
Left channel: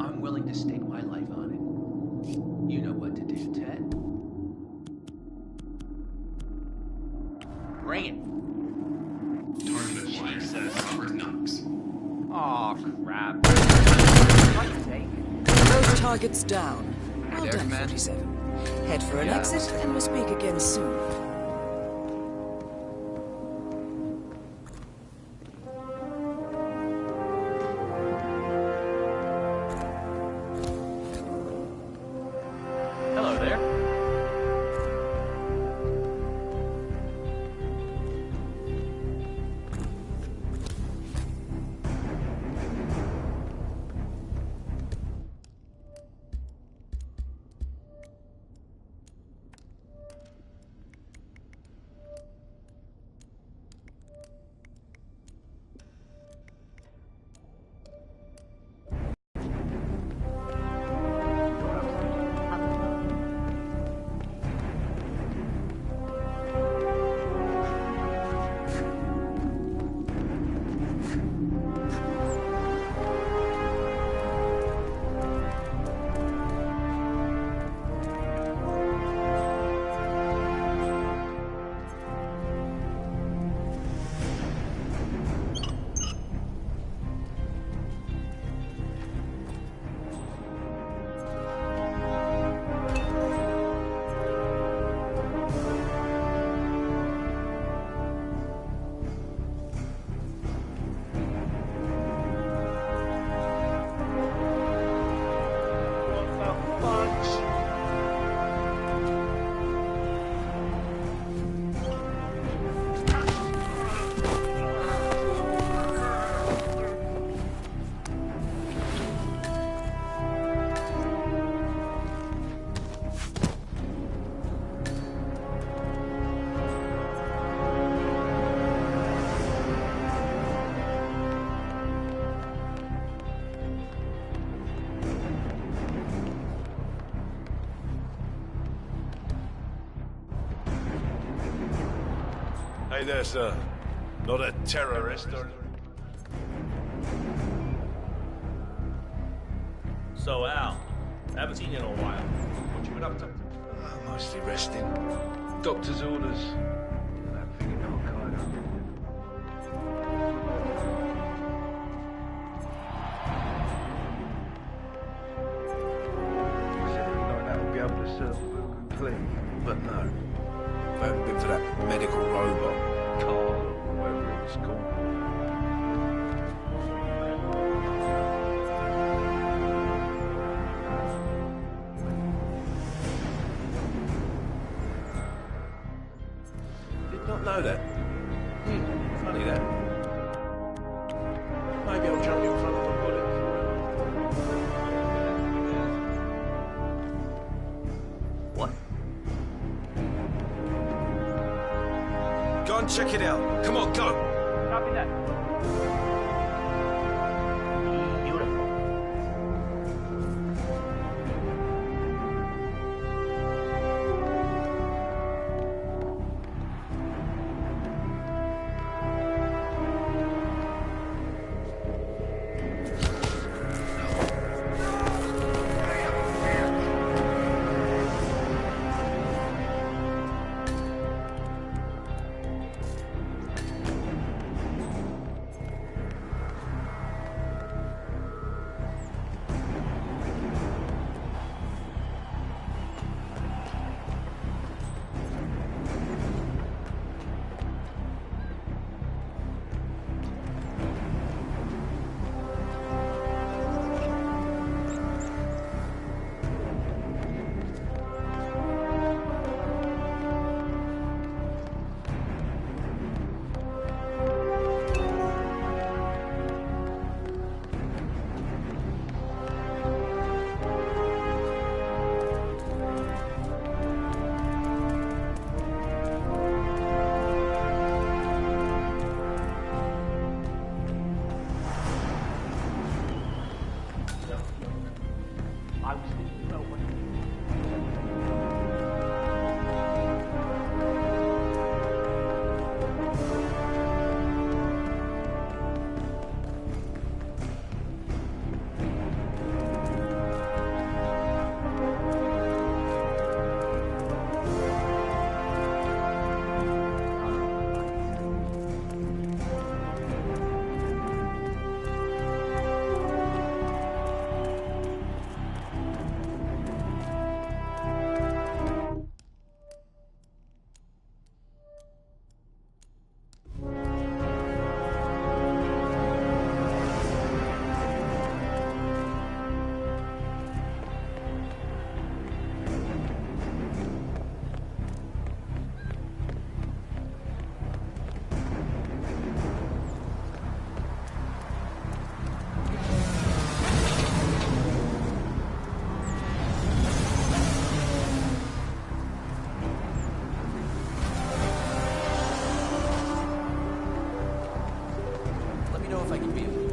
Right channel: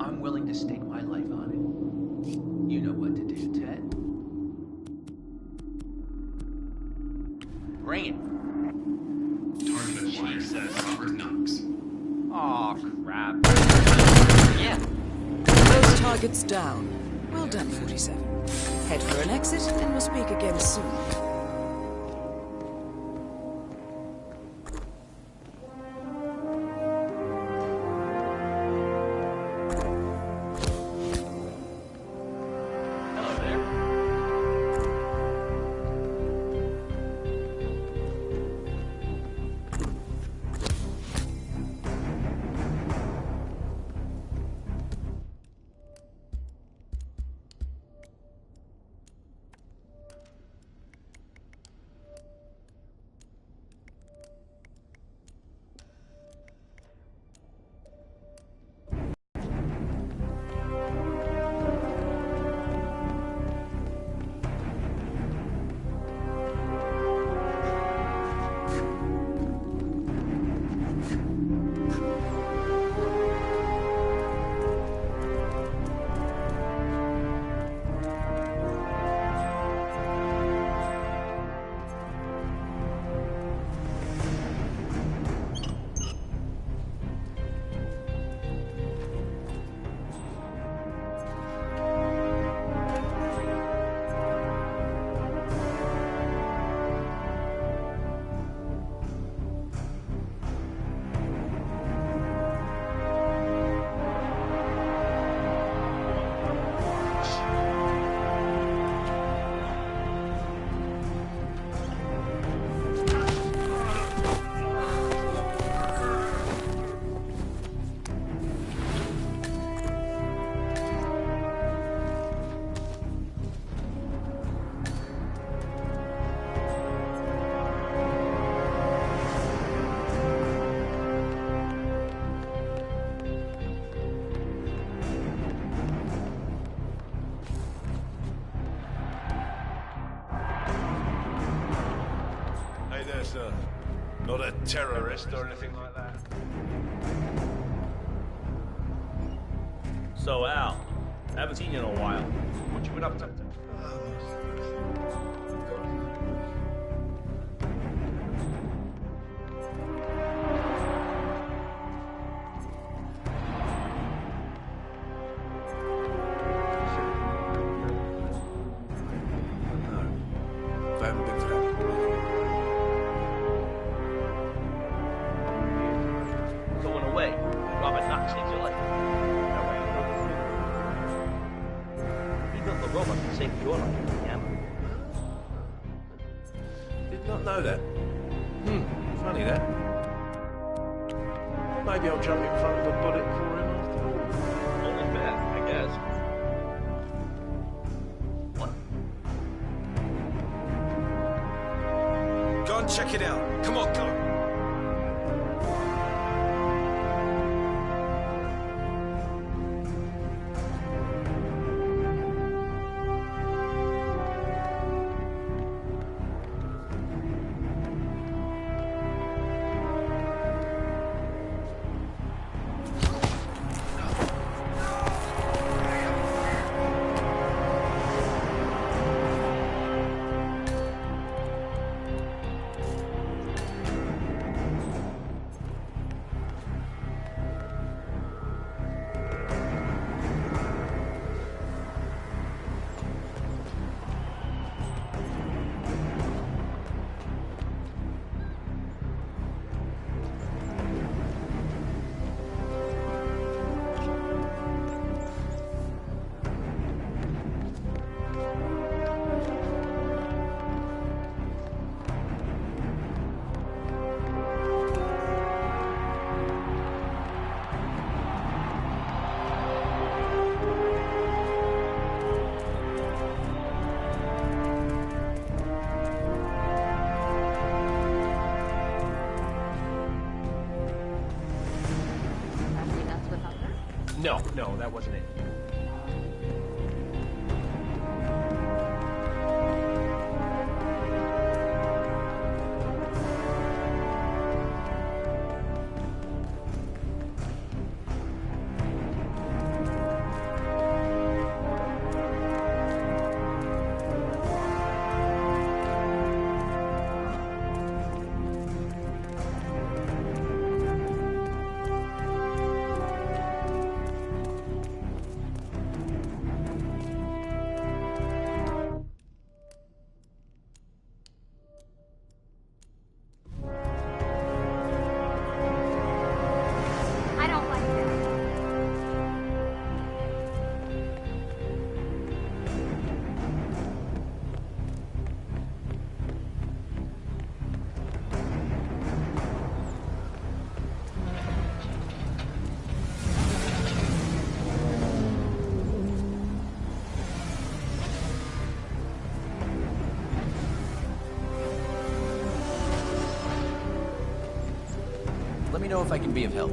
I'm willing to stake my life on it. You know what to do, Ted. Bring it. Target acquired, Robert Knox. Aw, crap. Both targets down. Well done, 47. Head for an exit, and we'll speak again soon. Hello there. Hey there, sir. Not a terrorist or anything like that. So, Al, I haven't seen you in a while. What you been up to? Mostly resting. Doctor's orders. But no. If I haven't been for that medical robot. Going away. Robert Knox needs your life. Even the robot can save your life, yeah? Did not know that. Funny that. Maybe I'll jump in front of a bullet for him after. Only fair, I guess. What? Go and check it out. Come on, go. Copy that. No, that wasn't it. I was thinking about what Let me know if I can be of help.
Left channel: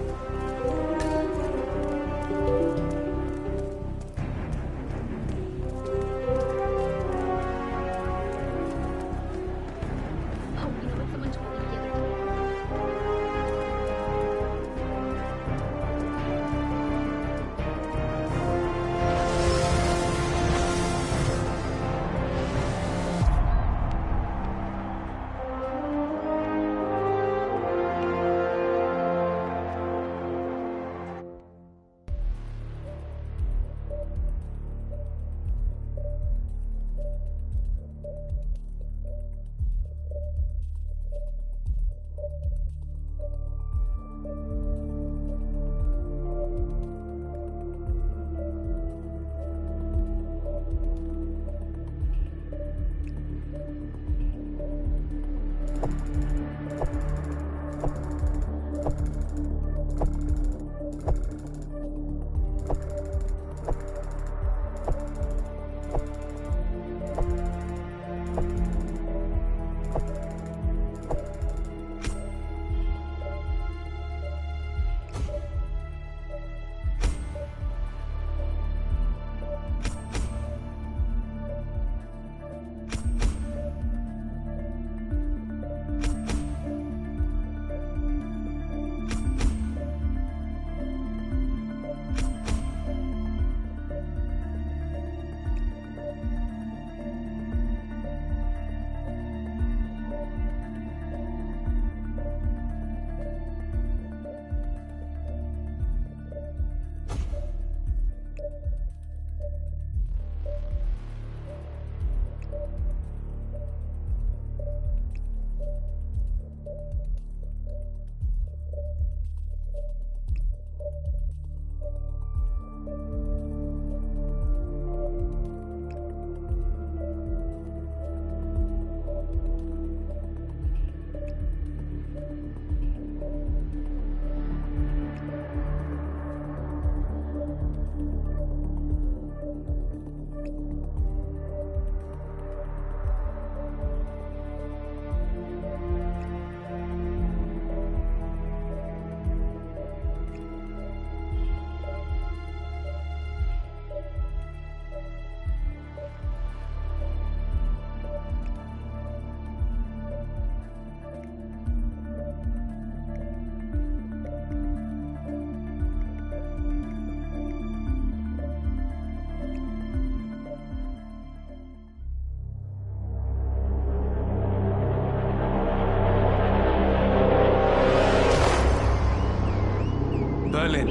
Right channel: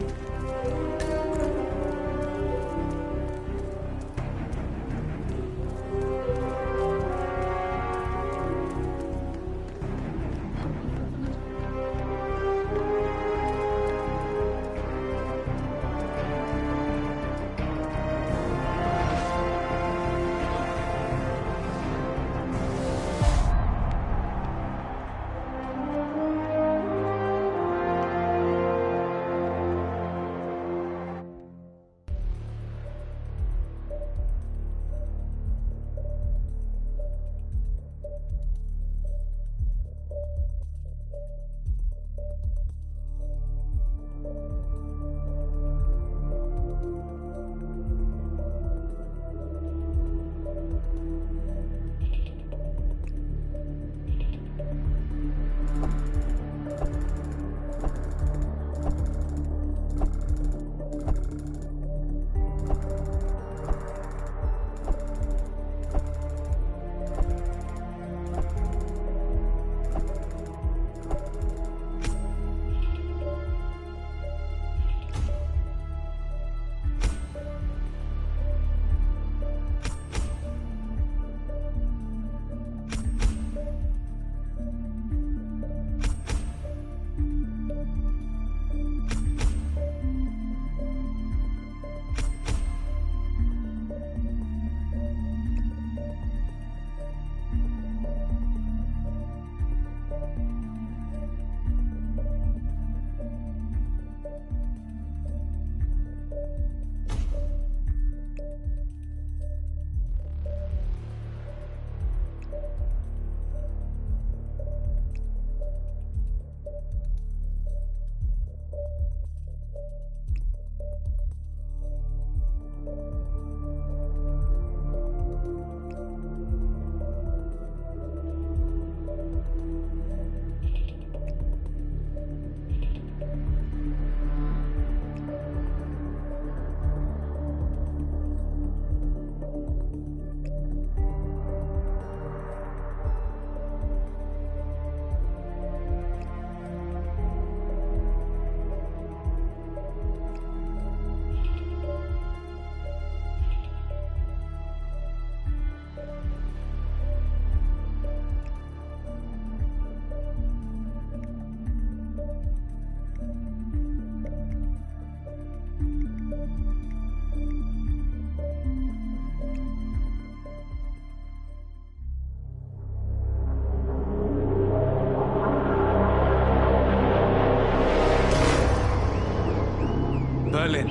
Berlin.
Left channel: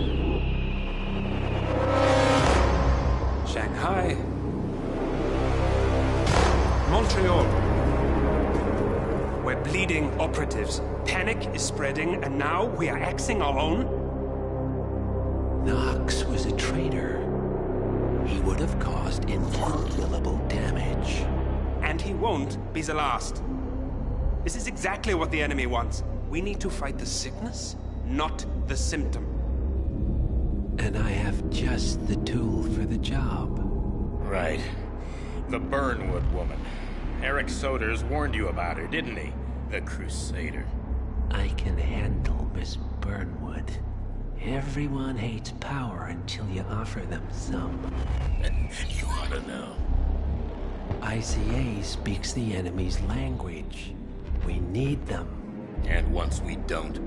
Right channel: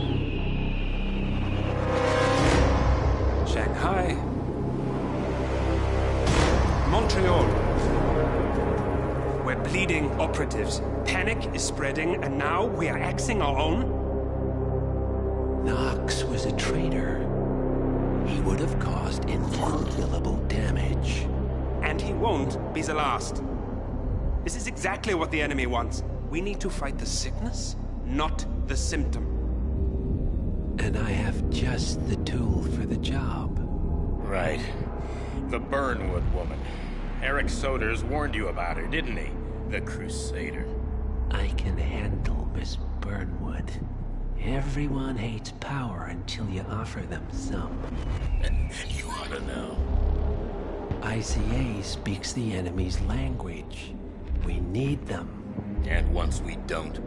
Shanghai. Montreal. We're bleeding operatives. Panic is spreading, and now we are axing our own? Knox was a traitor. He would have caused incalculable damage. And he won't be the last. This is exactly what the enemy wants. We need to fight the sickness, not the symptom. And I have just the tool for the job. Right. The Burnwood woman. Eric Soders warned you about her, didn't he? The Crusader. I can handle Miss Burnwood. Everyone hates power until you offer them some. You ought to know. ICA speaks the enemy's language. We need them. And once we don't?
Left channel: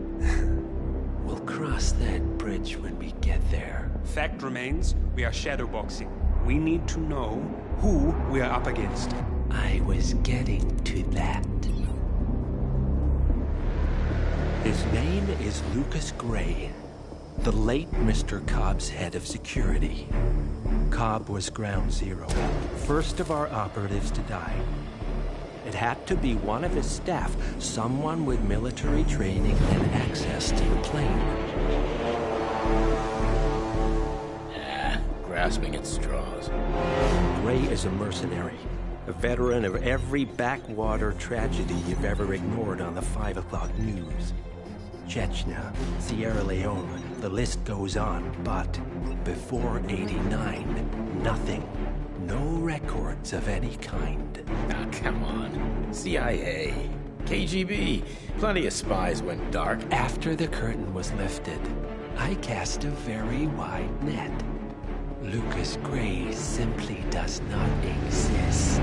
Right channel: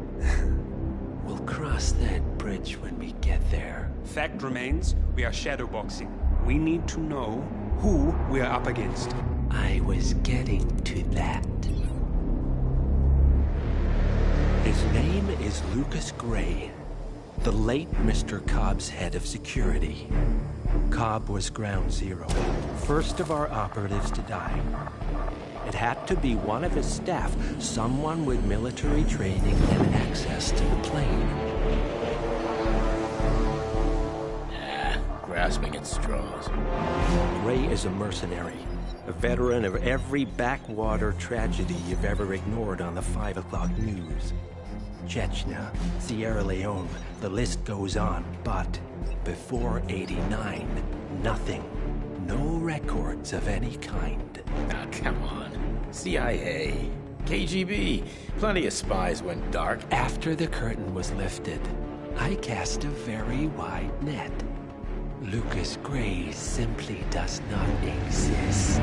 We'll cross that bridge when we get there. Fact remains, we are shadowboxing. We need to know who we are up against. I was getting to that. His name is Lucas Gray, the late Mr. Cobb's head of security. Cobb was ground zero, first of our operatives to die. It had to be one of his staff, someone with military training and access to the plane. Grasping at straws. Gray is a mercenary, a veteran of every backwater tragedy you've ever ignored on the 5 o'clock news. Chechnya, Sierra Leone, the list goes on, but before '89, nothing. No records of any kind. Ah, come on. CIA, KGB, plenty of spies went dark. After the curtain was lifted, I cast a very wide net. Lucas Gray simply does not exist.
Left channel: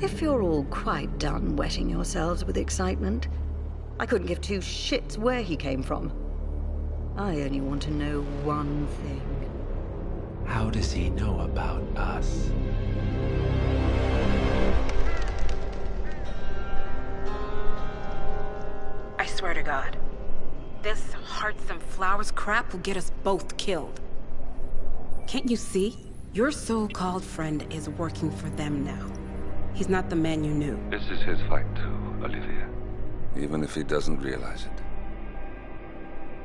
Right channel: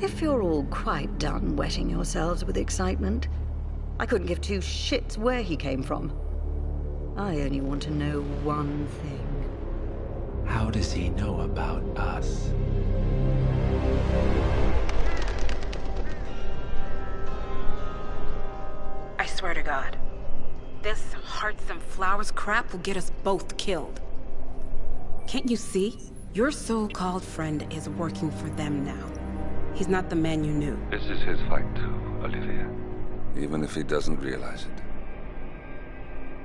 If you're all quite done wetting yourselves with excitement, I couldn't give two shits where he came from. I only want to know one thing. How does he know about us? I swear to God, this hearts and flowers crap will get us both killed. Can't you see? Your so-called friend is working for them now. He's not the man you knew. This is his fight too, Olivia. Even if he doesn't realize it.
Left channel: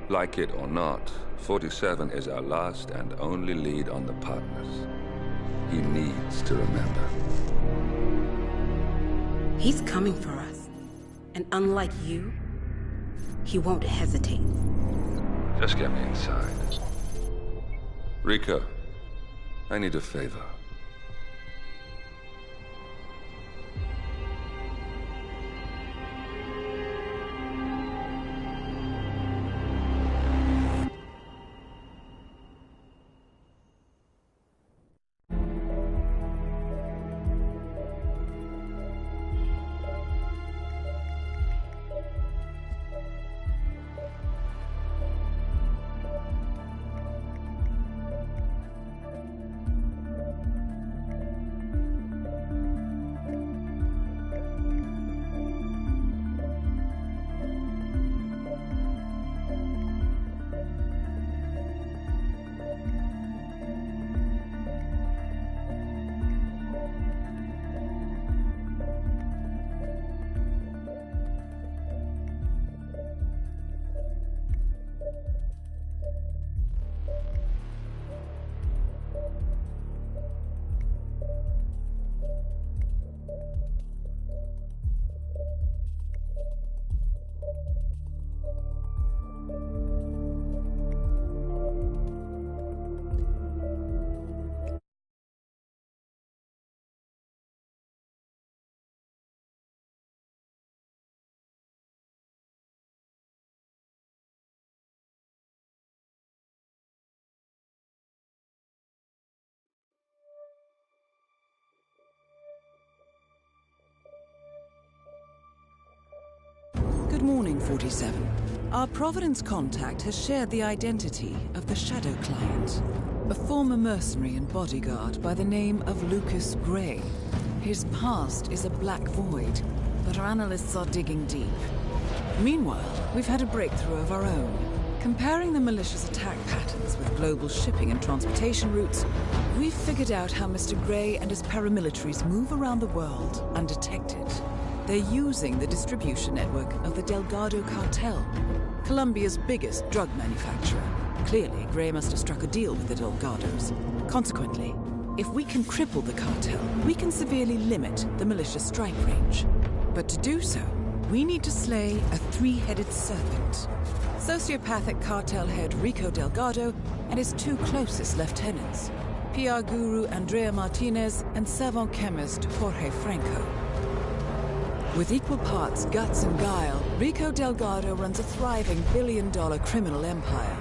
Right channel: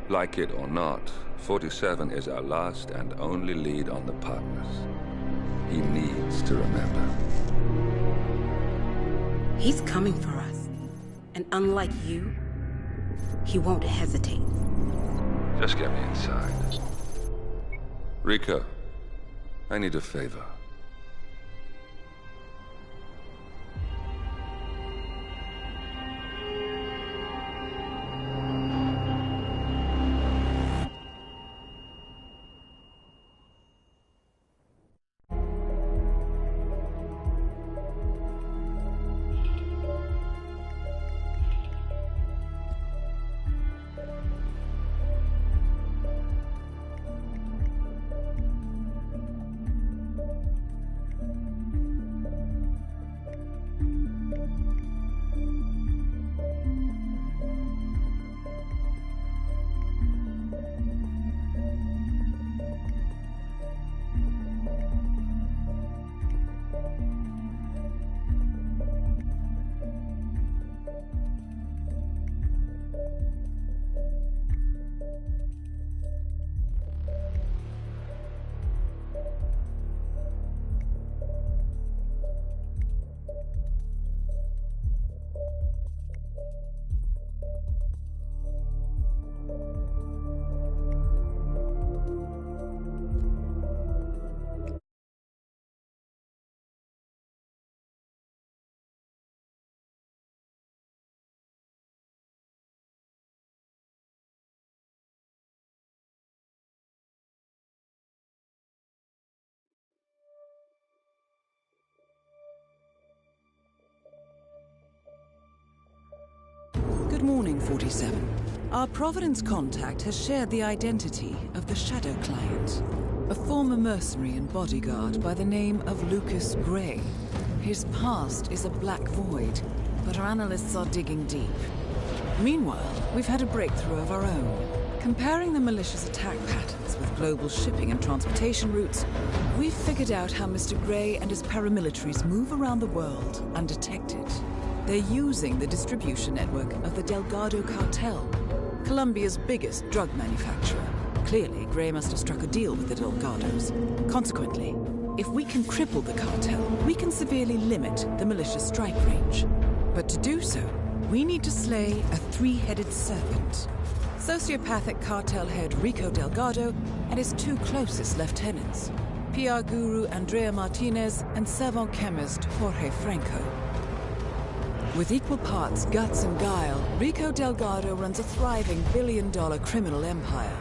Like it or not, 47 is our last and only lead on the partners. He needs to remember. He's coming for us. And unlike you, he won't hesitate. Just get me inside. Rico, I need a favor. Good morning, 47. Our Providence contact has shared the identity of the Shadow Client, a former mercenary and bodyguard by the name of Lucas Gray. His past is a black void, but our analysts are digging deep. Meanwhile, we've had a breakthrough of our own. Comparing the militia's attack patterns with global shipping and transportation routes, we've figured out how Mr. Grey and his paramilitaries move around the world undetected. They're using the distribution network of the Delgado cartel, Colombia's biggest drug manufacturer. Clearly, Grey must have struck a deal with the Delgados. Consequently, if we can cripple the cartel, we can severely limit the militia's strike range. But to do so, we need to slay a three-headed serpent. Sociopathic cartel head Rico Delgado and his two closest lieutenants, PR guru Andrea Martinez and savant chemist Jorge Franco. With equal parts guts and guile, Rico Delgado runs a thriving billion-dollar criminal empire.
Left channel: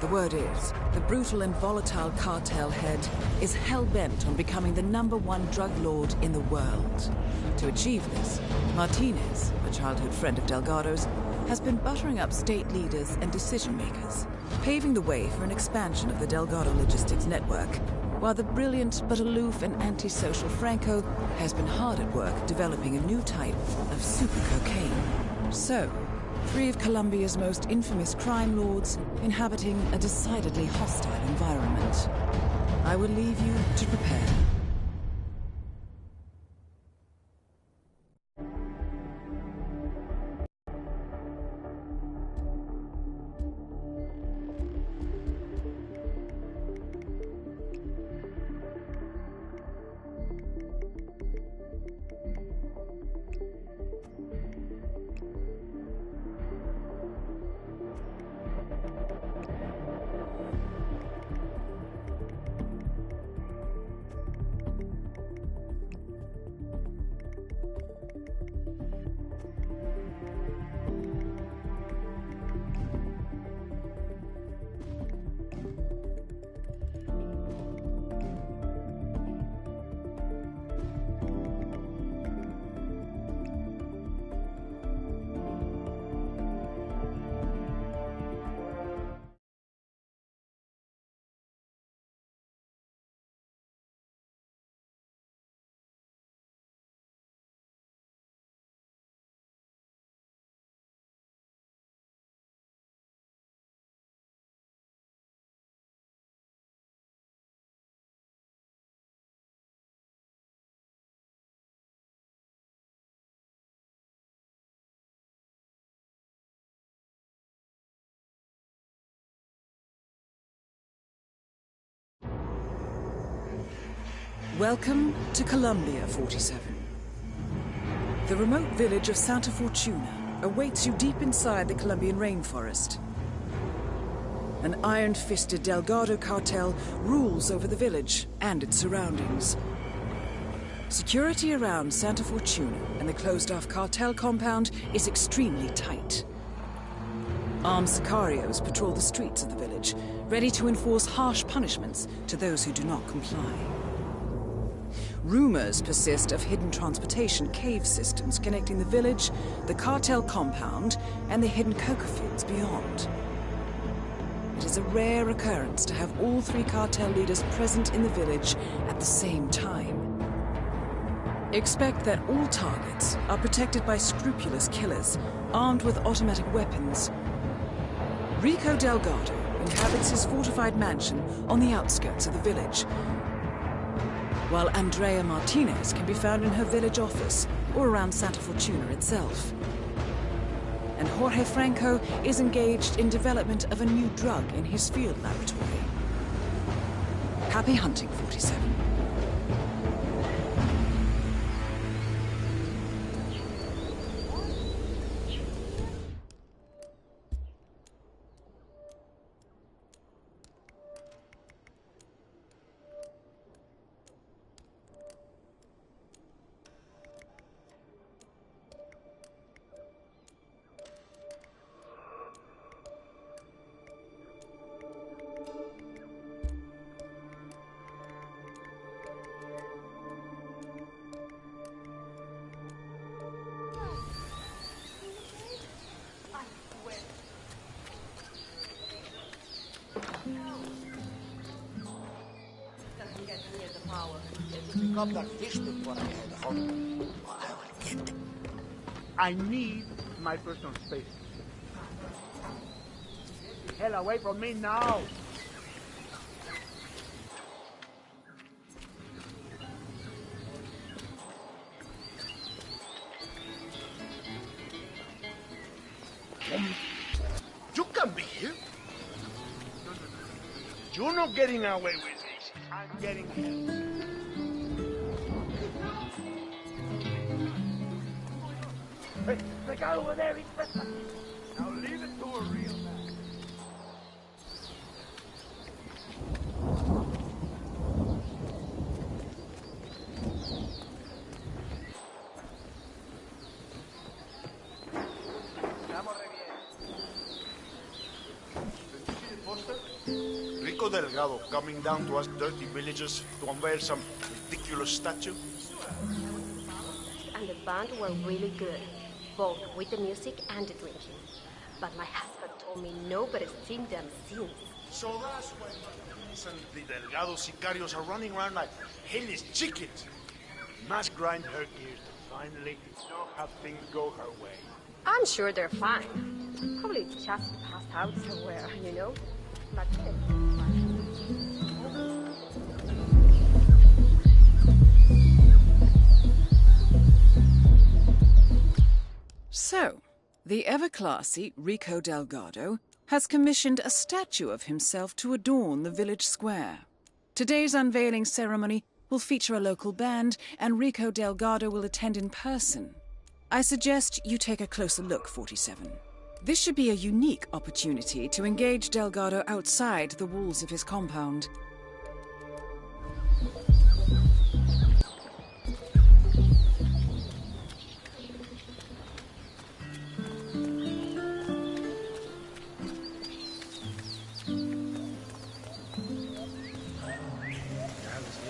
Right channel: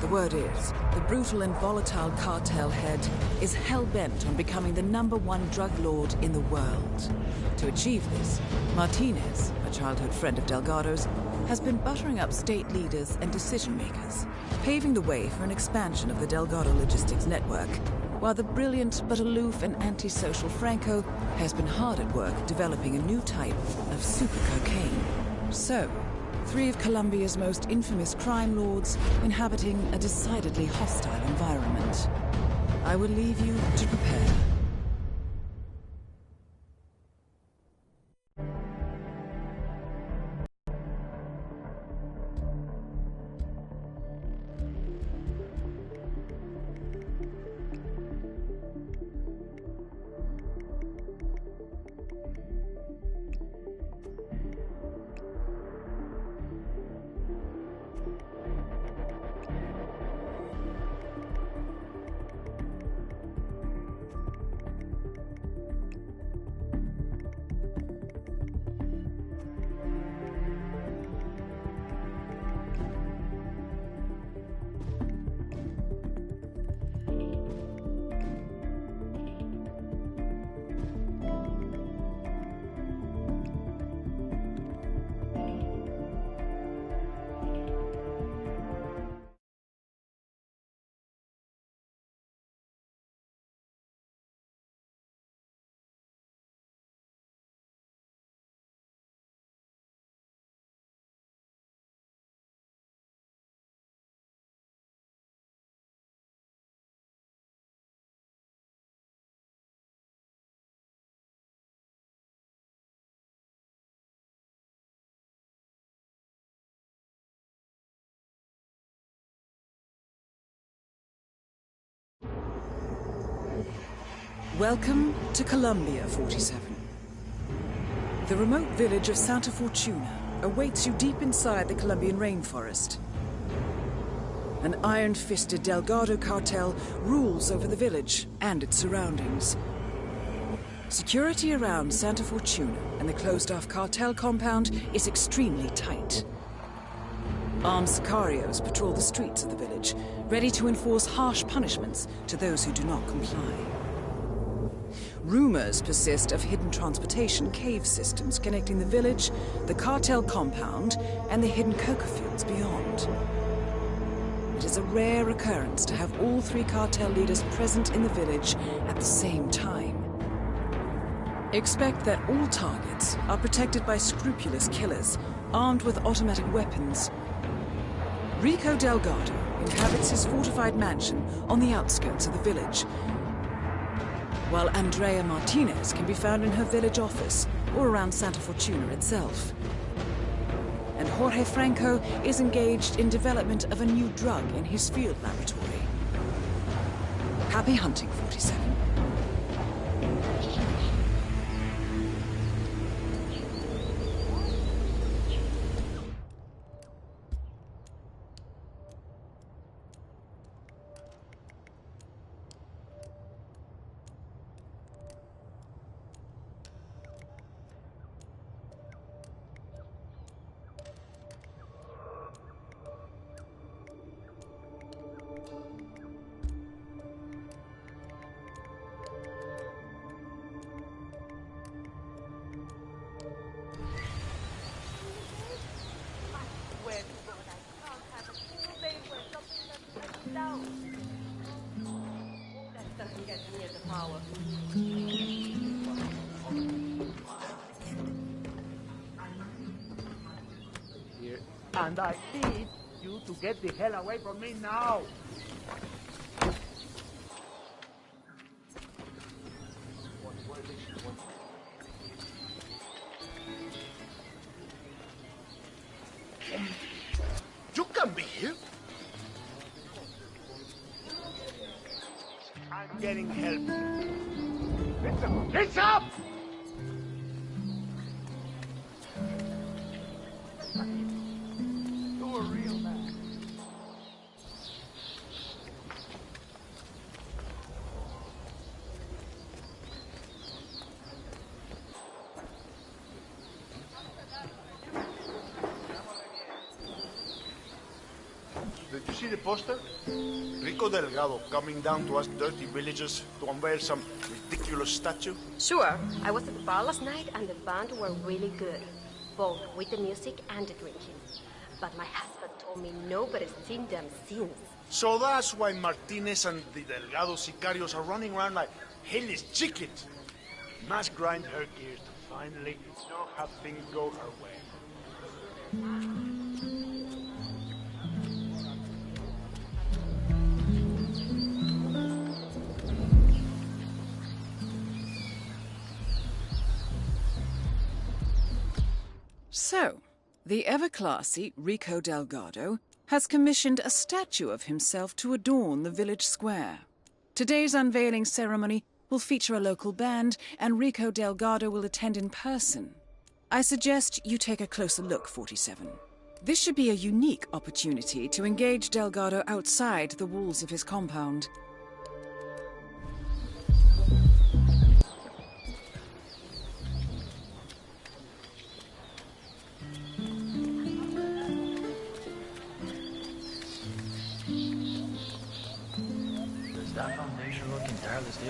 The word is, the brutal and volatile cartel head is hell-bent on becoming the #1 drug lord in the world. To achieve this, Martinez, a childhood friend of Delgado's, has been buttering up state leaders and decision-makers, paving the way for an expansion of the Delgado logistics network, while the brilliant but aloof and antisocial Franco has been hard at work developing a new type of super cocaine. So, three of Colombia's most infamous crime lords inhabiting a decidedly hostile environment. I will leave you to prepare. Welcome to Colombia, 47. The remote village of Santa Fortuna awaits you deep inside the Colombian rainforest. An iron-fisted Delgado cartel rules over the village and its surroundings. Security around Santa Fortuna and the closed-off cartel compound is extremely tight. Armed sicarios patrol the streets of the village, ready to enforce harsh punishments to those who do not comply. Rumors persist of hidden transportation cave systems connecting the village, the cartel compound, and the hidden coca fields beyond. It is a rare occurrence to have all three cartel leaders present in the village at the same time. Expect that all targets are protected by scrupulous killers, armed with automatic weapons. Rico Delgado inhabits his fortified mansion on the outskirts of the village, while Andrea Martinez can be found in her village office or around Santa Fortuna itself. And Jorge Franco is engaged in development of a new drug in his field laboratory. Happy hunting, 47. Doesn't get near the power. Not like this before. I need my personal space here, and I need you to get the hell away from me now! You can be here. You're not getting away with this. I'm getting help. It's up! Hey, the guy over there is trespassing. Now leave it to a real man. Did you see the poster? Rico Delgado coming down to us dirty villagers to unveil some ridiculous statue? Sure. I was at the bar last night and the band were really good. Both with the music and the drinking. But my husband told me nobody's seen them since. So that's why Martinez and the Delgado sicarios are running around like headless chickens. Must grind her gears to finally know how things go her way. I'm sure they're fine. Probably just passed out somewhere, you know? So, the ever-classy Rico Delgado has commissioned a statue of himself to adorn the village square. Today's unveiling ceremony will feature a local band, and Rico Delgado will attend in person. I suggest you take a closer look, 47. This should be a unique opportunity to engage Delgado outside the walls of his compound.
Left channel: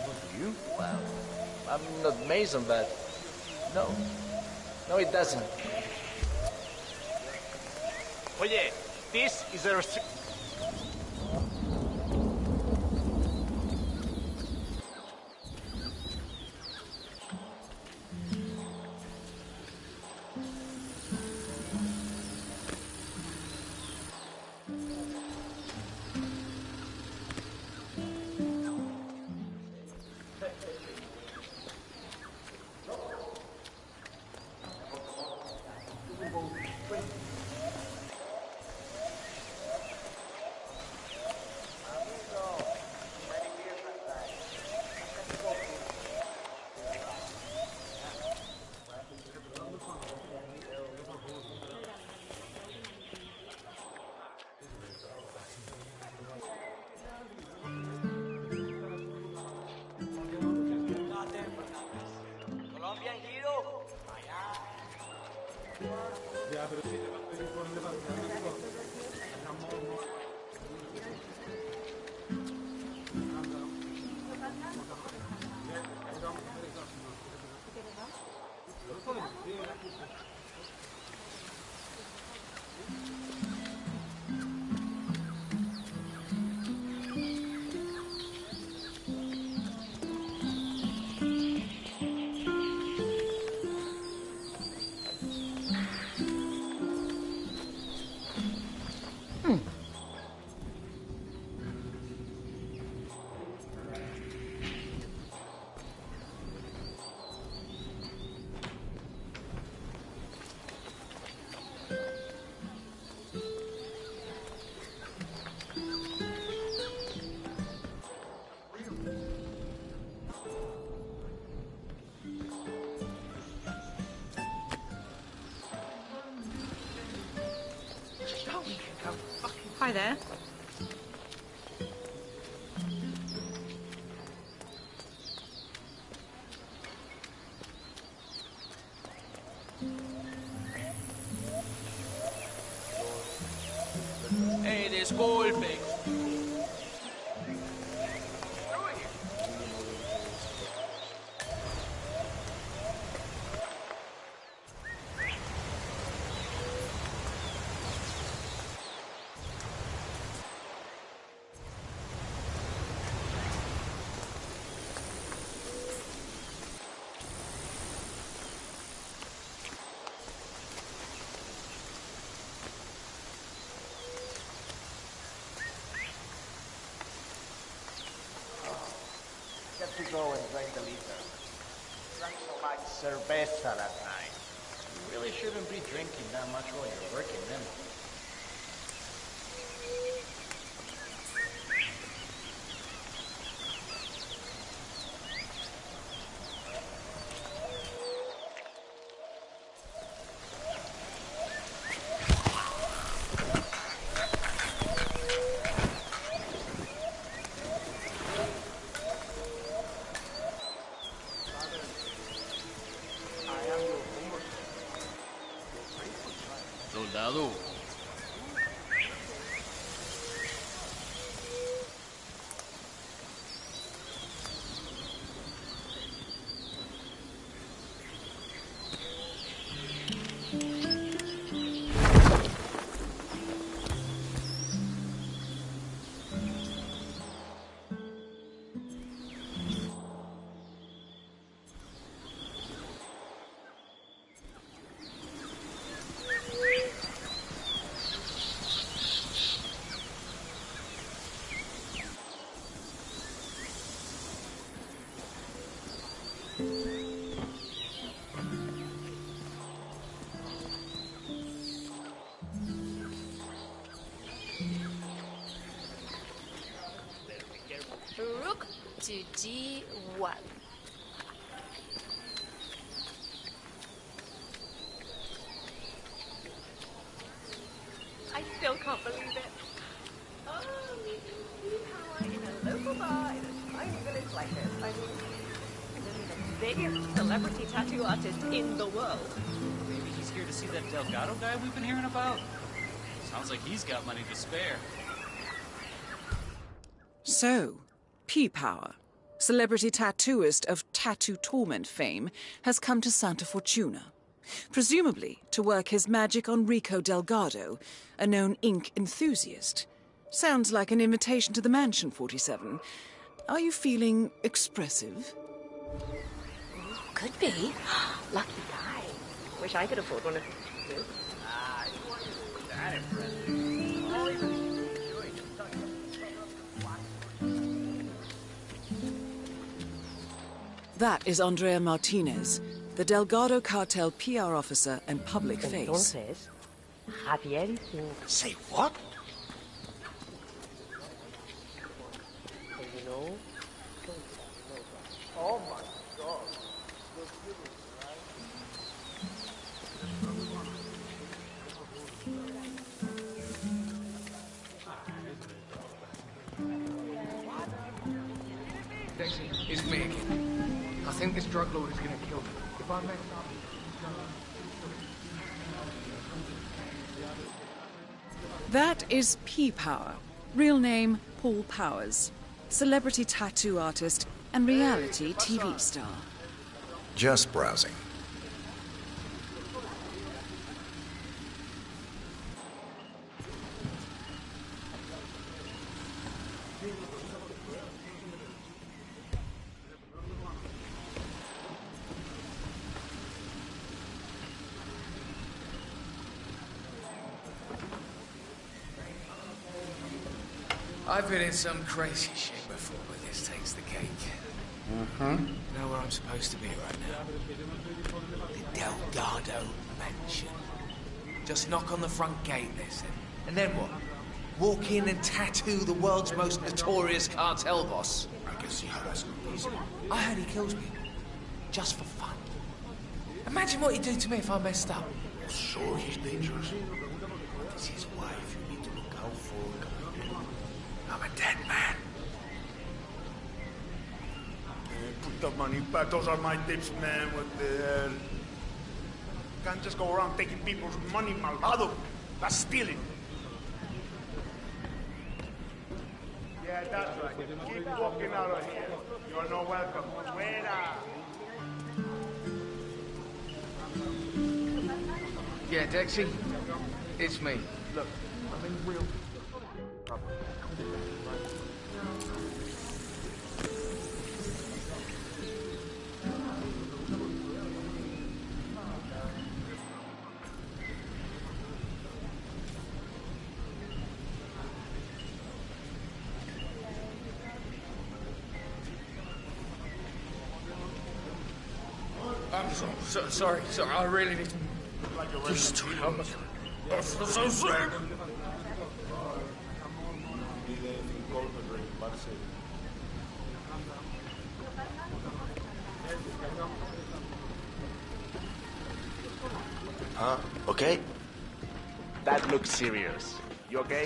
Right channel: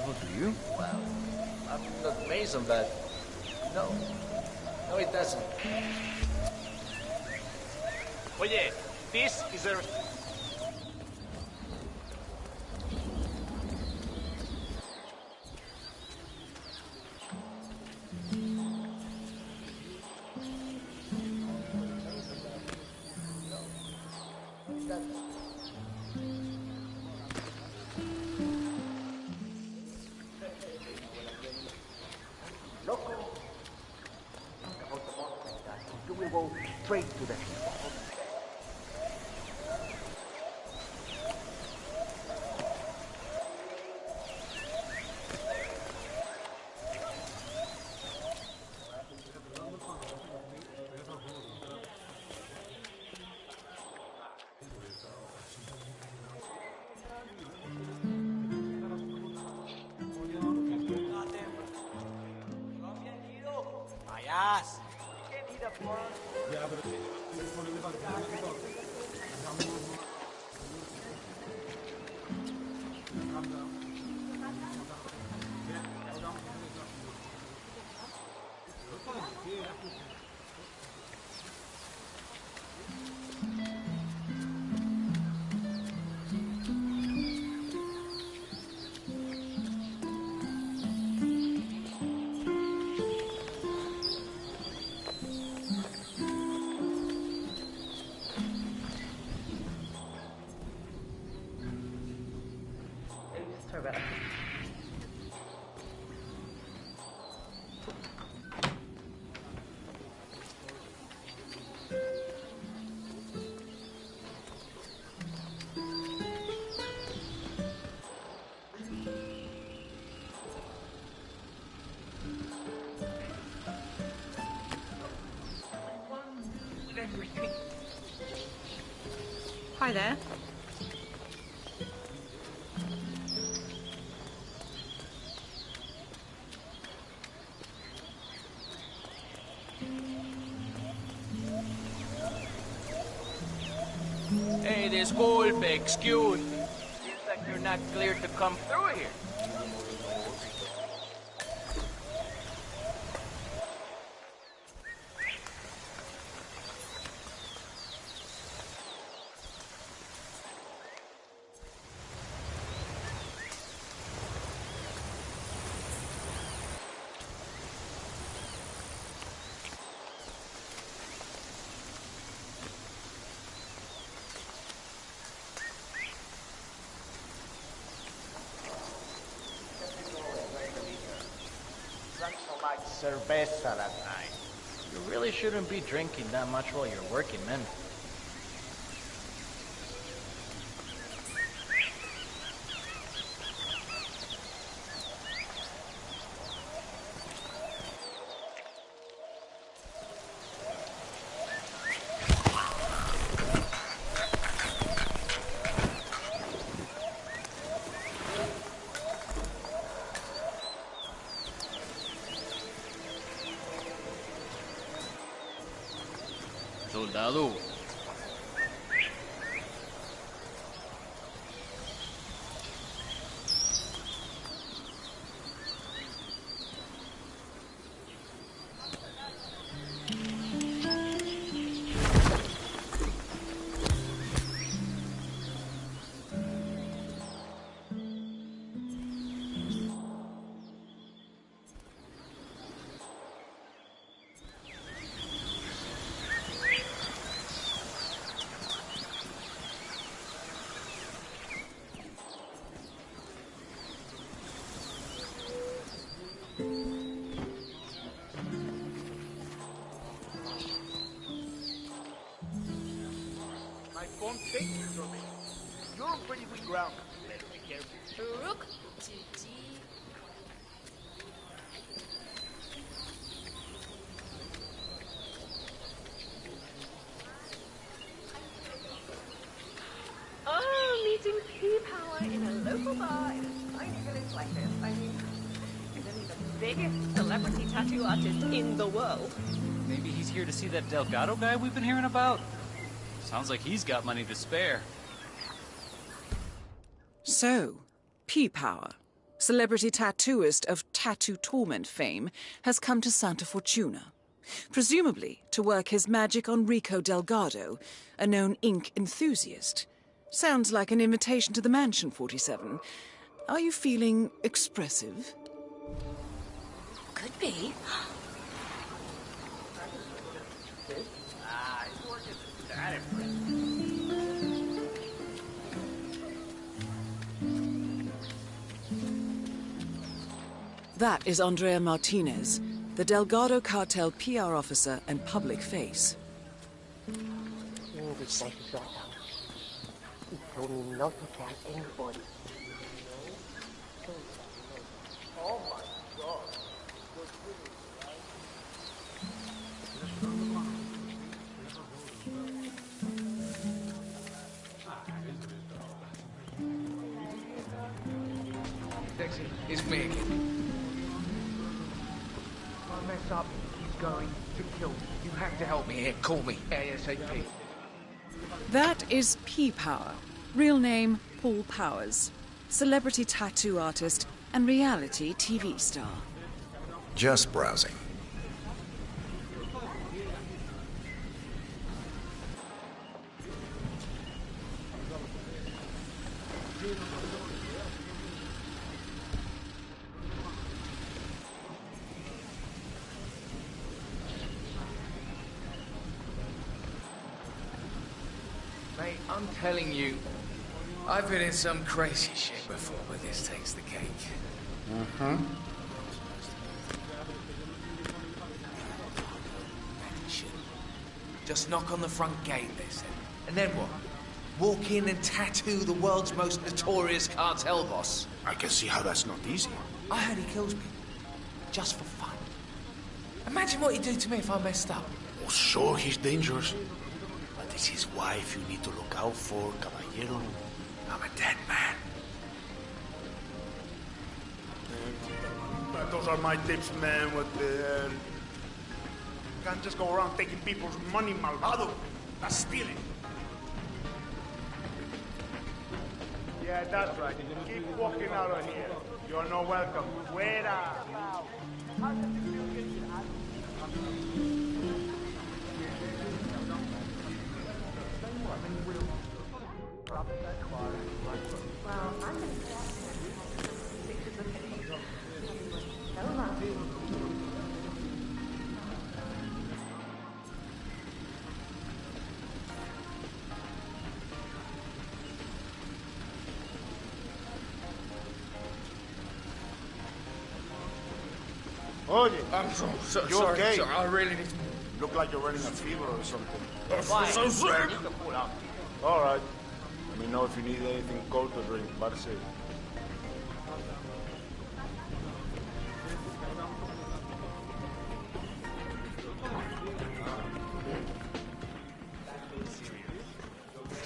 Do you? Well, I'm not Mason, but no. No, it doesn't. Oye, this is a Hi there. Hey, disculpe, excuse. Seems like you're not cleared to come through here. drank so much cerveza that night. You really shouldn't be drinking that much while you're working, man. Soldado. Rook to D1. I still can't believe it. Oh, meeting P-Power in a local bar in a tiny village like this. I mean, really the biggest celebrity tattoo artist in the world. Maybe he's here to see that Delgado guy we've been hearing about. Sounds like he's got money to spare. So, P-Power, celebrity tattooist of Tattoo Torment fame, has come to Santa Fortuna, presumably to work his magic on Rico Delgado, a known ink enthusiast. Sounds like an invitation to the mansion, 47. Are you feeling expressive? Could be. Lucky guy. Wish I could afford one of his. Ah, it wasn't that impressive. That is Andrea Martinez, the Delgado cartel PR officer and public face. Say what? He told me not to tell anybody. You know? Don't tell nobody. Oh my God. You're kidding, right? Dexy, it's me again. I think this drug lord is gonna kill me. If I mess up, he's going to kill me. You have to help me here. Call me ASAP. That is P-Power, real name Paul Powers, celebrity tattoo artist and reality TV star. Just browsing. Mate, I'm telling you, I've been in some crazy shit before, but this takes the cake. Mm-hmm. I know where I'm supposed to be right now. The Delgado Mansion. Just knock on the front gate, they said. And then what? Walk in and tattoo the world's most notorious cartel boss. I can see how that's not easy. I heard he kills people. Just for fun. Imagine what he'd do to me if I messed up. Oh, sure, he's dangerous. But it's his wife you need to look out for, caballero. I'm a dead man. Man, put the money back. Those are my tips, man. What the hell? Can't just go around taking people's money, malvado. That's stealing. Yeah, that's right. Keep walking out of here. You're no welcome. Fuera. Yeah, Dexy, it's me. Look, I'm in real... Tony. I'm so You sorry. okay? Sorry, I really need to... Look like you're running a fever or something. I'm so sick. All right. Let me know if you need anything cold to drink. Marcy. Okay? That looks serious. You okay?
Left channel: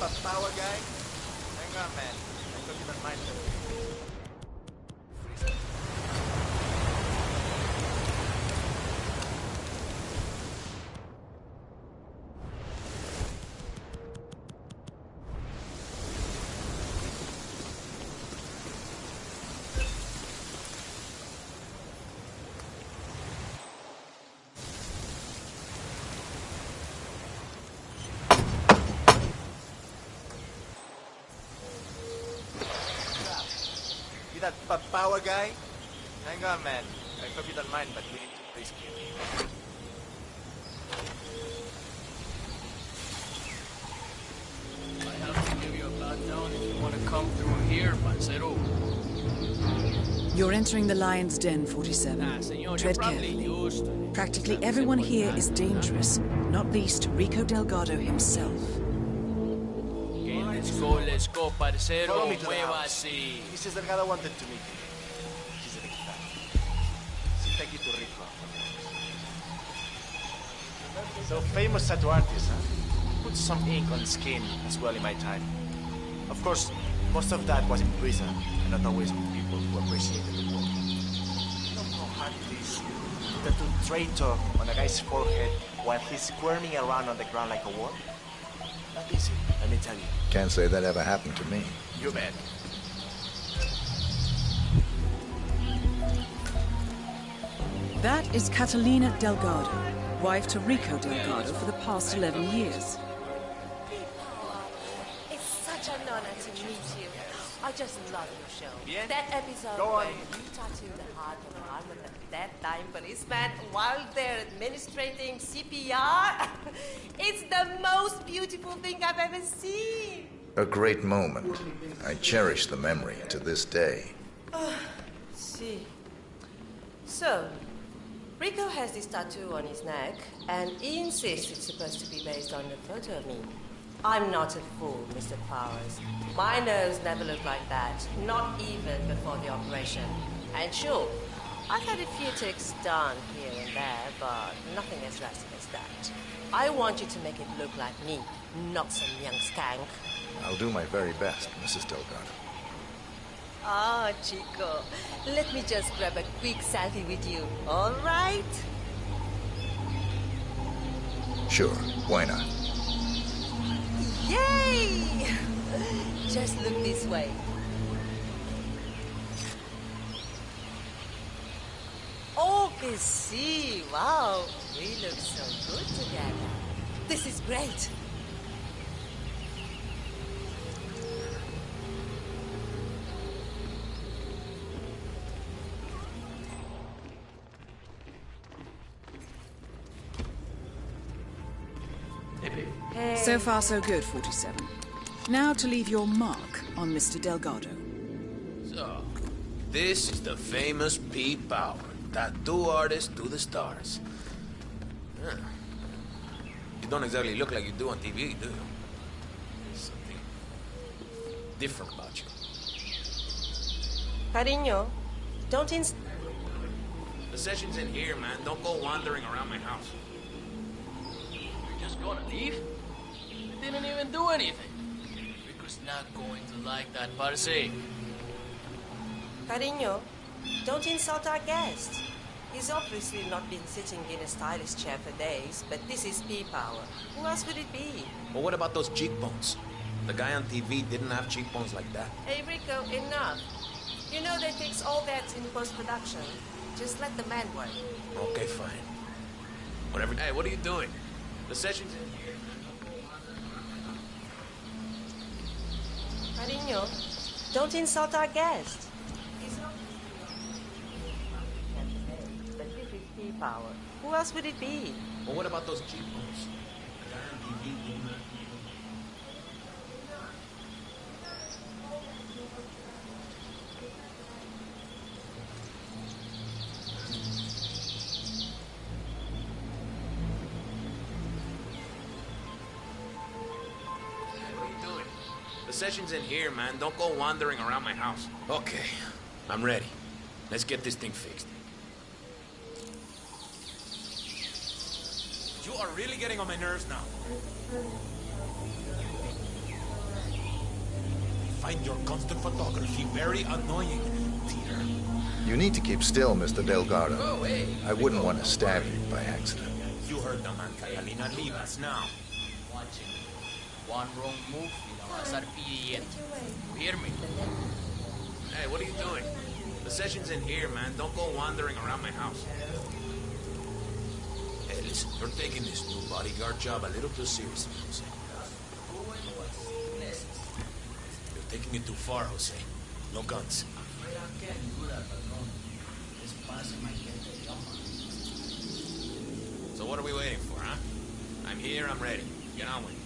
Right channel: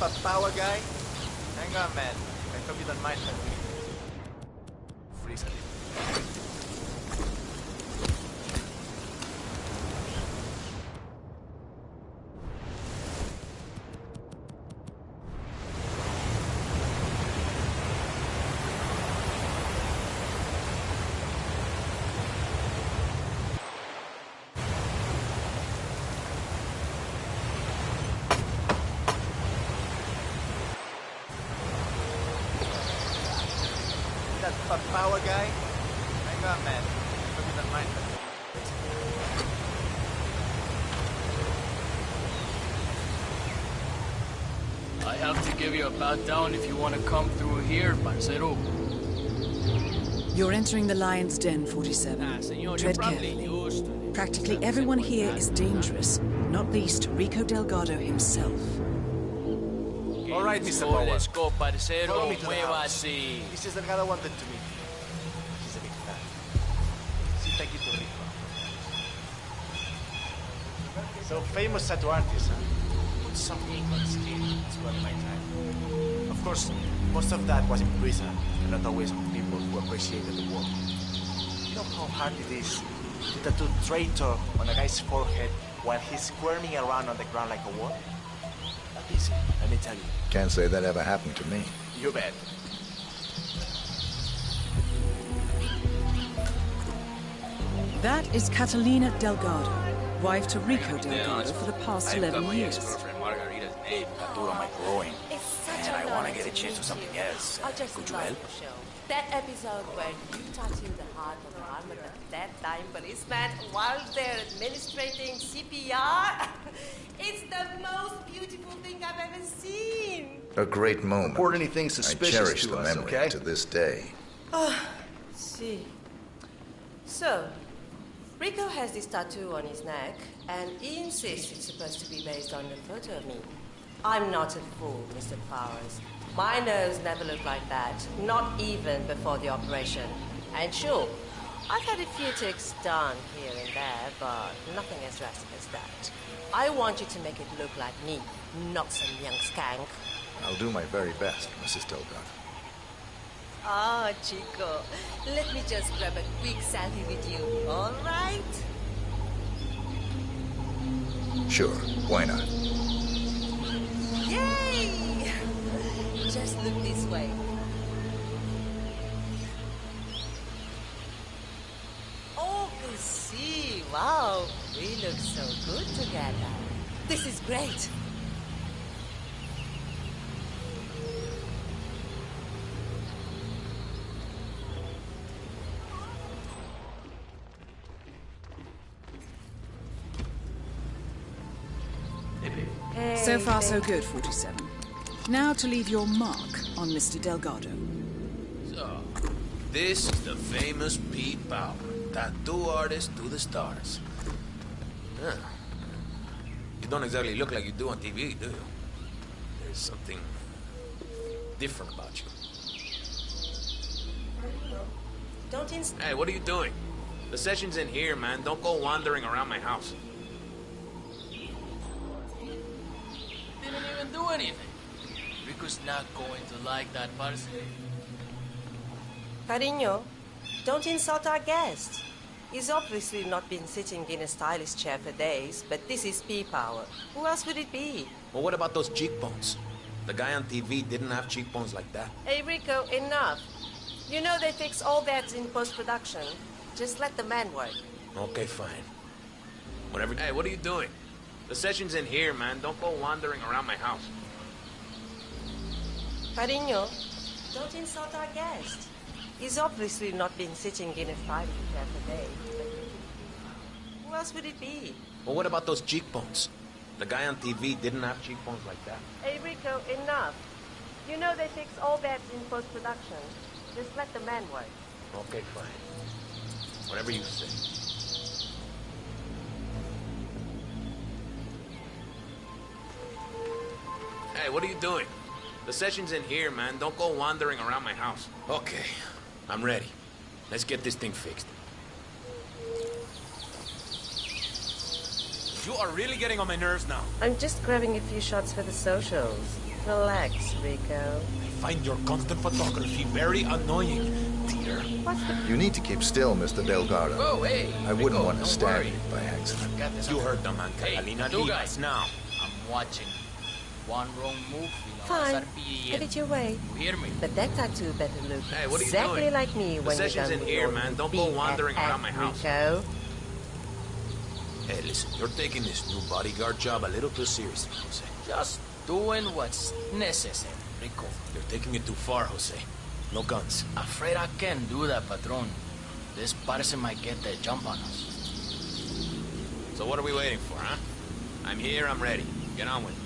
That power guy? Hang on, man. I hope you don't mind that. Freeze. That power guy? Hang on, man. I hope you don't mind, but we need to freeze. I have to give you a pat down if you want to come through here, parcero. You're entering the Lion's Den, 47. Tread carefully. Practically everyone here is dangerous, not least Rico Delgado himself. All right, Mr. Power. Let's go, parcero. Follow me to the house. Muévase. Mrs. Delgado wanted to meet you. He's a big fan. See, take you to Rico afterwards. So, famous tattoo artist, huh? Put some ink on the skin as well in my time. Of course, most of that was in prison, and not always on people who appreciated the work. You know how hard it is to tattoo traitor on a guy's forehead while he's squirming around on the ground like a worm? Not easy, let me tell you. Can't say that ever happened to me. You bet. That is Catalina Delgado, wife to Rico Delgado for the past 11 years. It's such an honor to meet you. I just love your show. That episode where you tattoo the heart on the arm of the dead-dying policeman while they're administrating CPR. It's the most beautiful thing I've ever seen. A great moment. Report anything I suspicious cherish to the us, memory okay? to this day. See. So, Rico has this tattoo on his neck, and he insists it's supposed to be based on a photo of me. I'm not a fool, Mr. Powers. My nose never looked like that, not even before the operation. And sure, I've had a few ticks done here and there, but nothing as drastic as that. I want you to make it look like me, not some young skank. I'll do my very best, Mrs. Delgado. Ah, Chico, let me just grab a quick selfie with you, all right? Sure, why not? Yay! Just look this way. Oh, que sí, wow, we look so good together. This is great. So far, so good, 47. Now to leave your mark on Mr. Delgado. So, this is the famous Pete Power, tattoo artist to the stars. Huh. You don't exactly look like you do on TV, do you? There's something different about you. Cariño, don't Hey, what are you doing? The session's in here, man. Don't go wandering around my house. Just gonna leave? I didn't even do anything. Rico's not going to like that, parce. Cariño, don't insult our guest. He's obviously not been sitting in a stylish chair for days, but this is P-Power. Who else would it be? Well, what about those cheekbones? The guy on TV didn't have cheekbones like that. Hey, Rico, enough. You know they fix all that in post-production. Just let the man work. Okay, fine. Whatever. Hey, what are you doing? The session's in here, man. Don't go wandering around my house. Cariño, don't insult our guest. He's obviously not been sitting in a stylish chair for days, but this is P-Power. Who else would it be? Well, what about those cheekbones? The guy on TV didn't have cheekbones like that. Hey, Rico, enough. You know they fix all that in post-production. Just let the man work. Okay, fine. Whatever you say. Hey, what are you doing? The session's in here, man. Don't go wandering around my house. Okay, I'm ready. Let's get this thing fixed. You are really getting on my nerves now. I'm just grabbing a few shots for the socials. Relax, Rico. I find your constant photography very annoying, dear. You need to keep still, Mr. Delgado. Oh, hey. I wouldn't Rico, want to don't stab worry. you by accident. You heard the man, Hey, Catalina. two Leave guys. us now. I'm watching. One wrong move, Fine. Get it your way. You hear me? But that tattoo better look Hey, what are you exactly doing? like me The when session's you're in done here, with man. Don't your go wandering BFF, around my house. Rico. Hey, listen, you're taking this new bodyguard job a little too seriously, Jose. Just doing what's necessary, Rico. You're taking it too far, Jose. No guns. Afraid I can't do that, Patron. This person might get the jump on us. So what are we waiting for, huh? I'm here, I'm ready. Get on with it.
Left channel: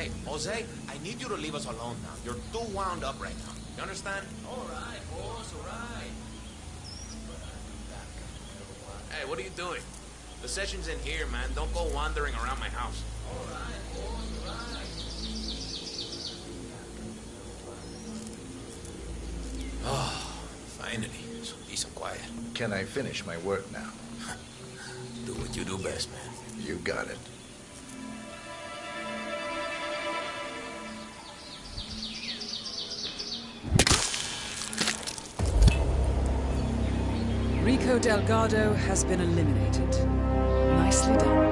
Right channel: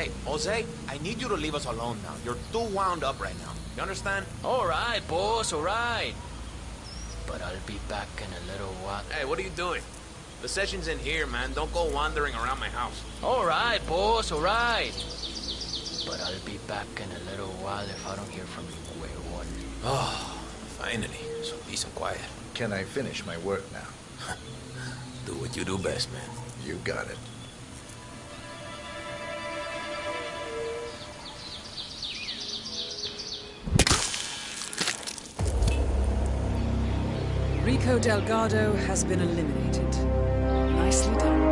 Hey, Jose, I need you to leave us alone now. You're too wound up right now. You understand? All right, boss, all right. But I'll be back in a little while. Hey, what are you doing? The session's in here, man. Don't go wandering around my house. All right, boss, all right. But I'll be back in a little while if I don't hear from you the way I want. Oh, finally. So peace and quiet. Can I finish my work now? Do what you do best, man. You got it. Rico Delgado has been eliminated. Nicely done.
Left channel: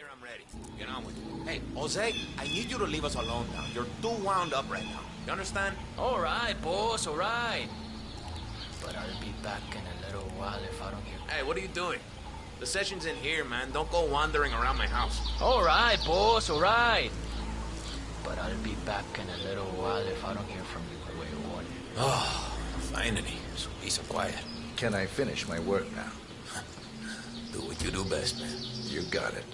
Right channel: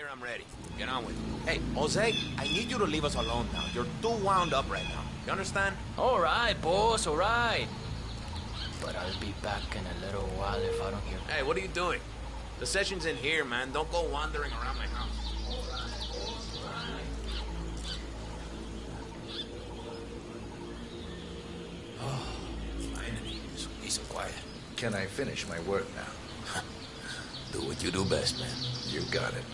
here, I'm ready. Get on with it. Hey, Jose, I need you to leave us alone now. You're too wound up right now. You understand? All right, boss, all right. But I'll be back in a little while if I don't hear... Hey, what are you doing? The session's in here, man. Don't go wandering around my house. All right, boss, all right. But I'll be back in a little while if I don't hear from you the way you want. Oh, finally. Some peace and quiet. Can I finish my work now? Do what you do best, man. You got it.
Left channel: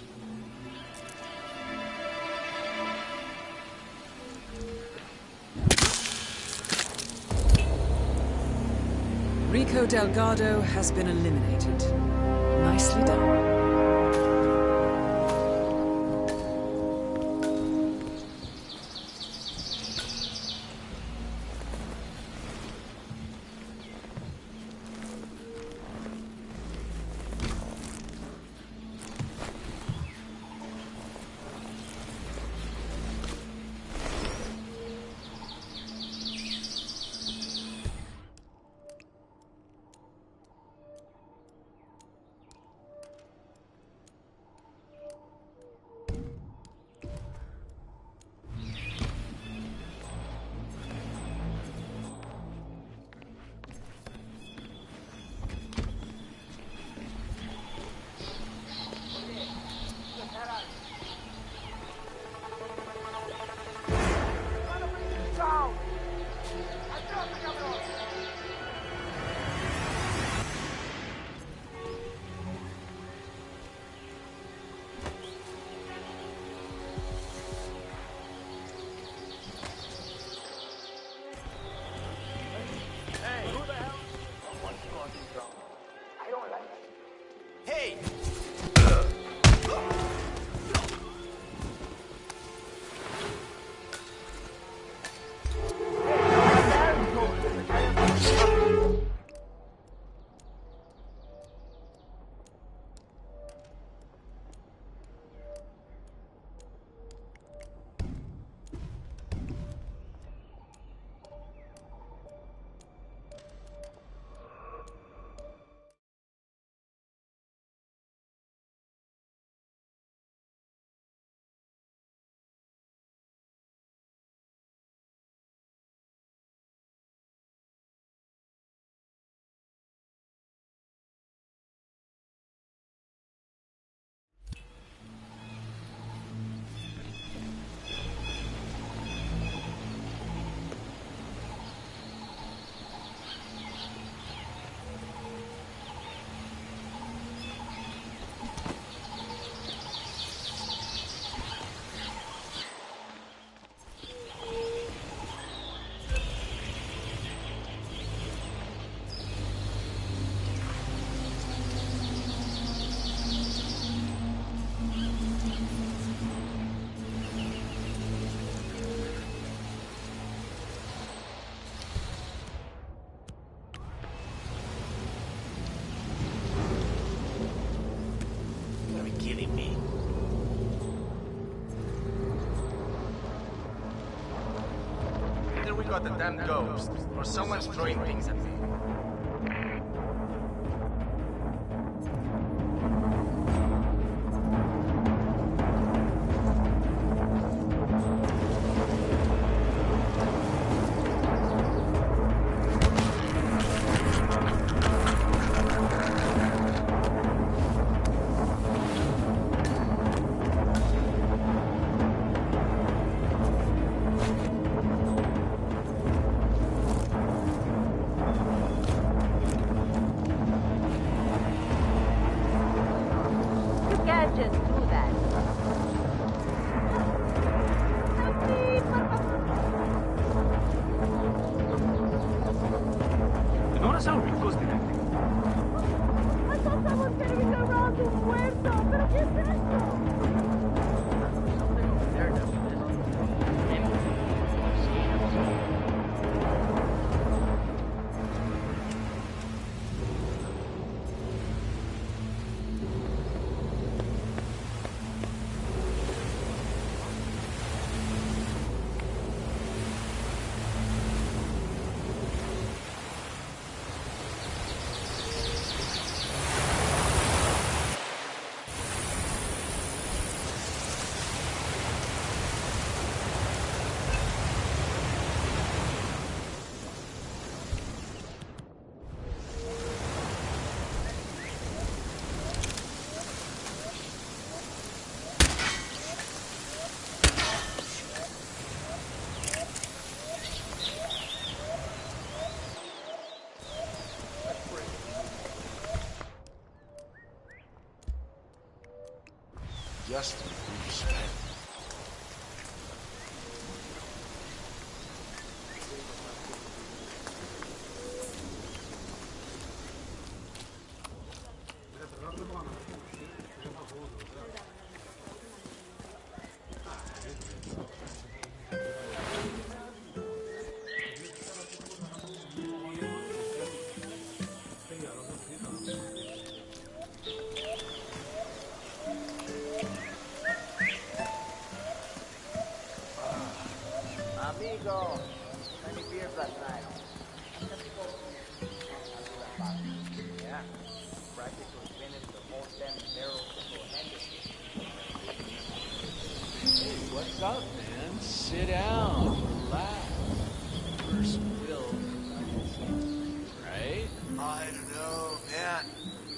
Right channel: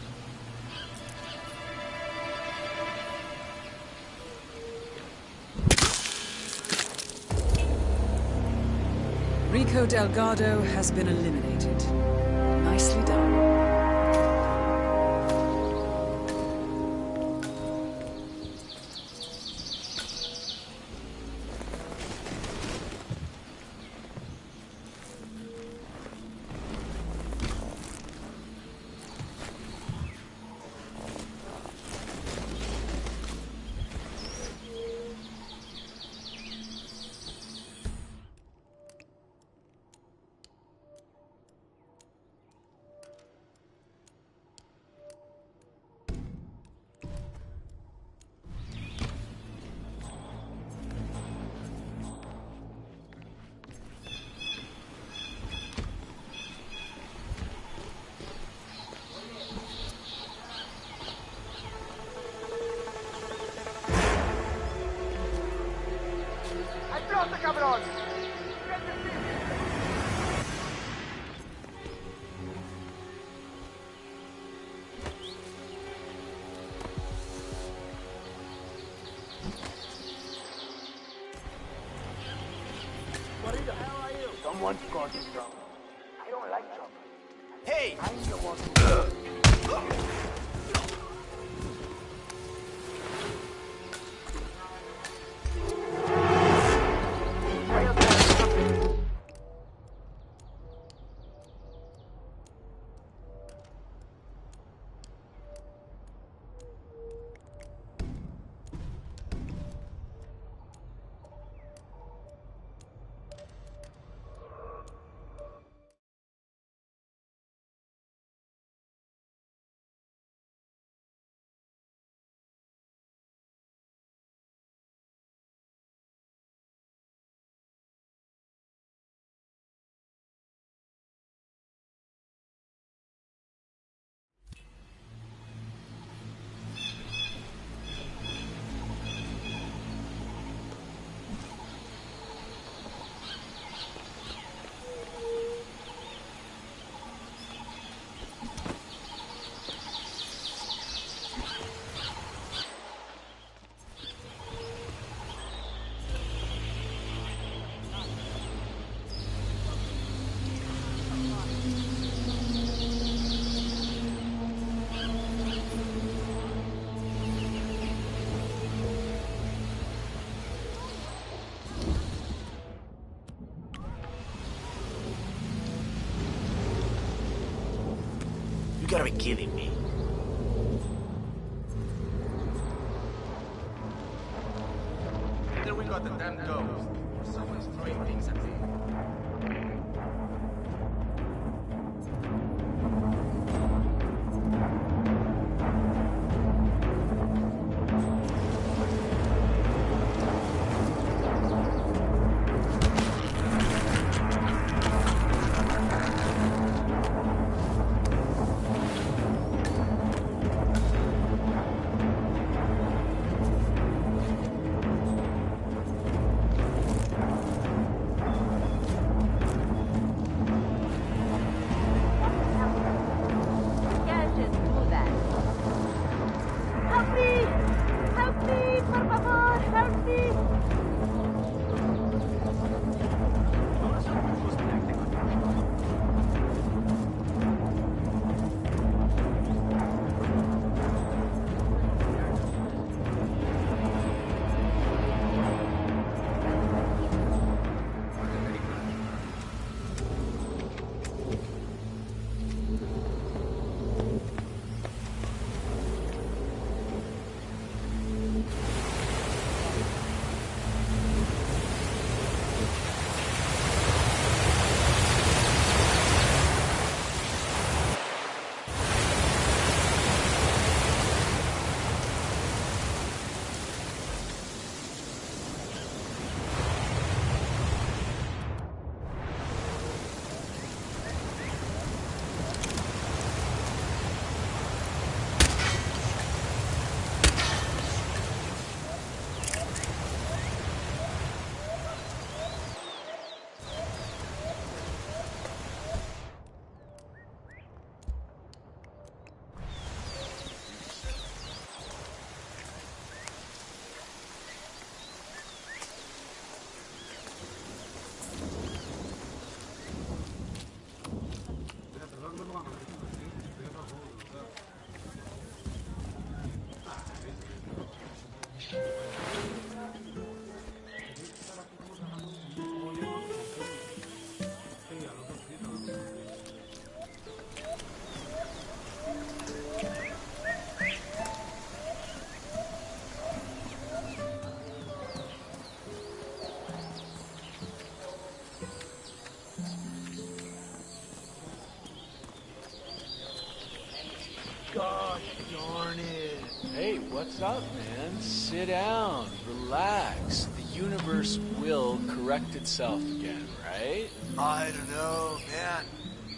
Rico Delgado has been eliminated. Nicely done. Someone's causing trouble. I don't like trouble. Hey! You gotta be kidding me. Either we got the damn ghost, or someone's throwing things at me. What's up, man? Sit down, relax. The universe will correct itself again, right? I don't know, man.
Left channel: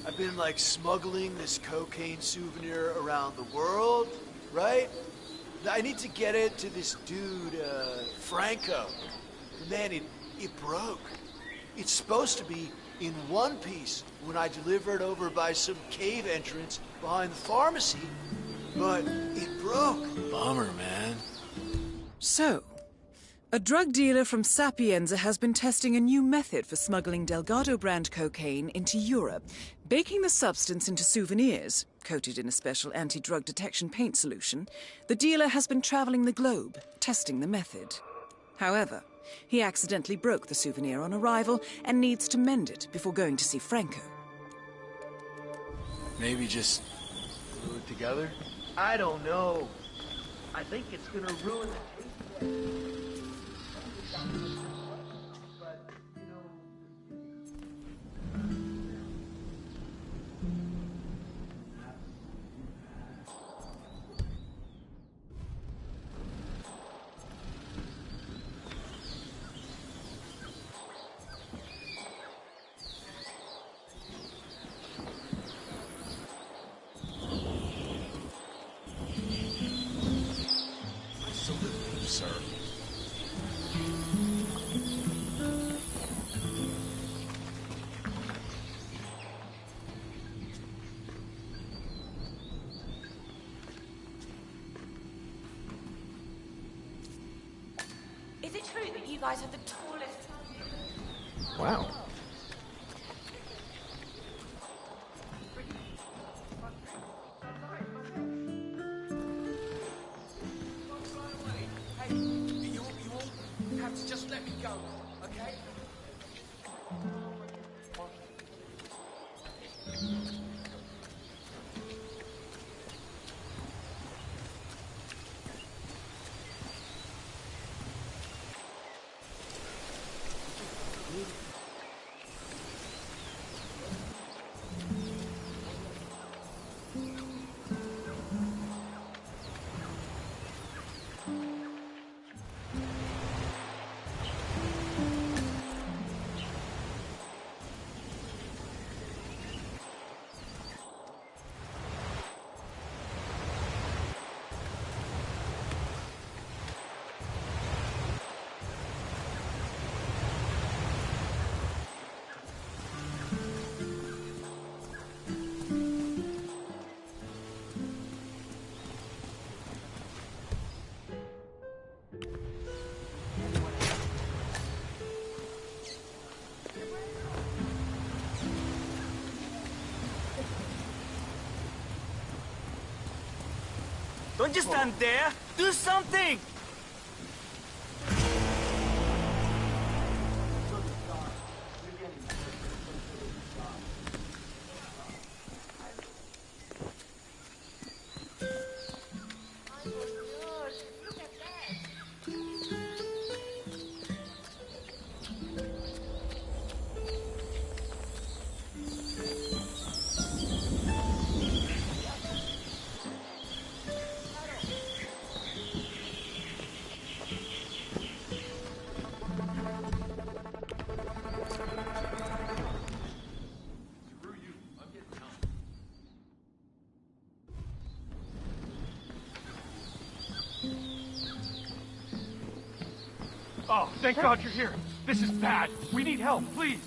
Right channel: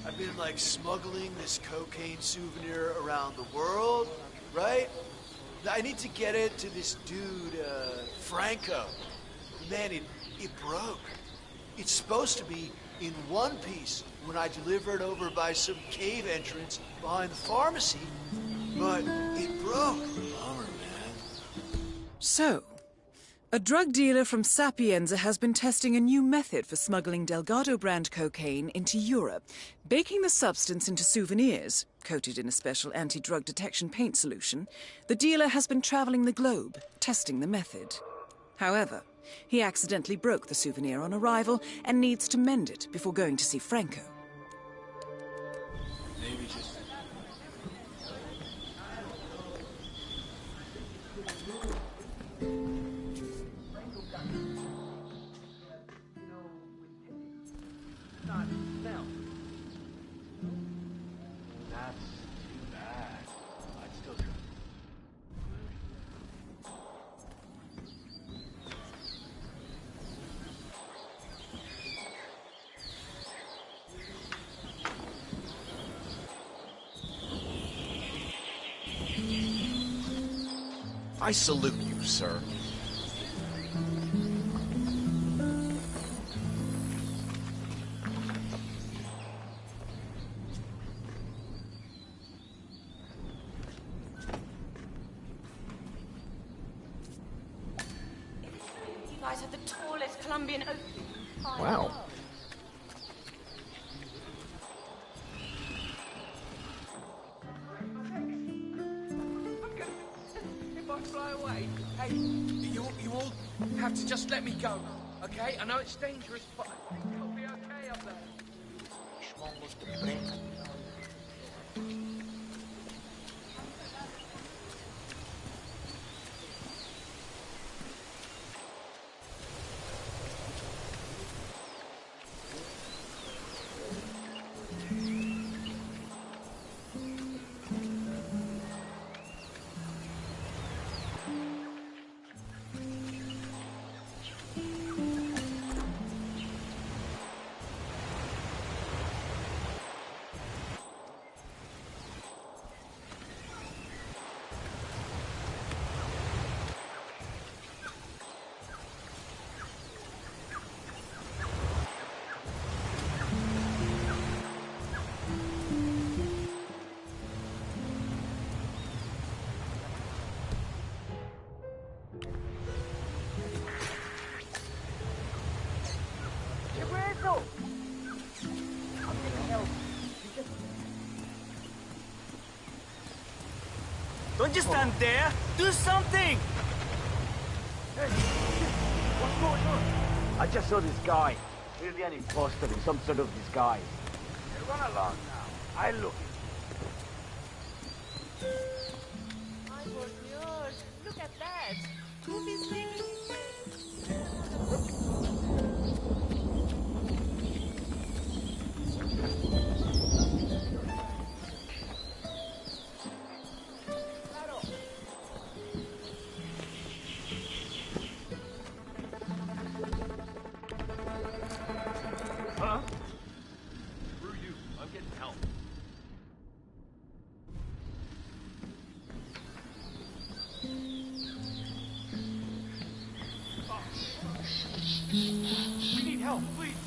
I've been like smuggling this cocaine souvenir around the world, right? I need to get it to this dude, Franco. Man, it broke. It's supposed to be in one piece when I deliver it over by some cave entrance behind the pharmacy, but it broke. Bummer, man. So, a drug dealer from Sapienza has been testing a new method for smuggling Delgado brand cocaine into Europe, baking the substance into souvenirs, coated in a special anti-drug detection paint solution. The dealer has been traveling the globe, testing the method. However, he accidentally broke the souvenir on arrival and needs to mend it before going to see Franco. Maybe just glue it together? I don't know. I think it's gonna ruin it. I salute you, sir. Is it true that you guys have the tallest Colombian oak? Wow. Hey, you all have to just let me go, okay? I know it's dangerous, but it'll be okay up there. Don't just stand there. Do something! I just saw this guy. Clearly an imposter in some sort of disguise. Run along now. I look. Ay, por Dios, look at that. Movie's made. Oh, thank God you're here. This is bad. We need help, please.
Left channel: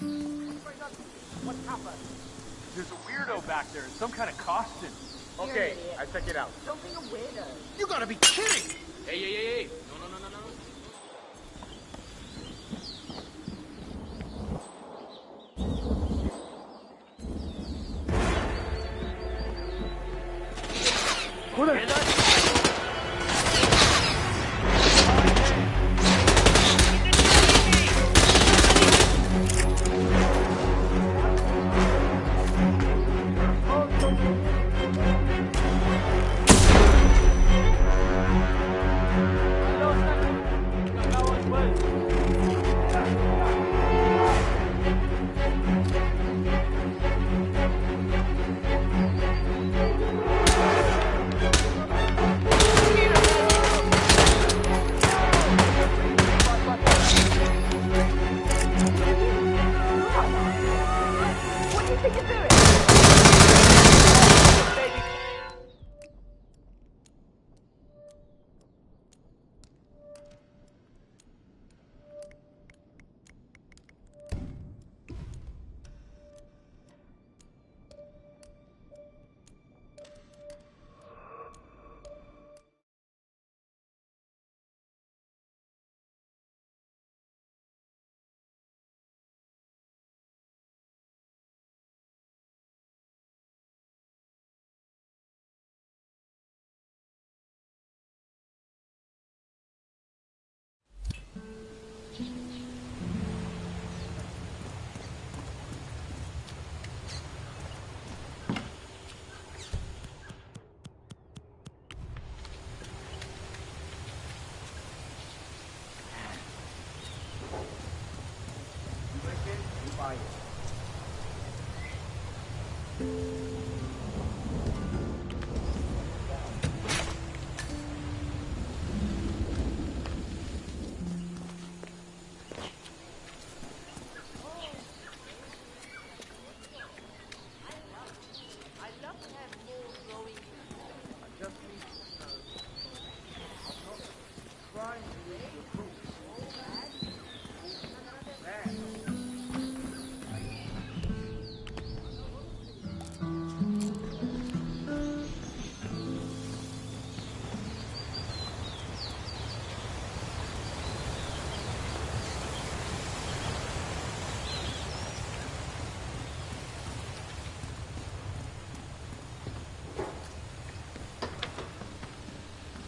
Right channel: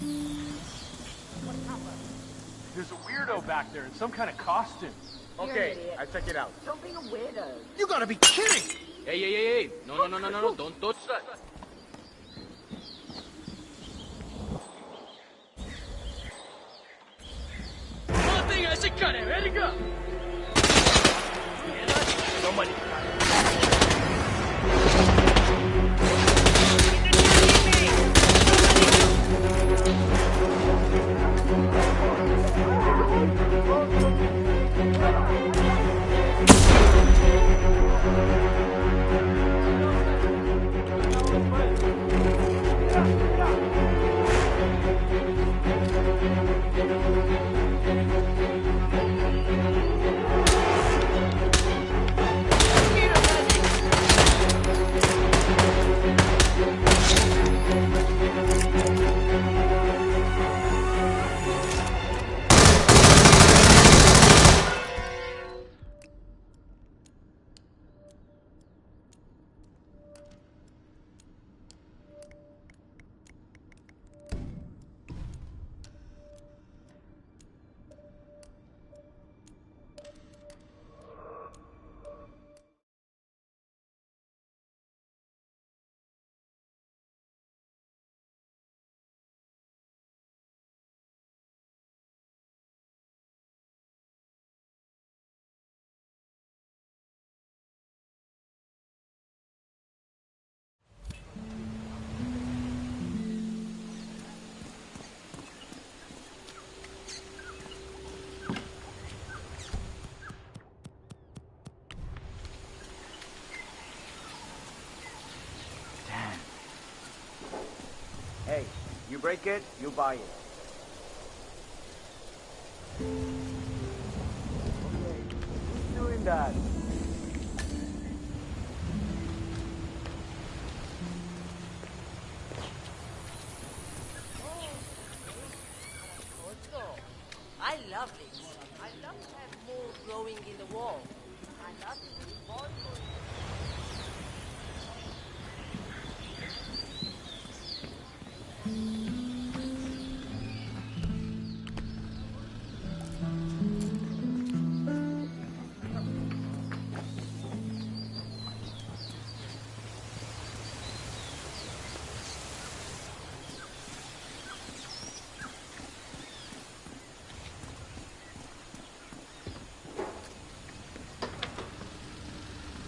What happened? There's a weirdo back there in some kind of costume. Okay, I check it out. Don't be a weirdo. You gotta be kidding! Hey. No. Don't touch that. One thing I should cut it. Ready, go. like it, you buy it. Doing that. I love it. I love to have more growing in the wall.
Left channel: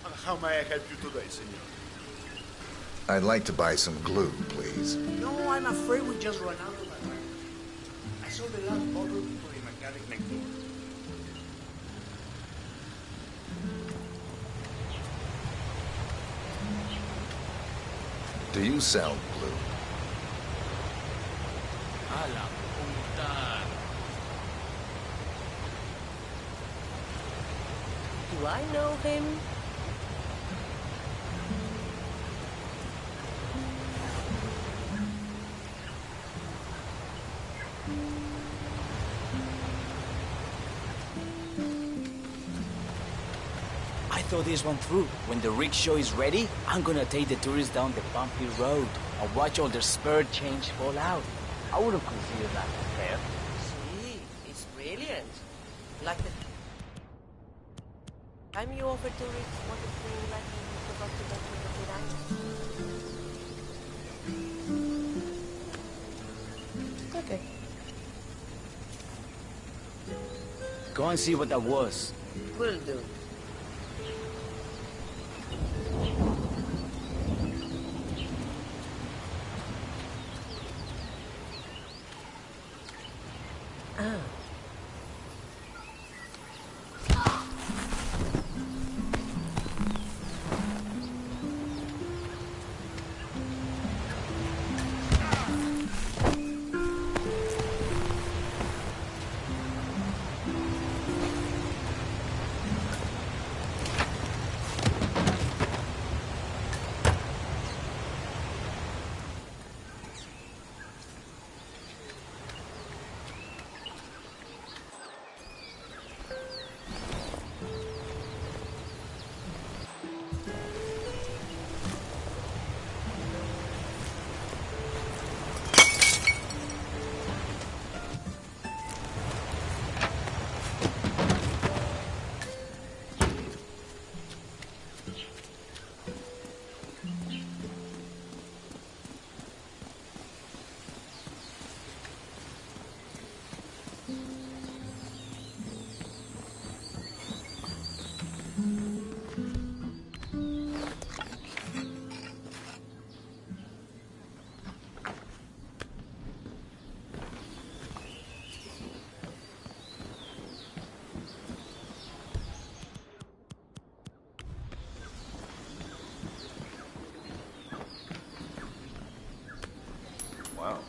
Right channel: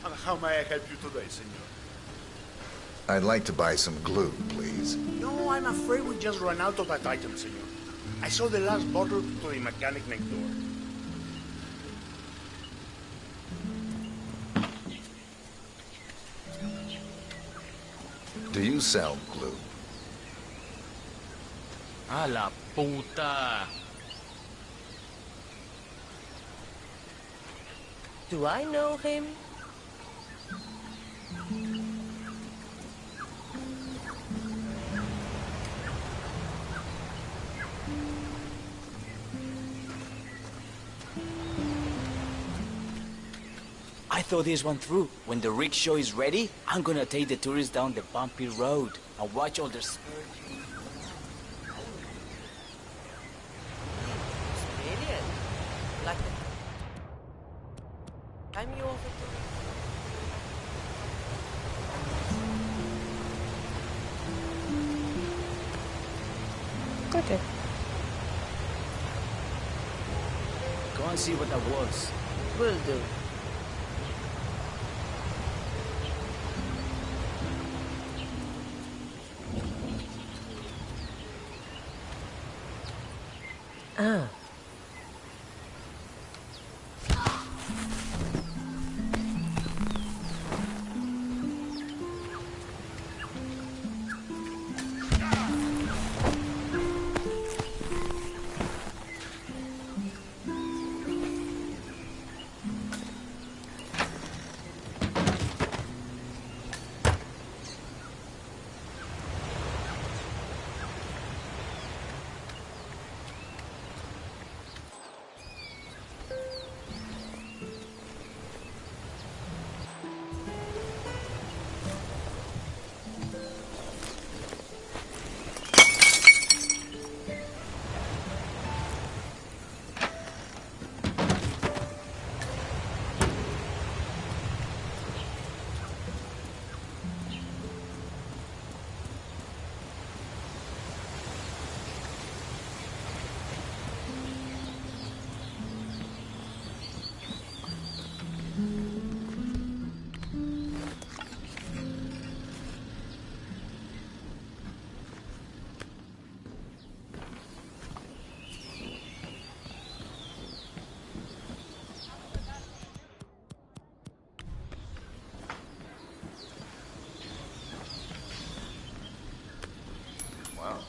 And how may I help you today, senor? I'd like to buy some glue, please. No, I'm afraid we just ran out of that item, senor. I sold the last bottle to the mechanic next door. Do you sell glue? A la puta. Do I know him? I thought this one through. When the rickshaw is ready, I'm gonna take the tourists down the bumpy road and watch all their spur change fall out. I wouldn't consider that fair. Sweet. It's brilliant. Like the time you offered to read what is doing like the hospital to the Okay. Go and see what that was. Will do. Ah. Wow.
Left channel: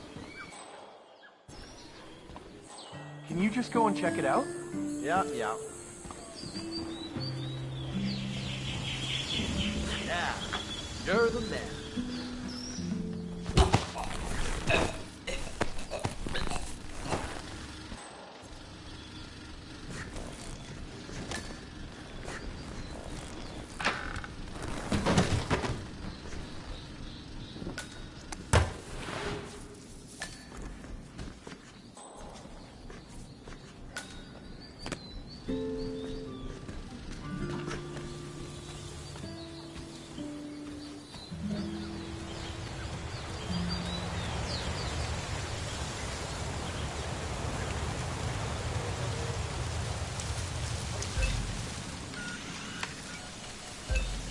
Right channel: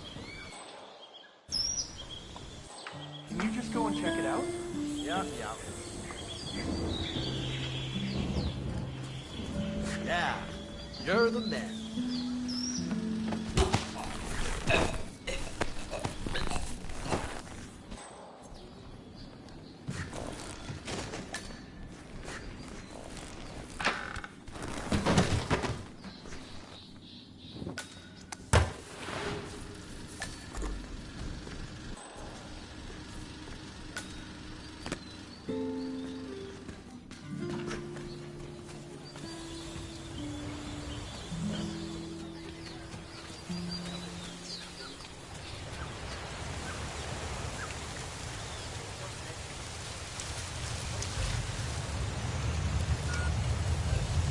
Can you just go and check it out? Yeah. Yeah, you're the man.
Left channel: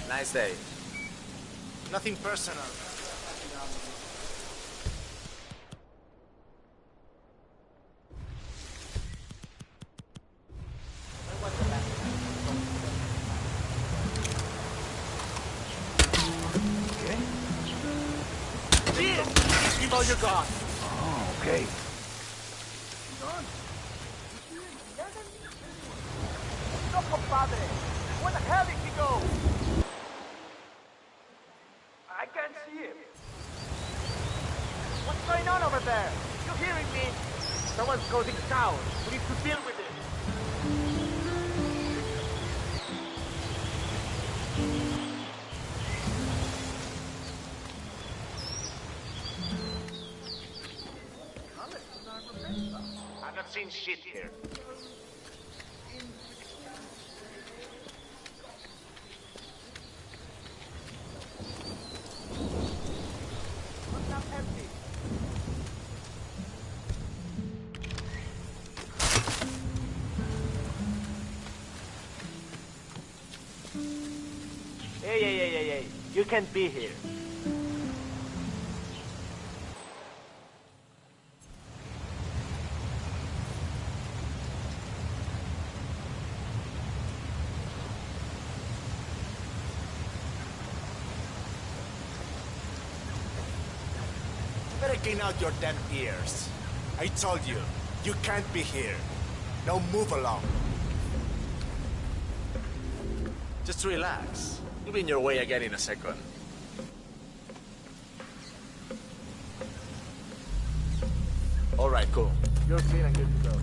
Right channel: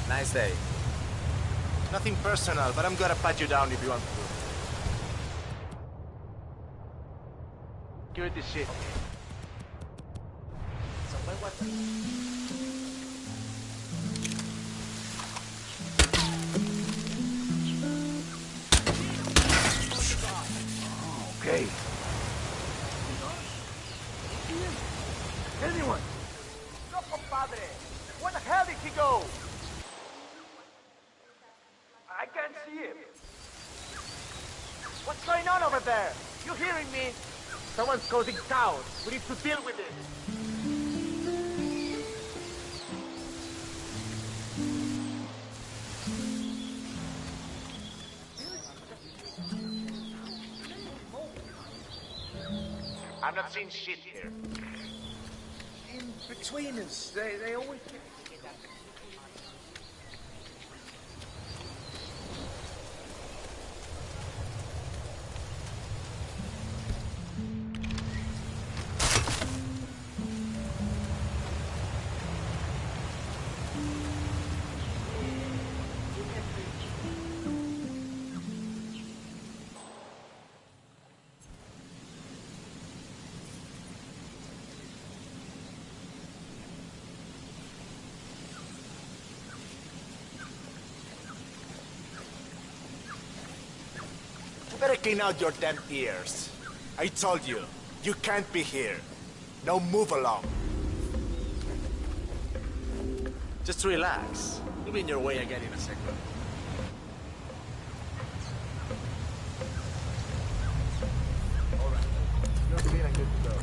Nice day. Nothing personal, but I'm gonna pat you down if you want to. Give it this shit. Keep all your guard. Oh. okay? Anyone? No, compadre. Where the hell did he go? I can't see him. What's going on over there? You hearing me? Someone's causing chaos. We need to deal with it. I'm not seeing shit here. In between us, they always... Hey. You can't be here. You better clean out your damn ears. I told you, you can't be here. Now move along. Just relax. You'll be in your way again in a second. Alright, cool. You're clean and good to go.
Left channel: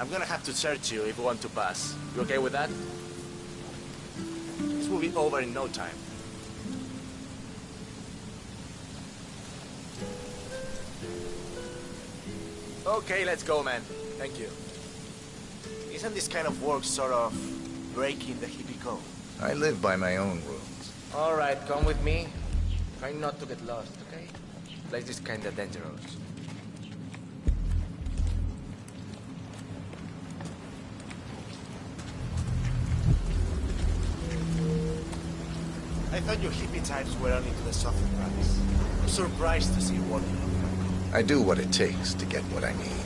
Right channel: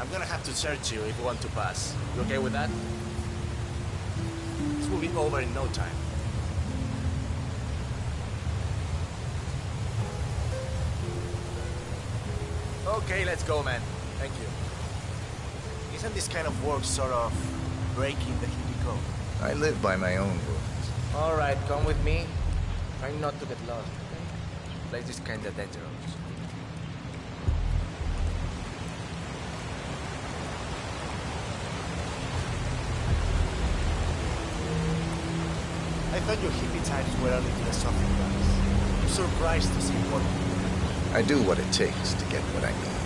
I'm gonna have to search you if you want to pass. You okay with that? This will be over in no time. Okay, let's go, man. Thank you. Isn't this kind of work sort of breaking the hippie code? I live by my own rules. Alright, come with me. Try not to get lost, okay? Place is kinda dangerous. I thought your hippie types were only to the softer drugs. I'm surprised to see what... I do what it takes to get what I need.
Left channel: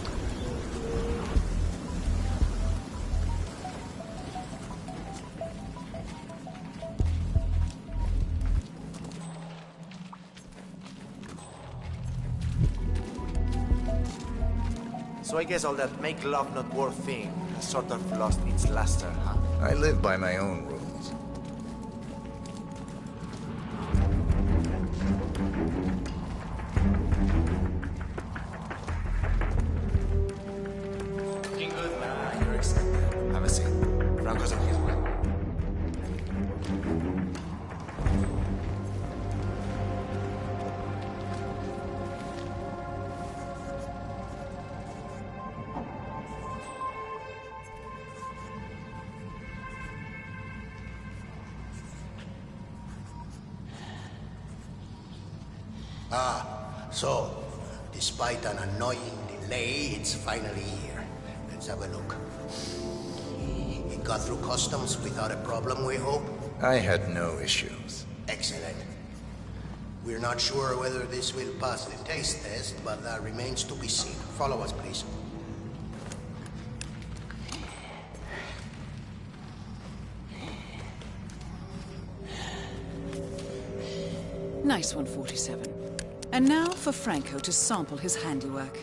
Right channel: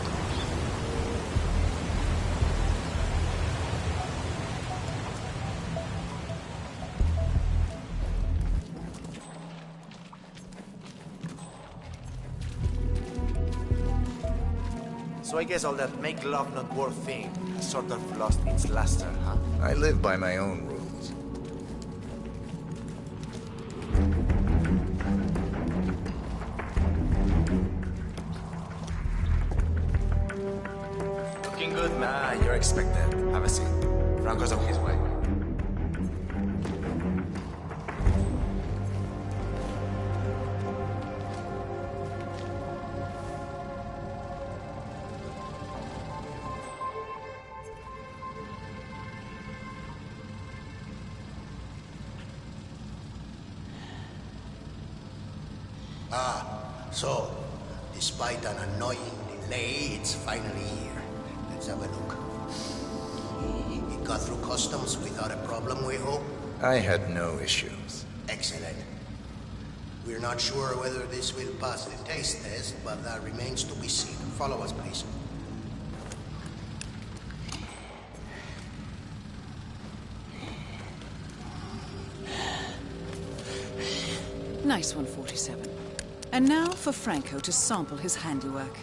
So I guess all that make love not war thing has sort of lost its luster, huh? I live by my own rules. Looking good, nah, you're expected. Have a seat. Franco's on his way. So, despite an annoying delay, it's finally here. Let's have a look. It got through customs without a problem, we hope? I had no issues. Excellent. We're not sure whether this will pass the taste test, but that remains to be seen. Follow us, please. Nice one, 47. And now for Franco to sample his handiwork.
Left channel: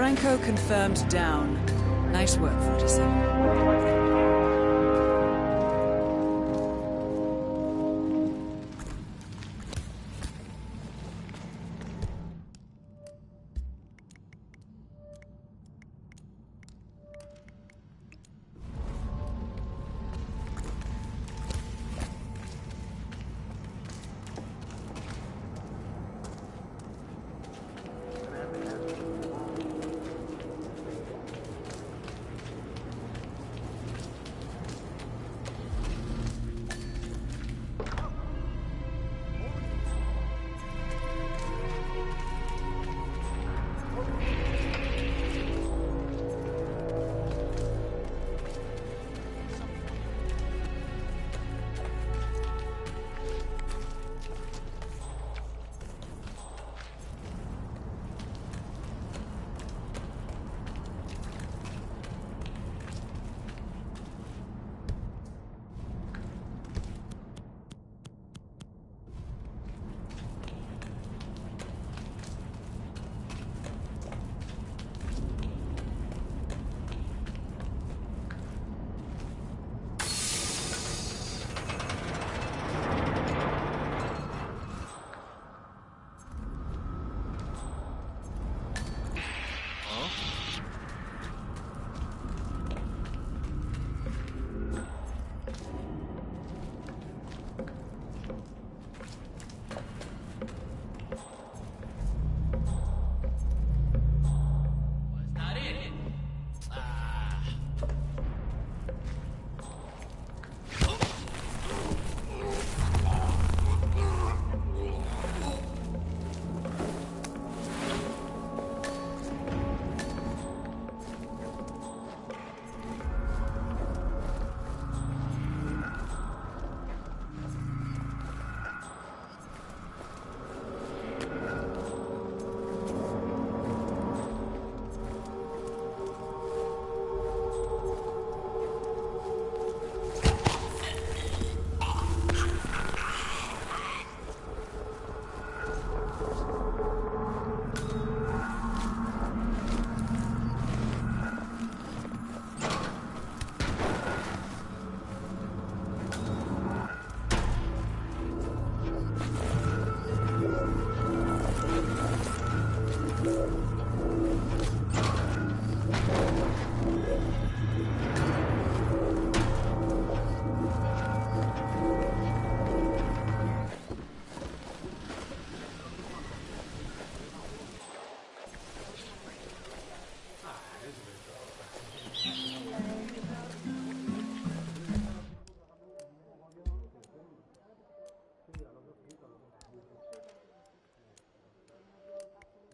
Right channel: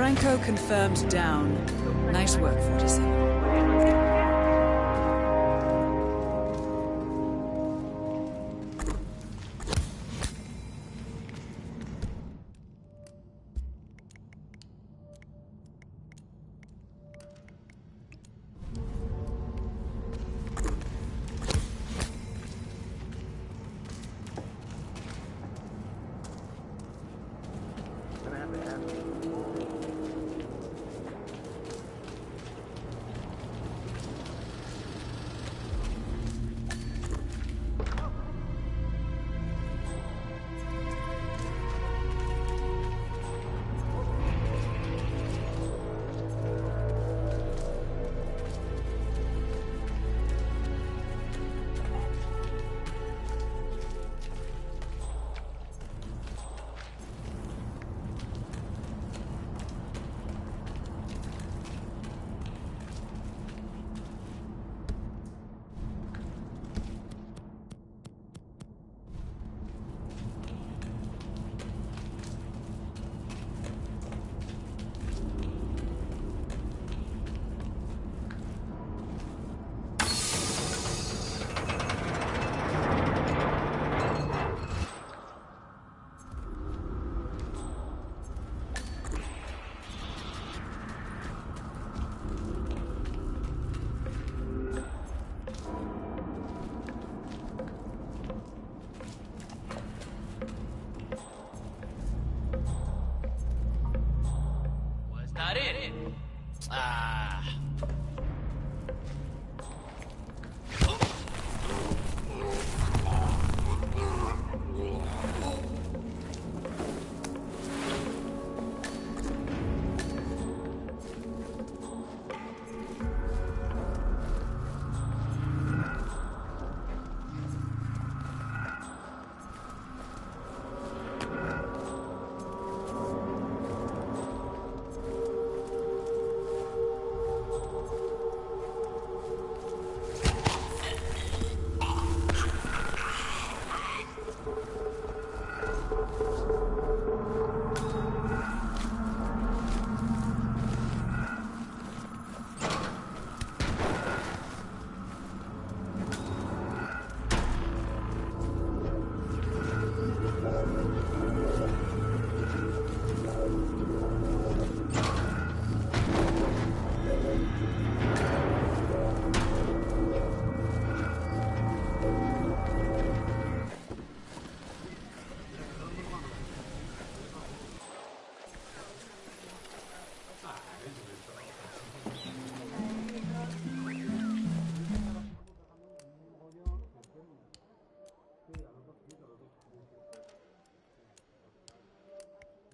Franco confirmed down. Nice work, 47.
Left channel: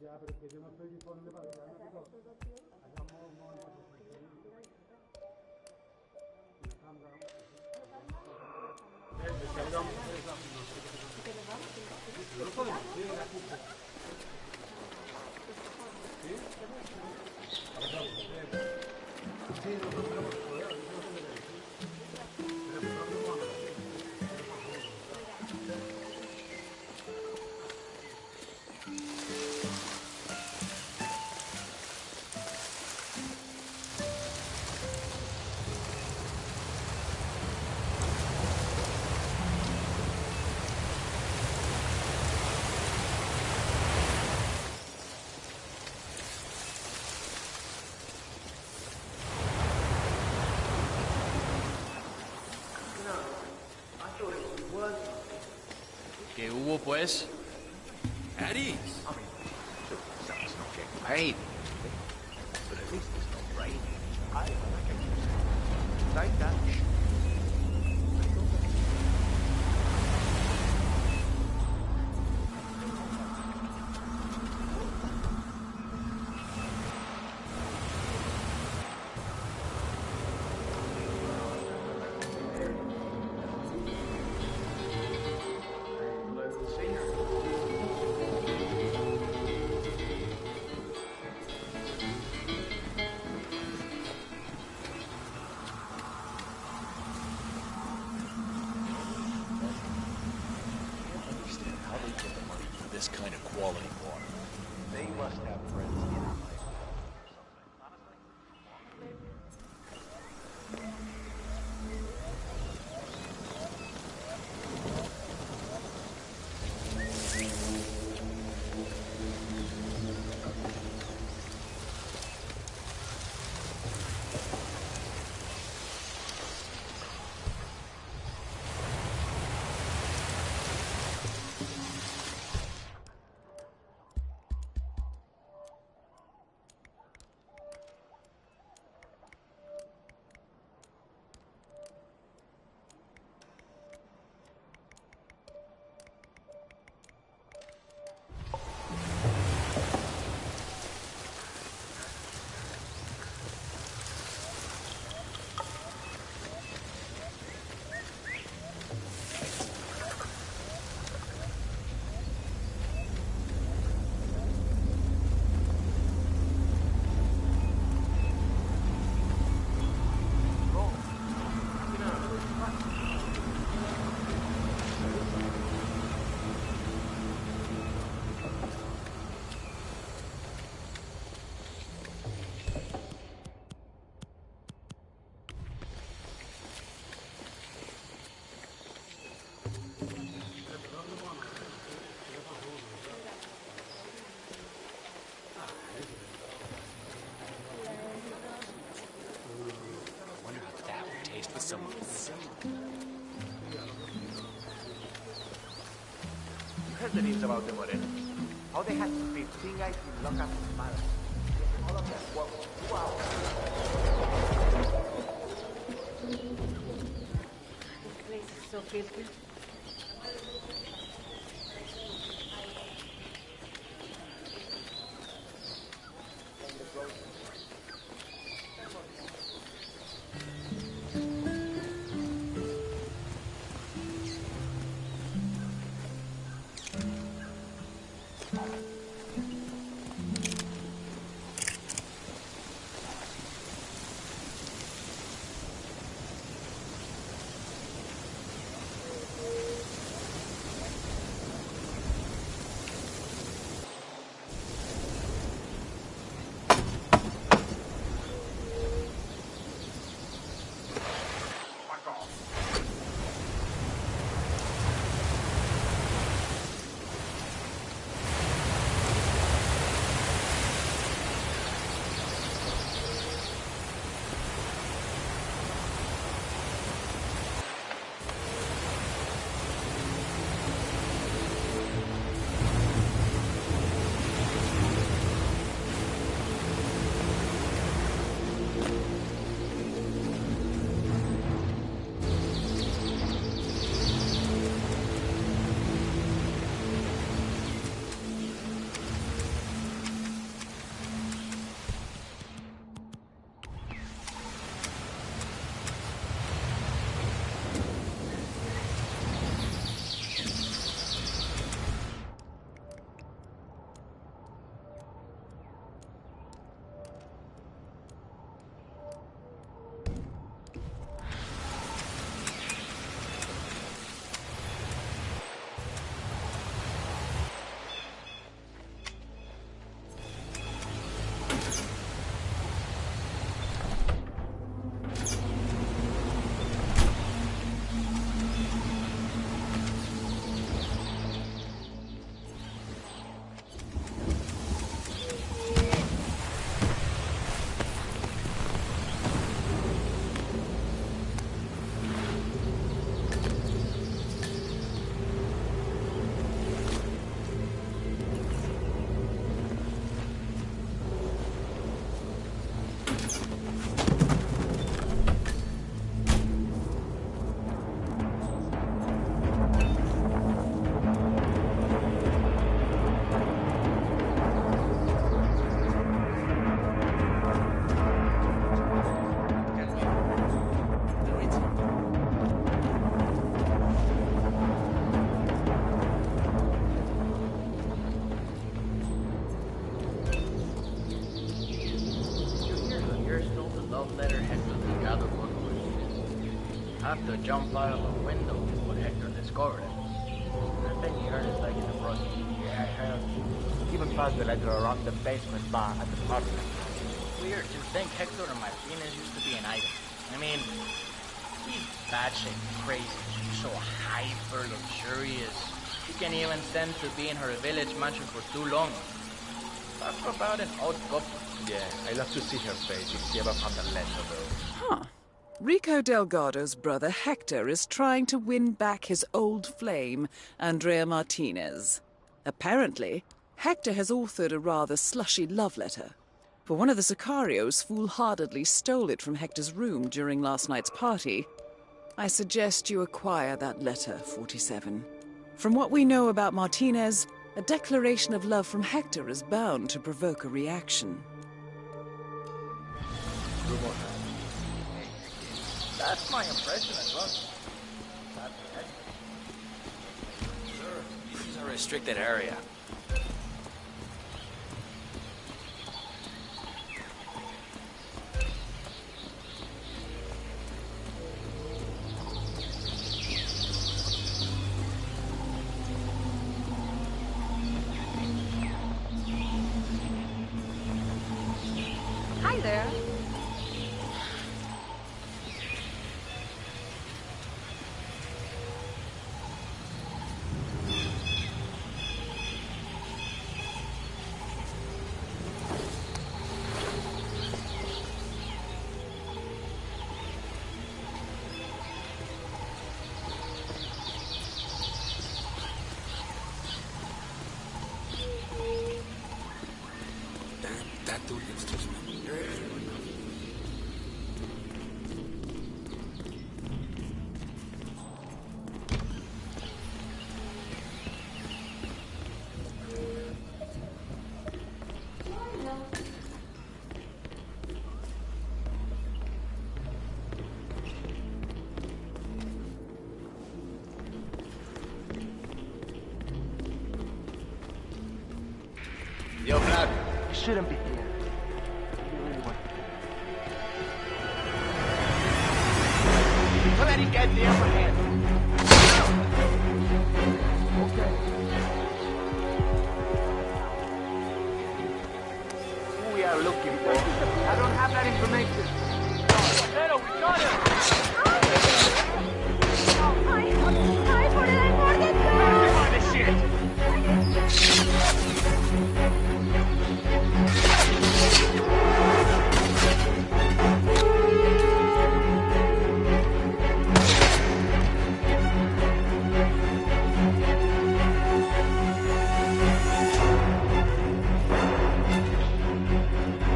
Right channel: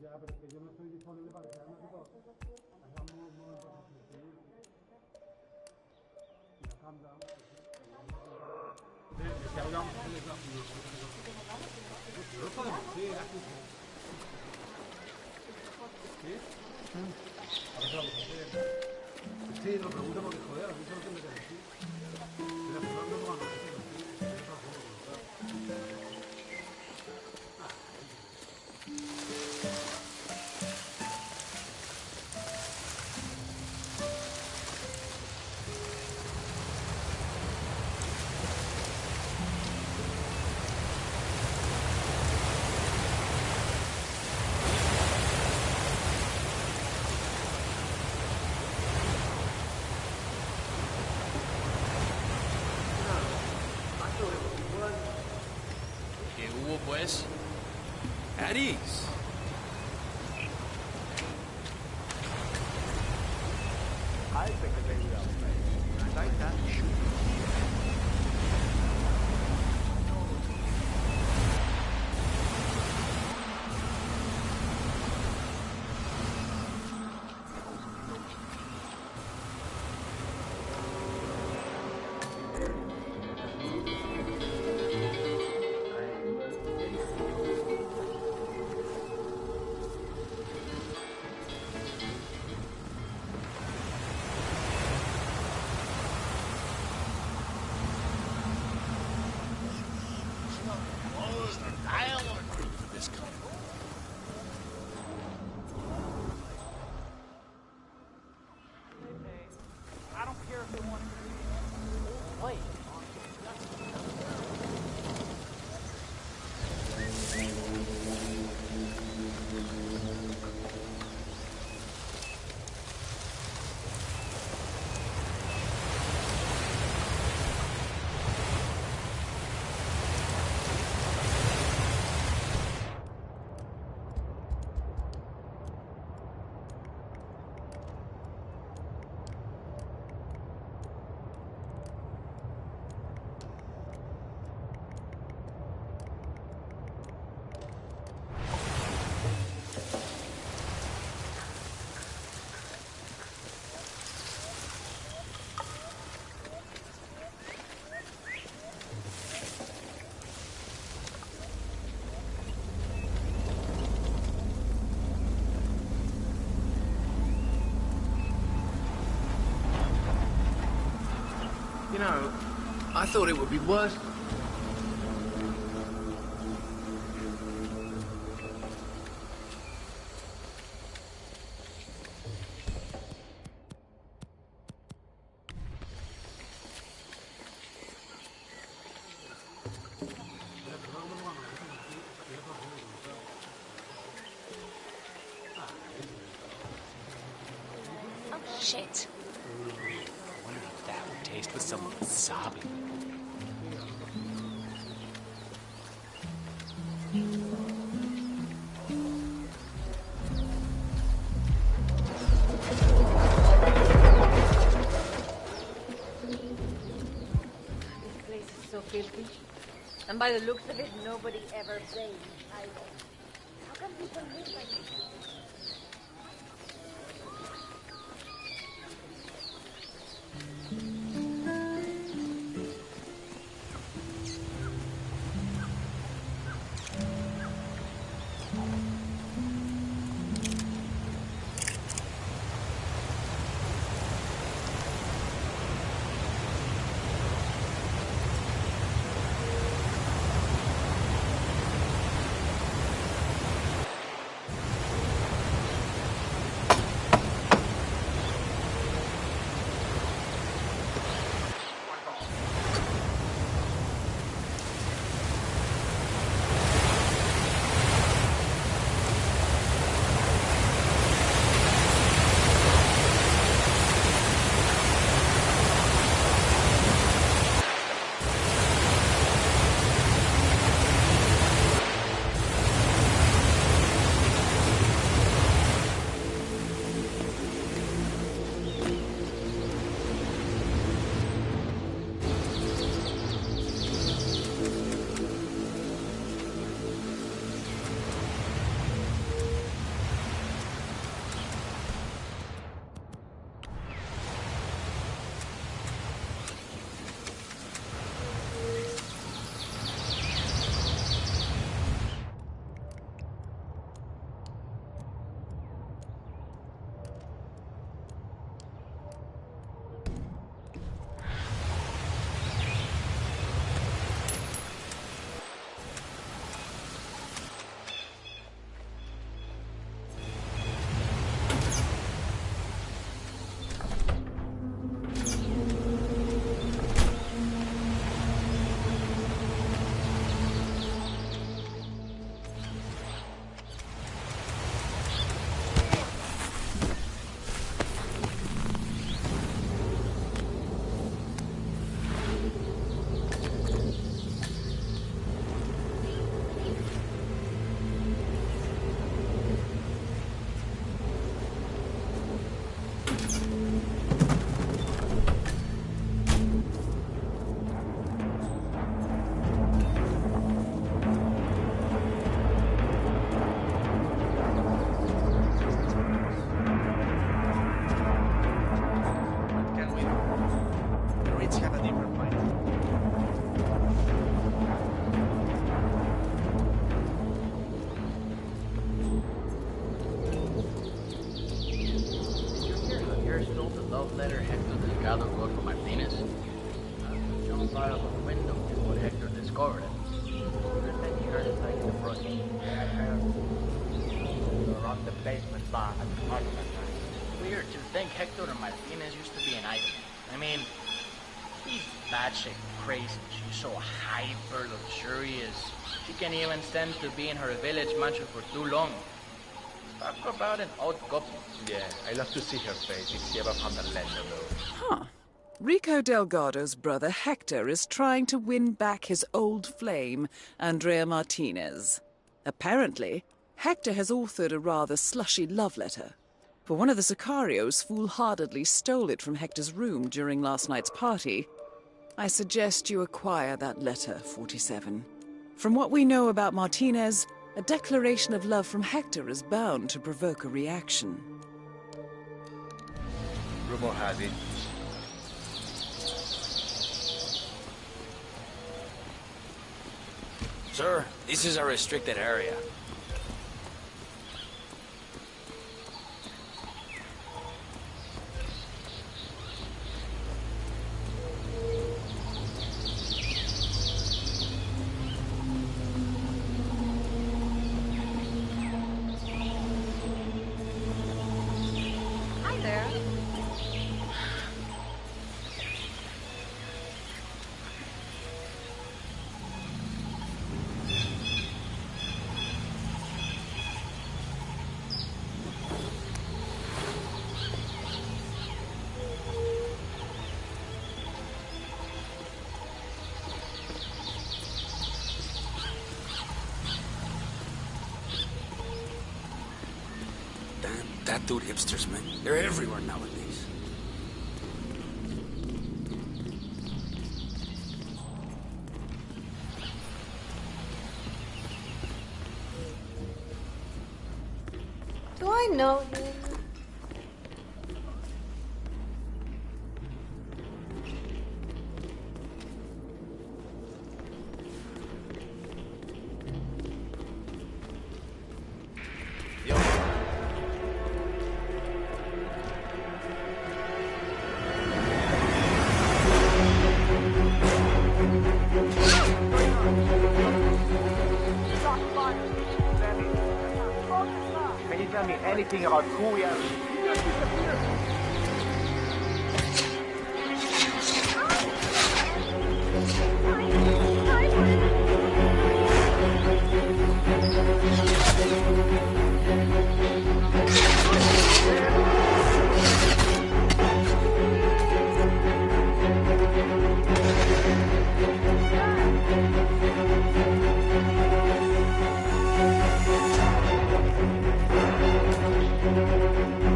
Ya, pero es que yo no estoy disponible para quedarme aquí todo. Hagamos un momento de y la cambia. Descargamos no podemos ir aquí. ¿Sí? A ver, vamos a hacer. Sí, no pregunto porque joder, a mí eso no tendré que decir. Mira, pues no vamos a decir. ¿Qué hubo, pues? At ease. Hey. I think I can just like that. This kind of quality water. I don't care if you want to You know, I thought it would be worse. Oh, shit. I wonder how that would taste with some wasabi. Here's the news about the morena. How they had to be three guys lock up on fire. This place is so filthy. And by the looks of it, nobody ever bathes either. How come people live like this? love letter Hector Delgado wrote for Martinez? Have to jump out of a window before Hector discovered it. And then he hurt his leg in the process. Yeah, I heard. Even passed the letter around the basement bar at the party last night. Weird to think Hector and Martinez used to be an item. I mean, he's batshit crazy. She's so hyper luxurious. She can't even stand to be in her village mansion for too long. Talk about an odd couple. Yeah, I'd love to see her face if she ever found the letter, though. Huh. Rico Delgado's brother Hector is trying to win back his old flame, Andrea Martinez. Apparently, Hector has authored a rather slushy love letter. For one of the Sicarios foolhardily stole it from Hector's room during last night's party. I suggest you acquire that letter, 47. From what we know about Martinez, a declaration of love from Hector is bound to provoke a reaction. Rumor has it. That's my impression as well. Sir, this is a restricted area. Hi there. Damn tattooed hipsters, man. They're everywhere nowadays. Do I know? Yo, man. Shouldn't be. Let him get Can you tell me anything about who we are looking for? I don't have that information.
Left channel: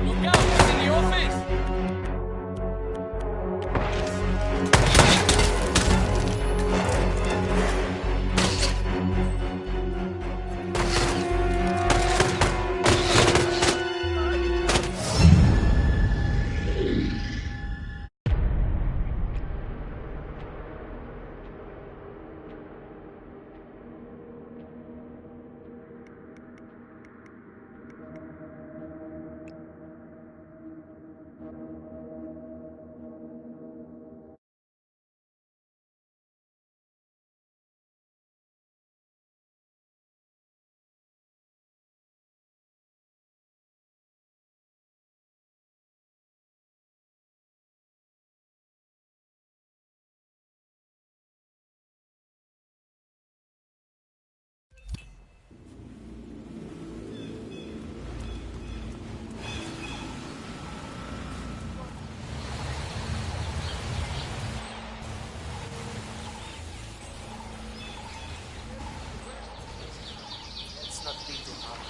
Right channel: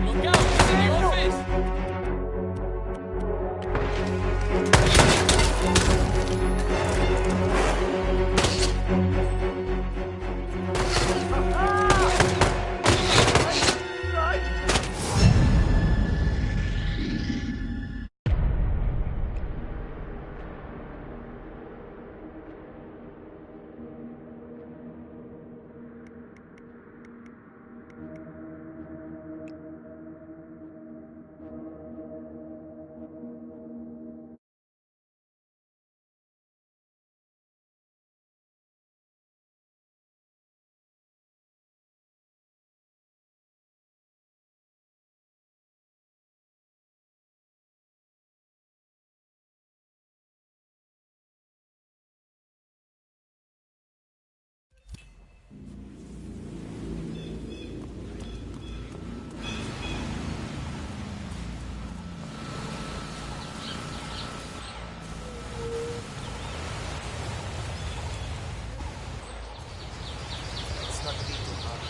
Look out! It's in the office! Let's not be too hard.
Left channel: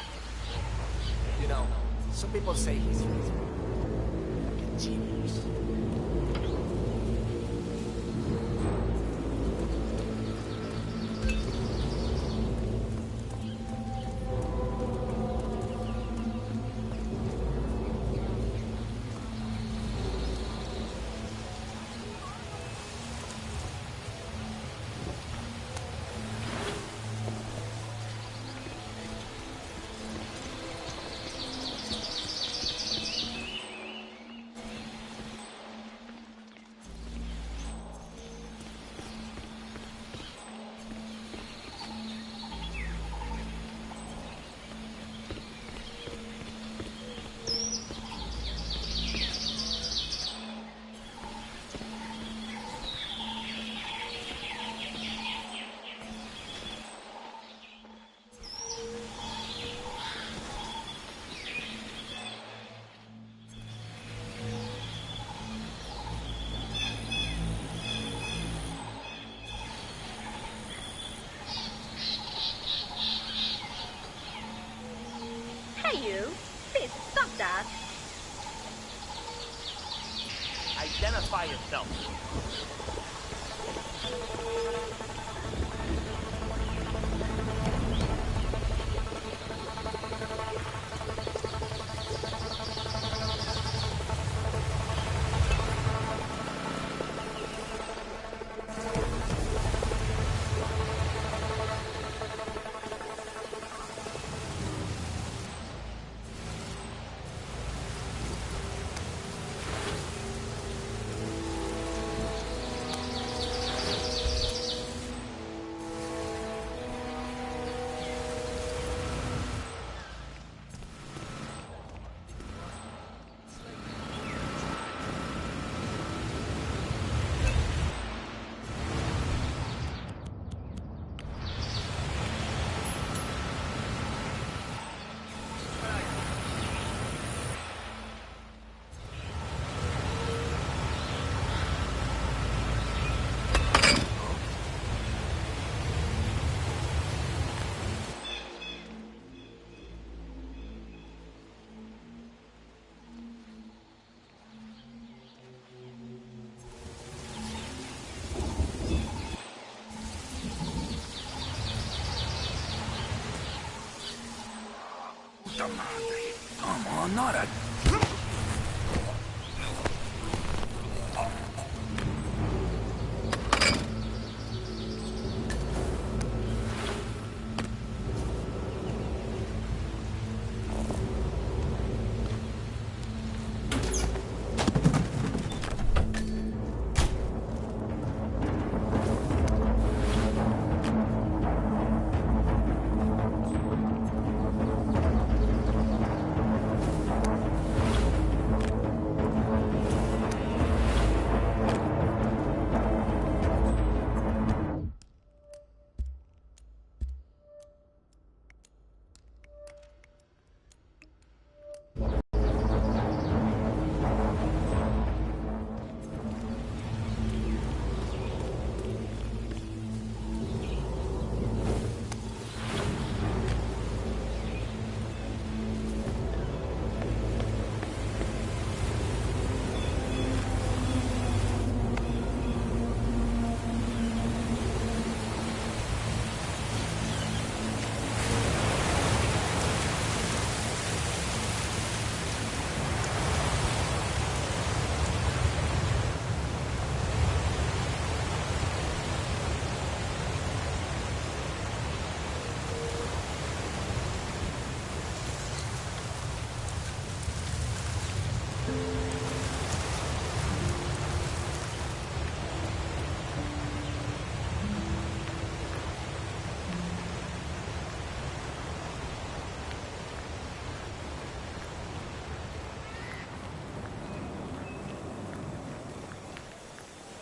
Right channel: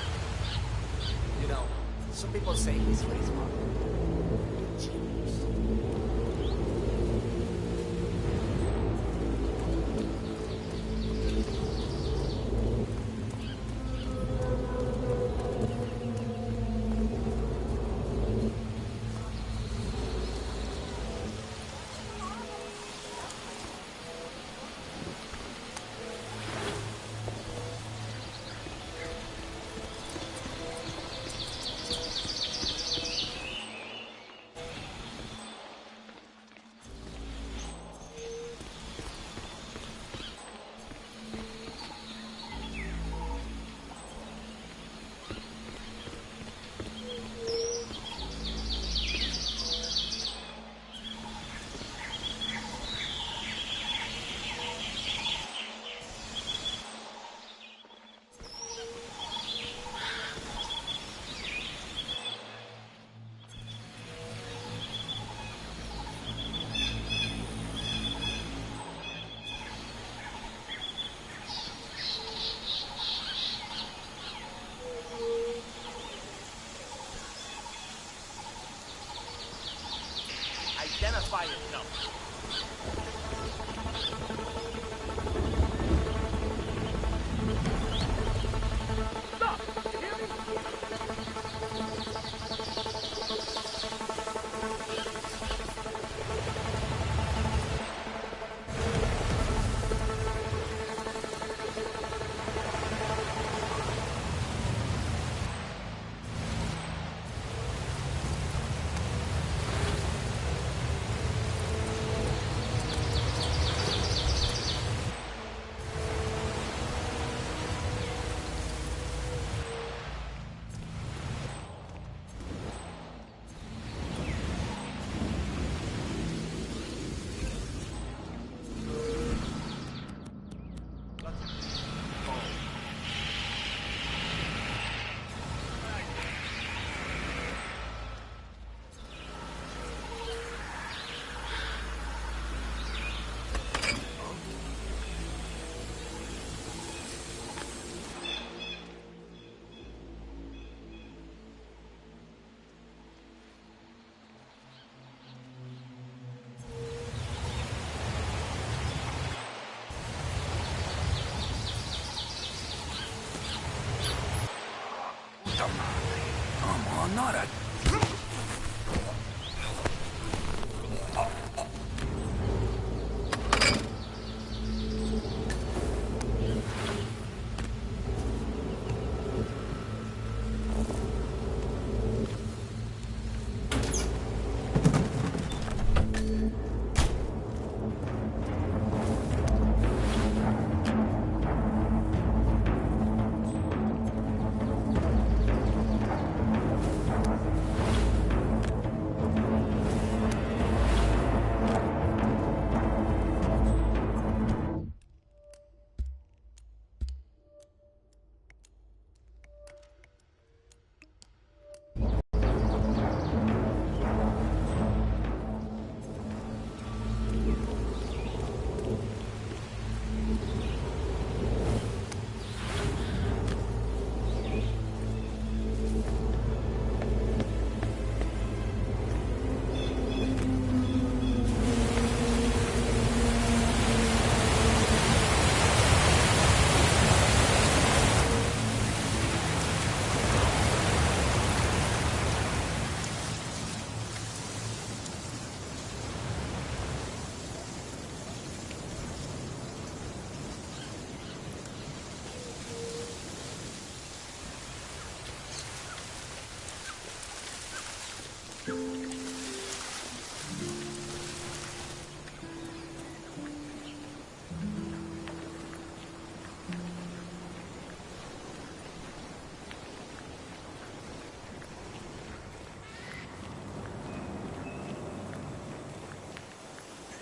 You know, some people say he's really smart. Like a genius. by itself. Come on, not a...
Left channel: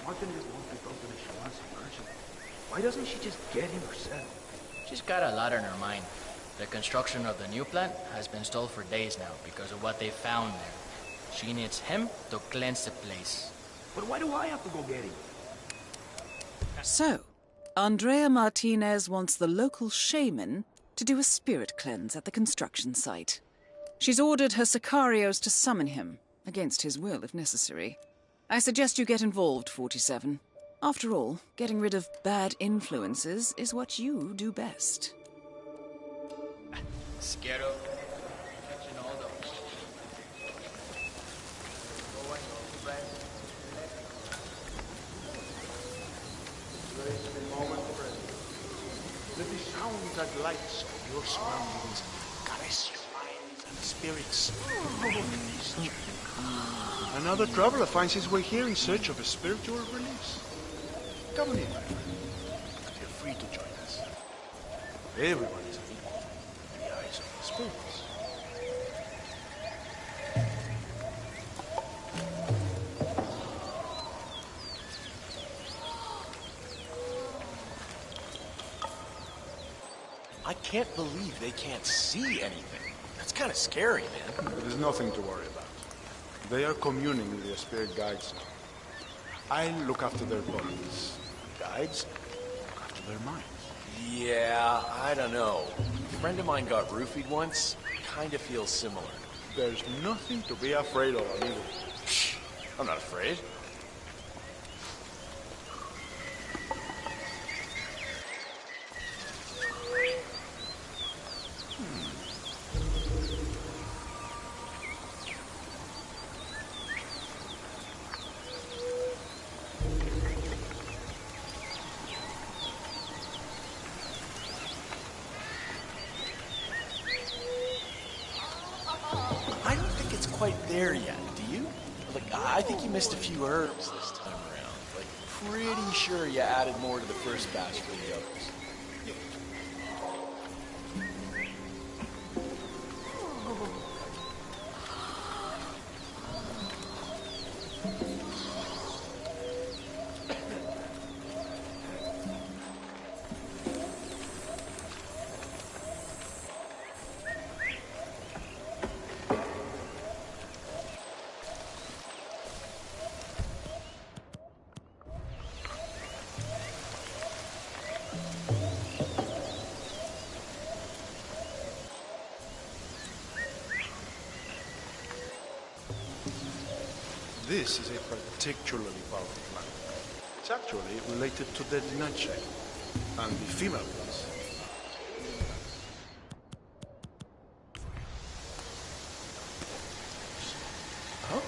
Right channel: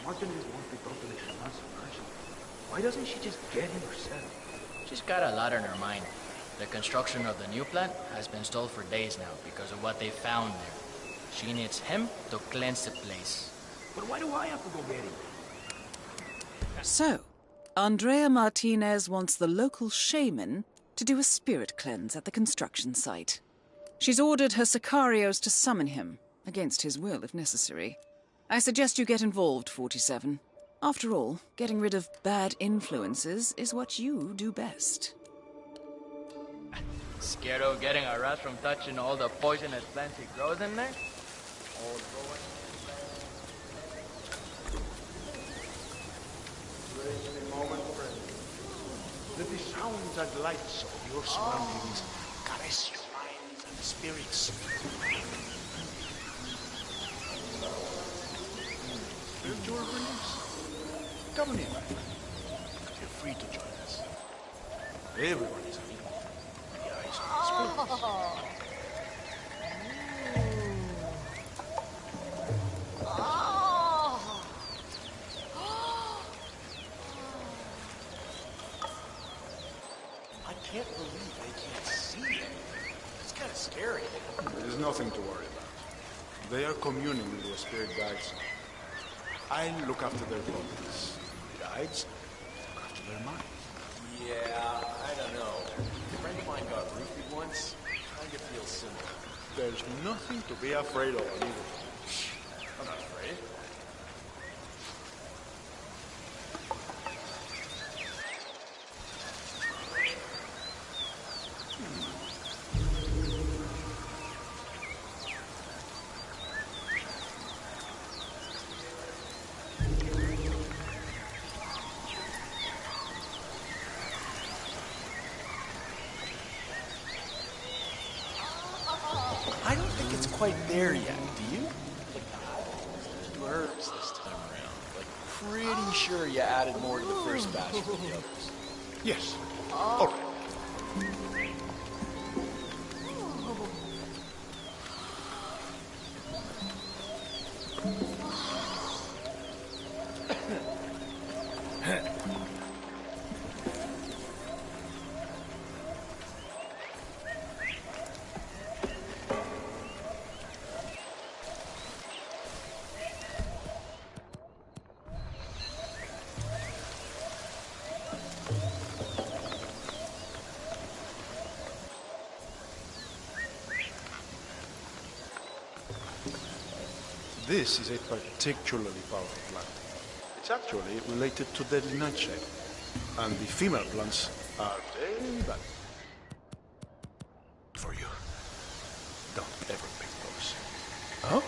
Martin is one to talk to the Shalance merchant. Why doesn't she just get him herself? She's got a lot on her mind. The construction of the new plant has been stalled for days now because of what they found there. She needs him to cleanse the place. But why do I have to go get him? So, Andrea Martinez wants the local shaman to do a spirit cleanse at the construction site. She's ordered her sicarios to summon him, against his will if necessary. I suggest you get involved, 47. After all, getting rid of bad influences is what you do best. Scared of getting a rat from touching all the poisonous plants it grows in there? Grace me, moment, friend. Let the sounds and lights of your surroundings caress your minds and spirits. Another traveler finds his way here in search of a spiritual release. Come on in, my friend. Feel free to join us. Everyone is unequal in the eyes of the spirits. I can't believe they can't see anything. That's kind of scary, man. There's nothing to worry about. They are communing with their spirit guides now. I look after their bodies. Guides look after their minds. Yeah, I don't know. A friend of mine got roofied once. Kind of feels similar. There's nothing to be afraid of, amigo. I'm not afraid. I don't think it's quite there yet, do you? Like, I think you missed a few herbs this time around. Like, pretty sure you added more to the first batch than the others. Yes. All right. This is a particularly powerful plant. It's actually related to deadly nightshade, and the female plants are very valuable. For you. Don't ever pick those. Oh.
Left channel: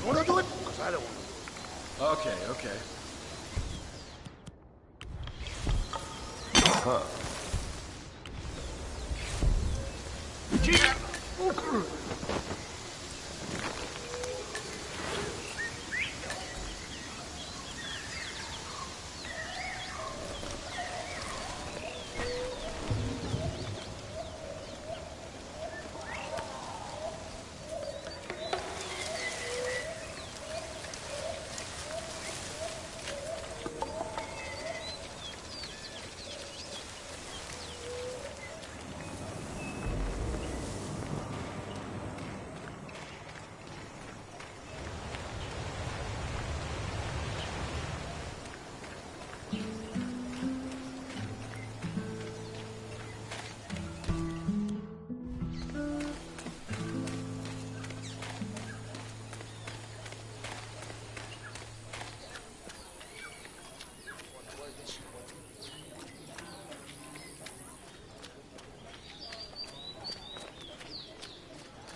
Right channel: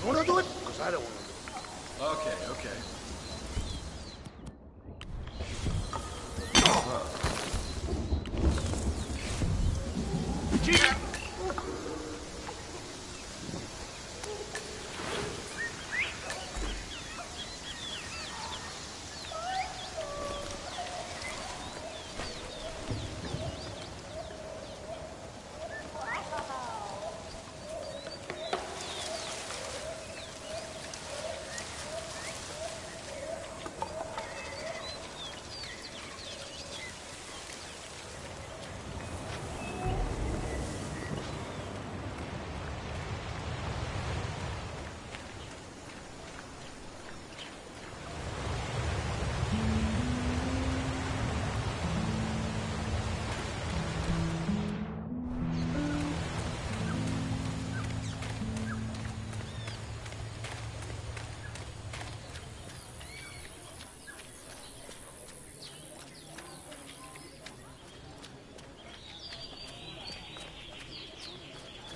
You want to do it? Because I don't want to do it. Okay, okay. Huh.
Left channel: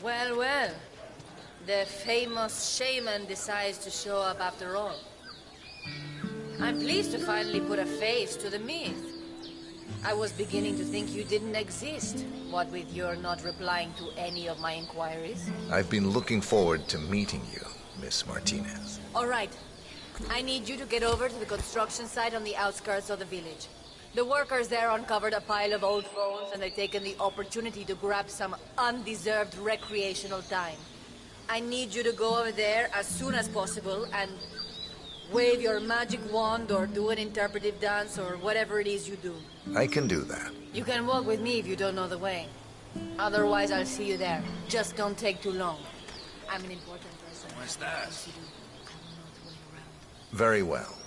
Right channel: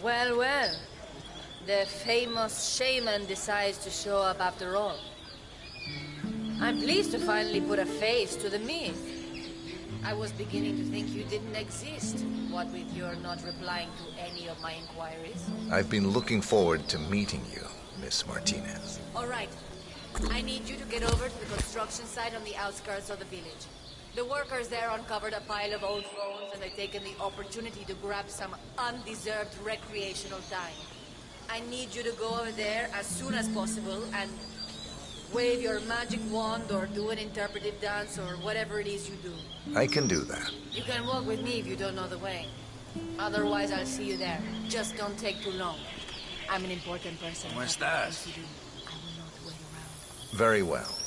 Well, well. The famous shaman decides to show up after all. I'm pleased to finally put a face to the myth. I was beginning to think you didn't exist, what with your not replying to any of my inquiries. I've been looking forward to meeting you, Miss Martinez. All right. I need you to get over to the construction site on the outskirts of the village. The workers there uncovered a pile of old phones, and they've taken the opportunity to grab some undeserved recreational time. I need you to go over there as soon as possible and wave your magic wand or do an interpretive dance or whatever it is you do. I can do that. You can walk with me if you don't know the way. Otherwise, I'll see you there. Just don't take too long. I'm an important person. ¿Cómo estás? I will not wait around. Very well.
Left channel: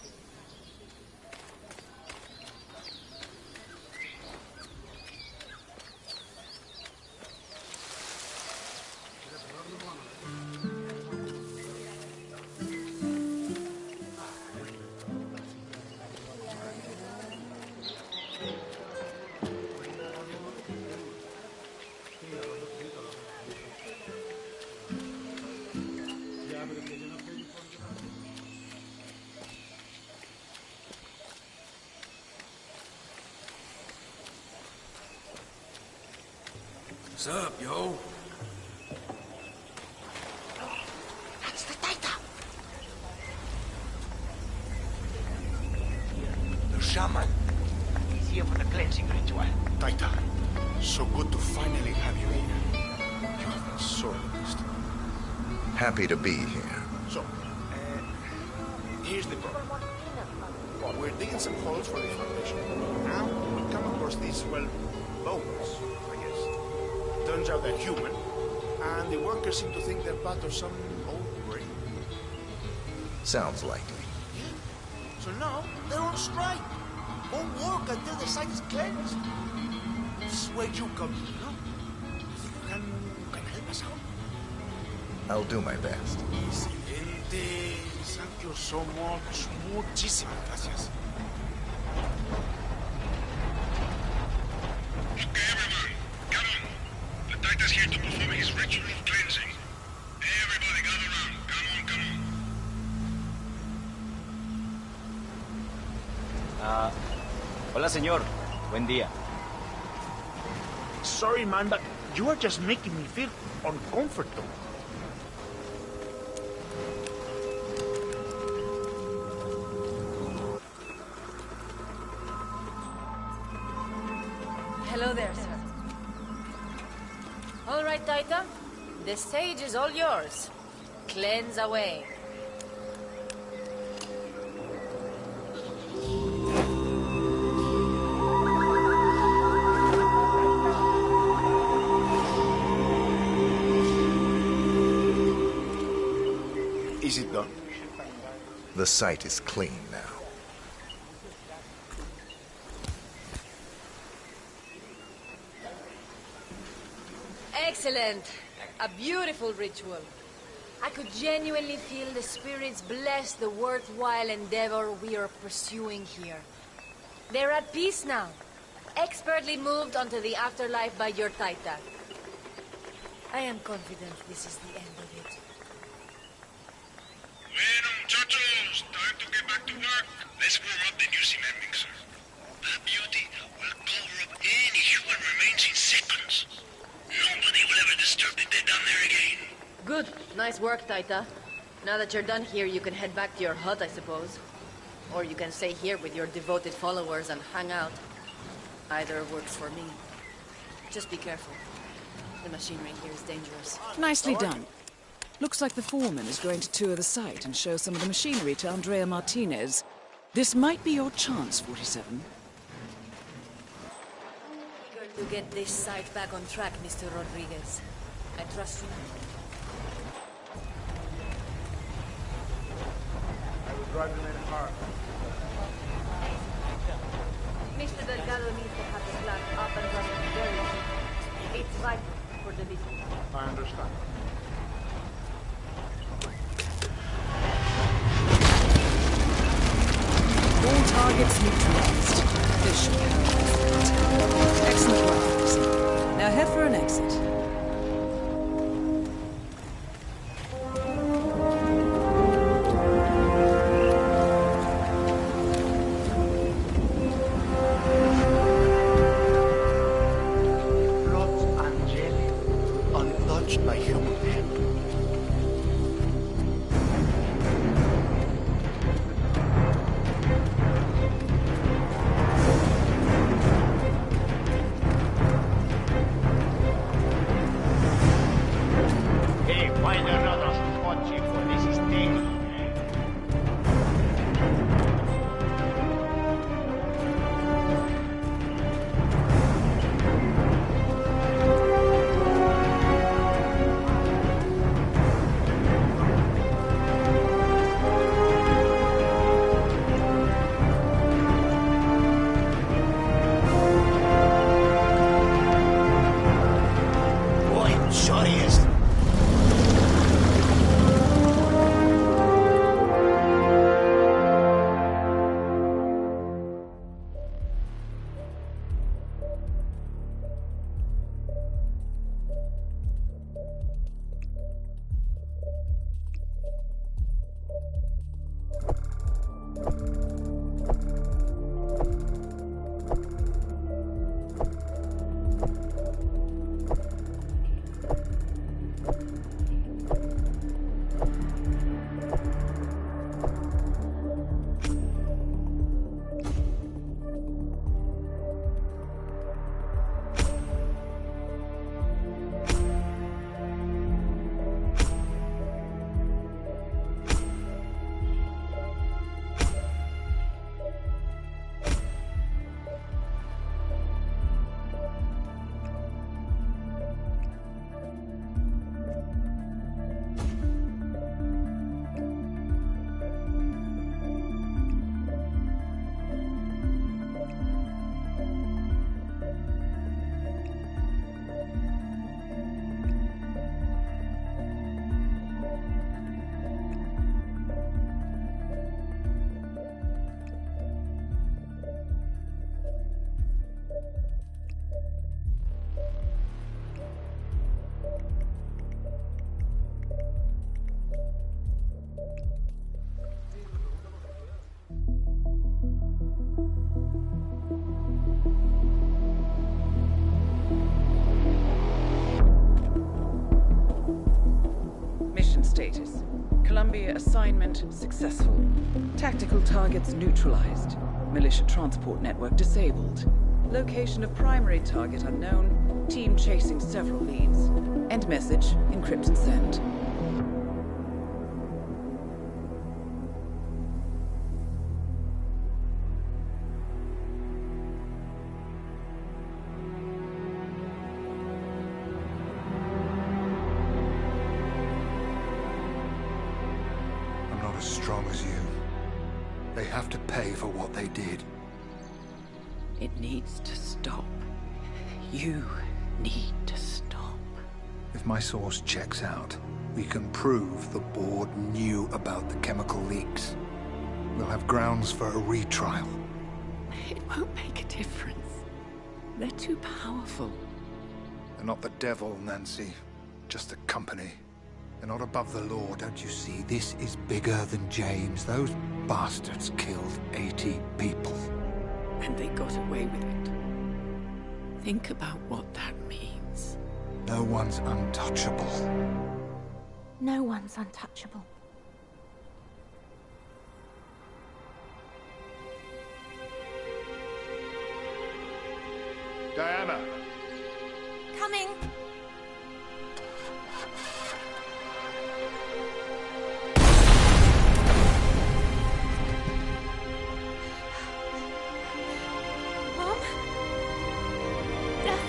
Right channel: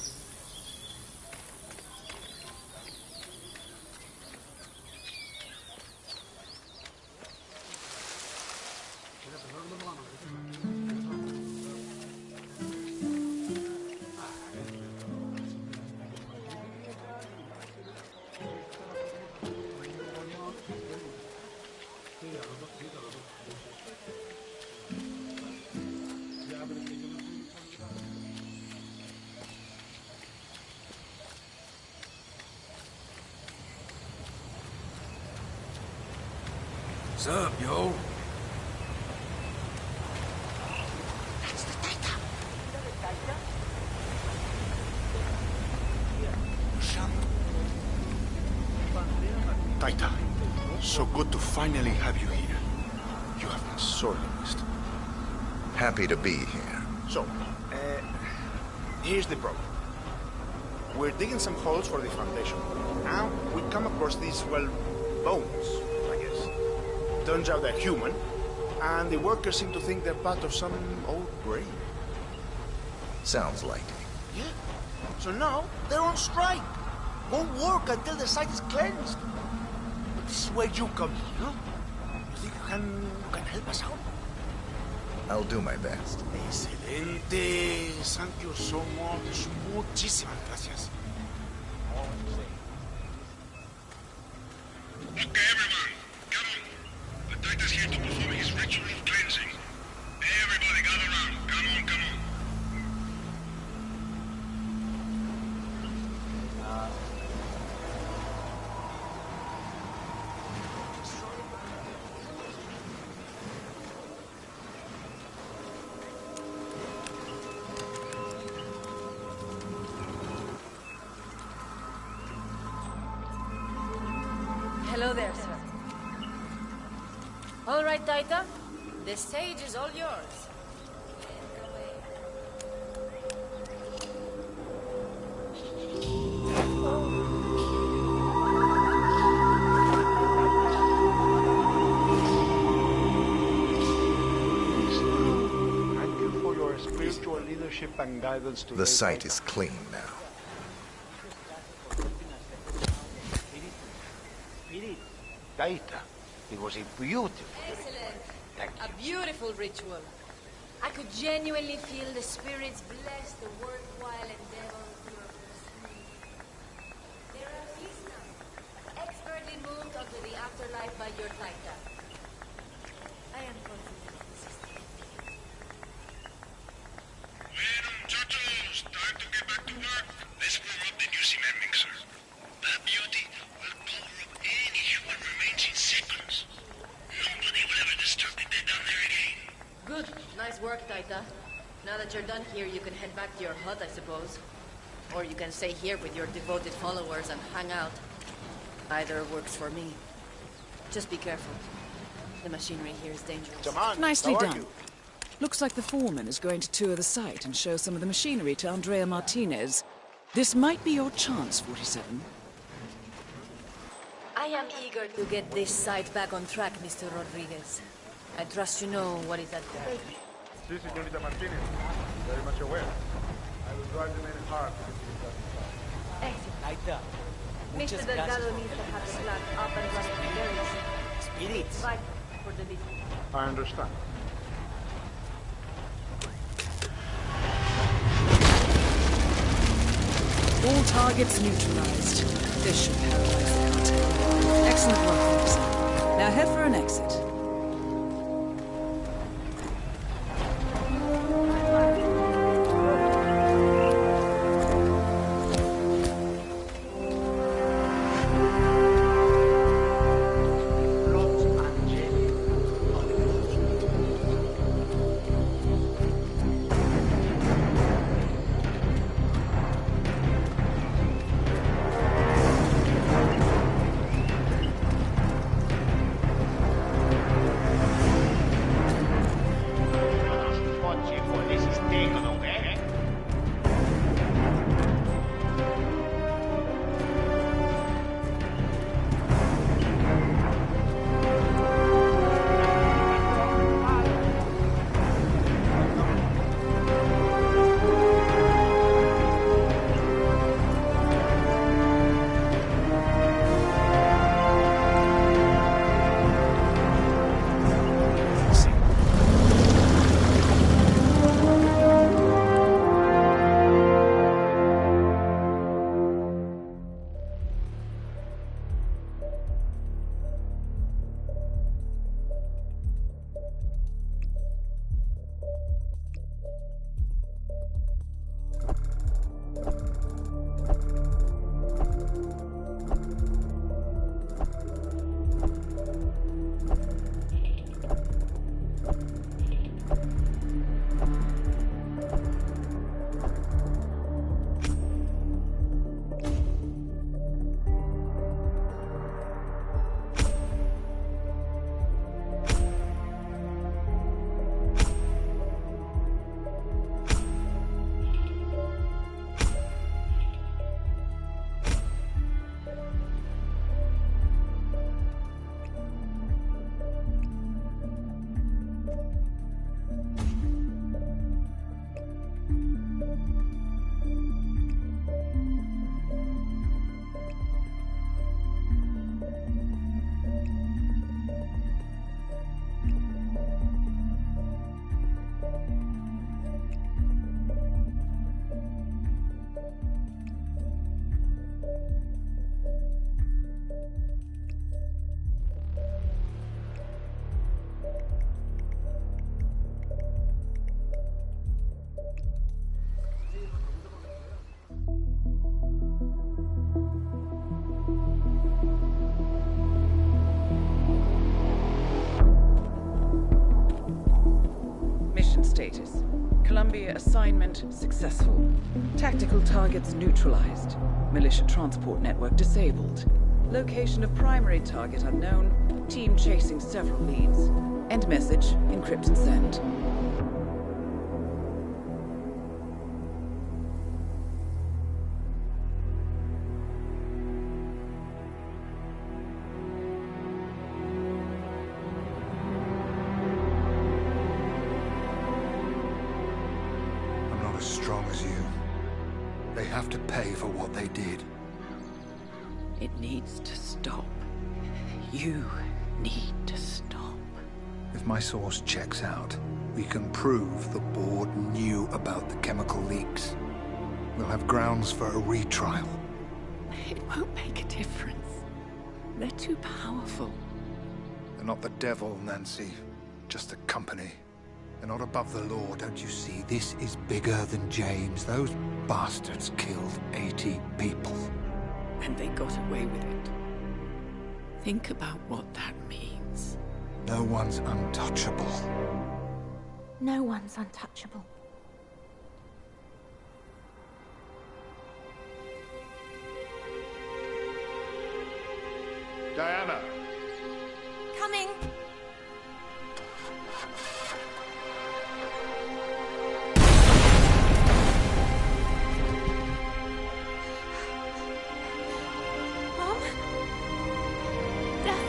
What's up, yo? That's the Taita. The shaman. He's here for the cleansing ritual. Taita, so good to finally have you here. You have been sorely missed. Happy to be here. So, here's the problem. We're digging some holes for the foundation. Now, we come across these, well, bones, I guess. Turns out they're human, and the workers seem to think they're part of some old grave. Sounds likely. Yeah. So now, they're on strike. Won't work until the site is cleansed. This is where you come in, no? You think you can help us out? I'll do my best. Excelente. Thank you so much. Muchísimas gracias. Okay, everyone, come on. The Titan's here to perform his ritual of cleansing. Everybody gather around. Come on, come on. Hola, señor. Buen día. Sorry, man, but you are just making me feel uncomfortable. Hello there, sir. All right, Taita. The stage is all yours. Cleanse away. Is it done? The site is clean now. Taita, it was beautiful. Excellent. A beautiful ritual. I could genuinely feel the spirits bless the worthwhile endeavor we are pursuing here. They're at peace now, expertly moved onto the afterlife by your Taita. I am confident this is the end of it. Bueno, muchachos, time to get back to work. Let's warm up the new cement mixer. That beauty will cover up any human remains in seconds. Nobody will ever disturb the dead down there again. Good. Nice work, Taita. Now that you're done here, you can head back to your hut, I suppose. Or you can stay here with your devoted followers and hang out. Either works for me. Just be careful. The machinery here is dangerous. Nicely done. Looks like the foreman is going to tour the site and show some of the machinery to Andrea Martinez. This might be your chance, 47. I am eager to get this site back on track, Mr. Rodriguez. I trust you know what is at Sí, señorita Martínez. Very much aware. I will drive the men hard. Mr. Delgado needs to have the plant up and running very soon. It's vital for the business. I understand. All targets neutralized. This should paralyze the cartel. Excellent work, officer. Now head for an exit. Untouched by human hand. Hey, find another spot, Chico. This is taken, okay? Boy, sure is. status. Columbia assignment successful. Tactical targets neutralized. Militia transport network disabled. Location of primary target unknown. Team chasing several leads. End message, encrypt and send. I'm not as strong as you. They have to pay for what they did. It needs to stop. You need to stop. If my source checks out, we can prove the board knew about the chemical leaks. We'll have grounds for a retrial. It won't make a difference. They're too powerful. They're not the devil, Nancy. Just a company. They're not above the law, don't you see? This is bigger than James. Those bastards killed 80 people. And they got away with it. Think about what that means. No one's untouchable. No one's untouchable. Diana! Coming! Mom? Dad?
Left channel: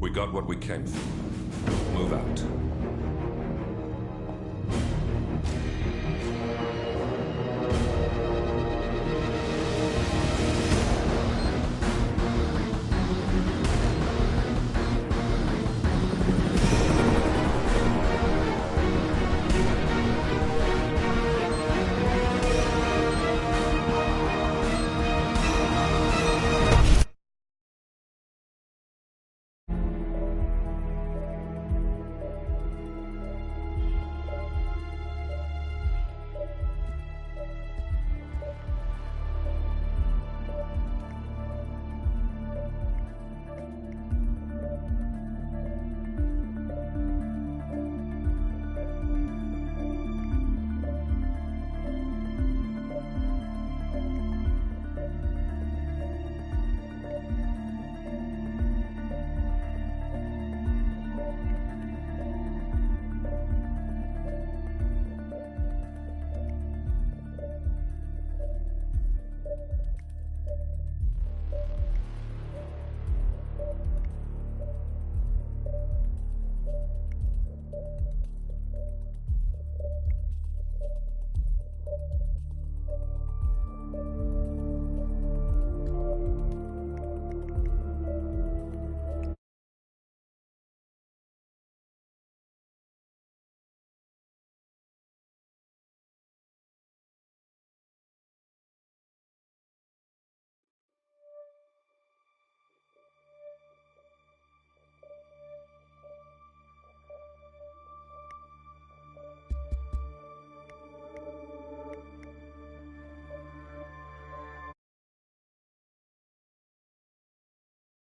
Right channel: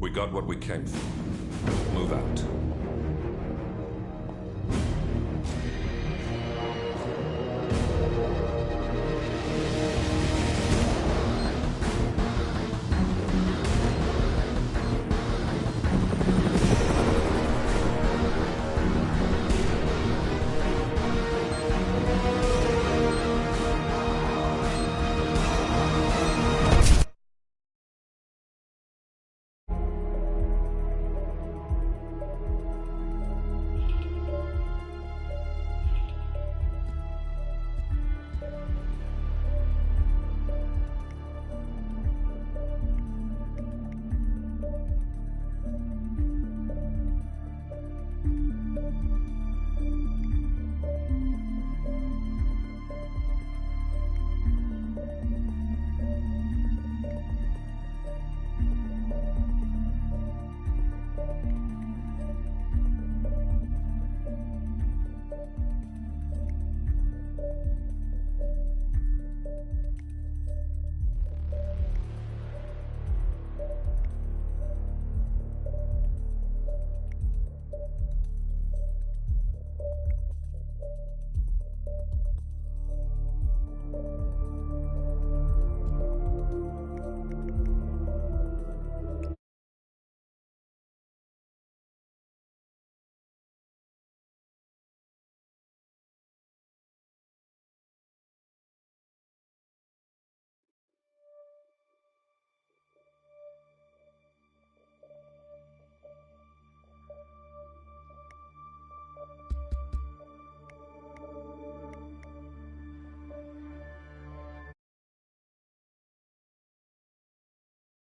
We got what we came for. Move out.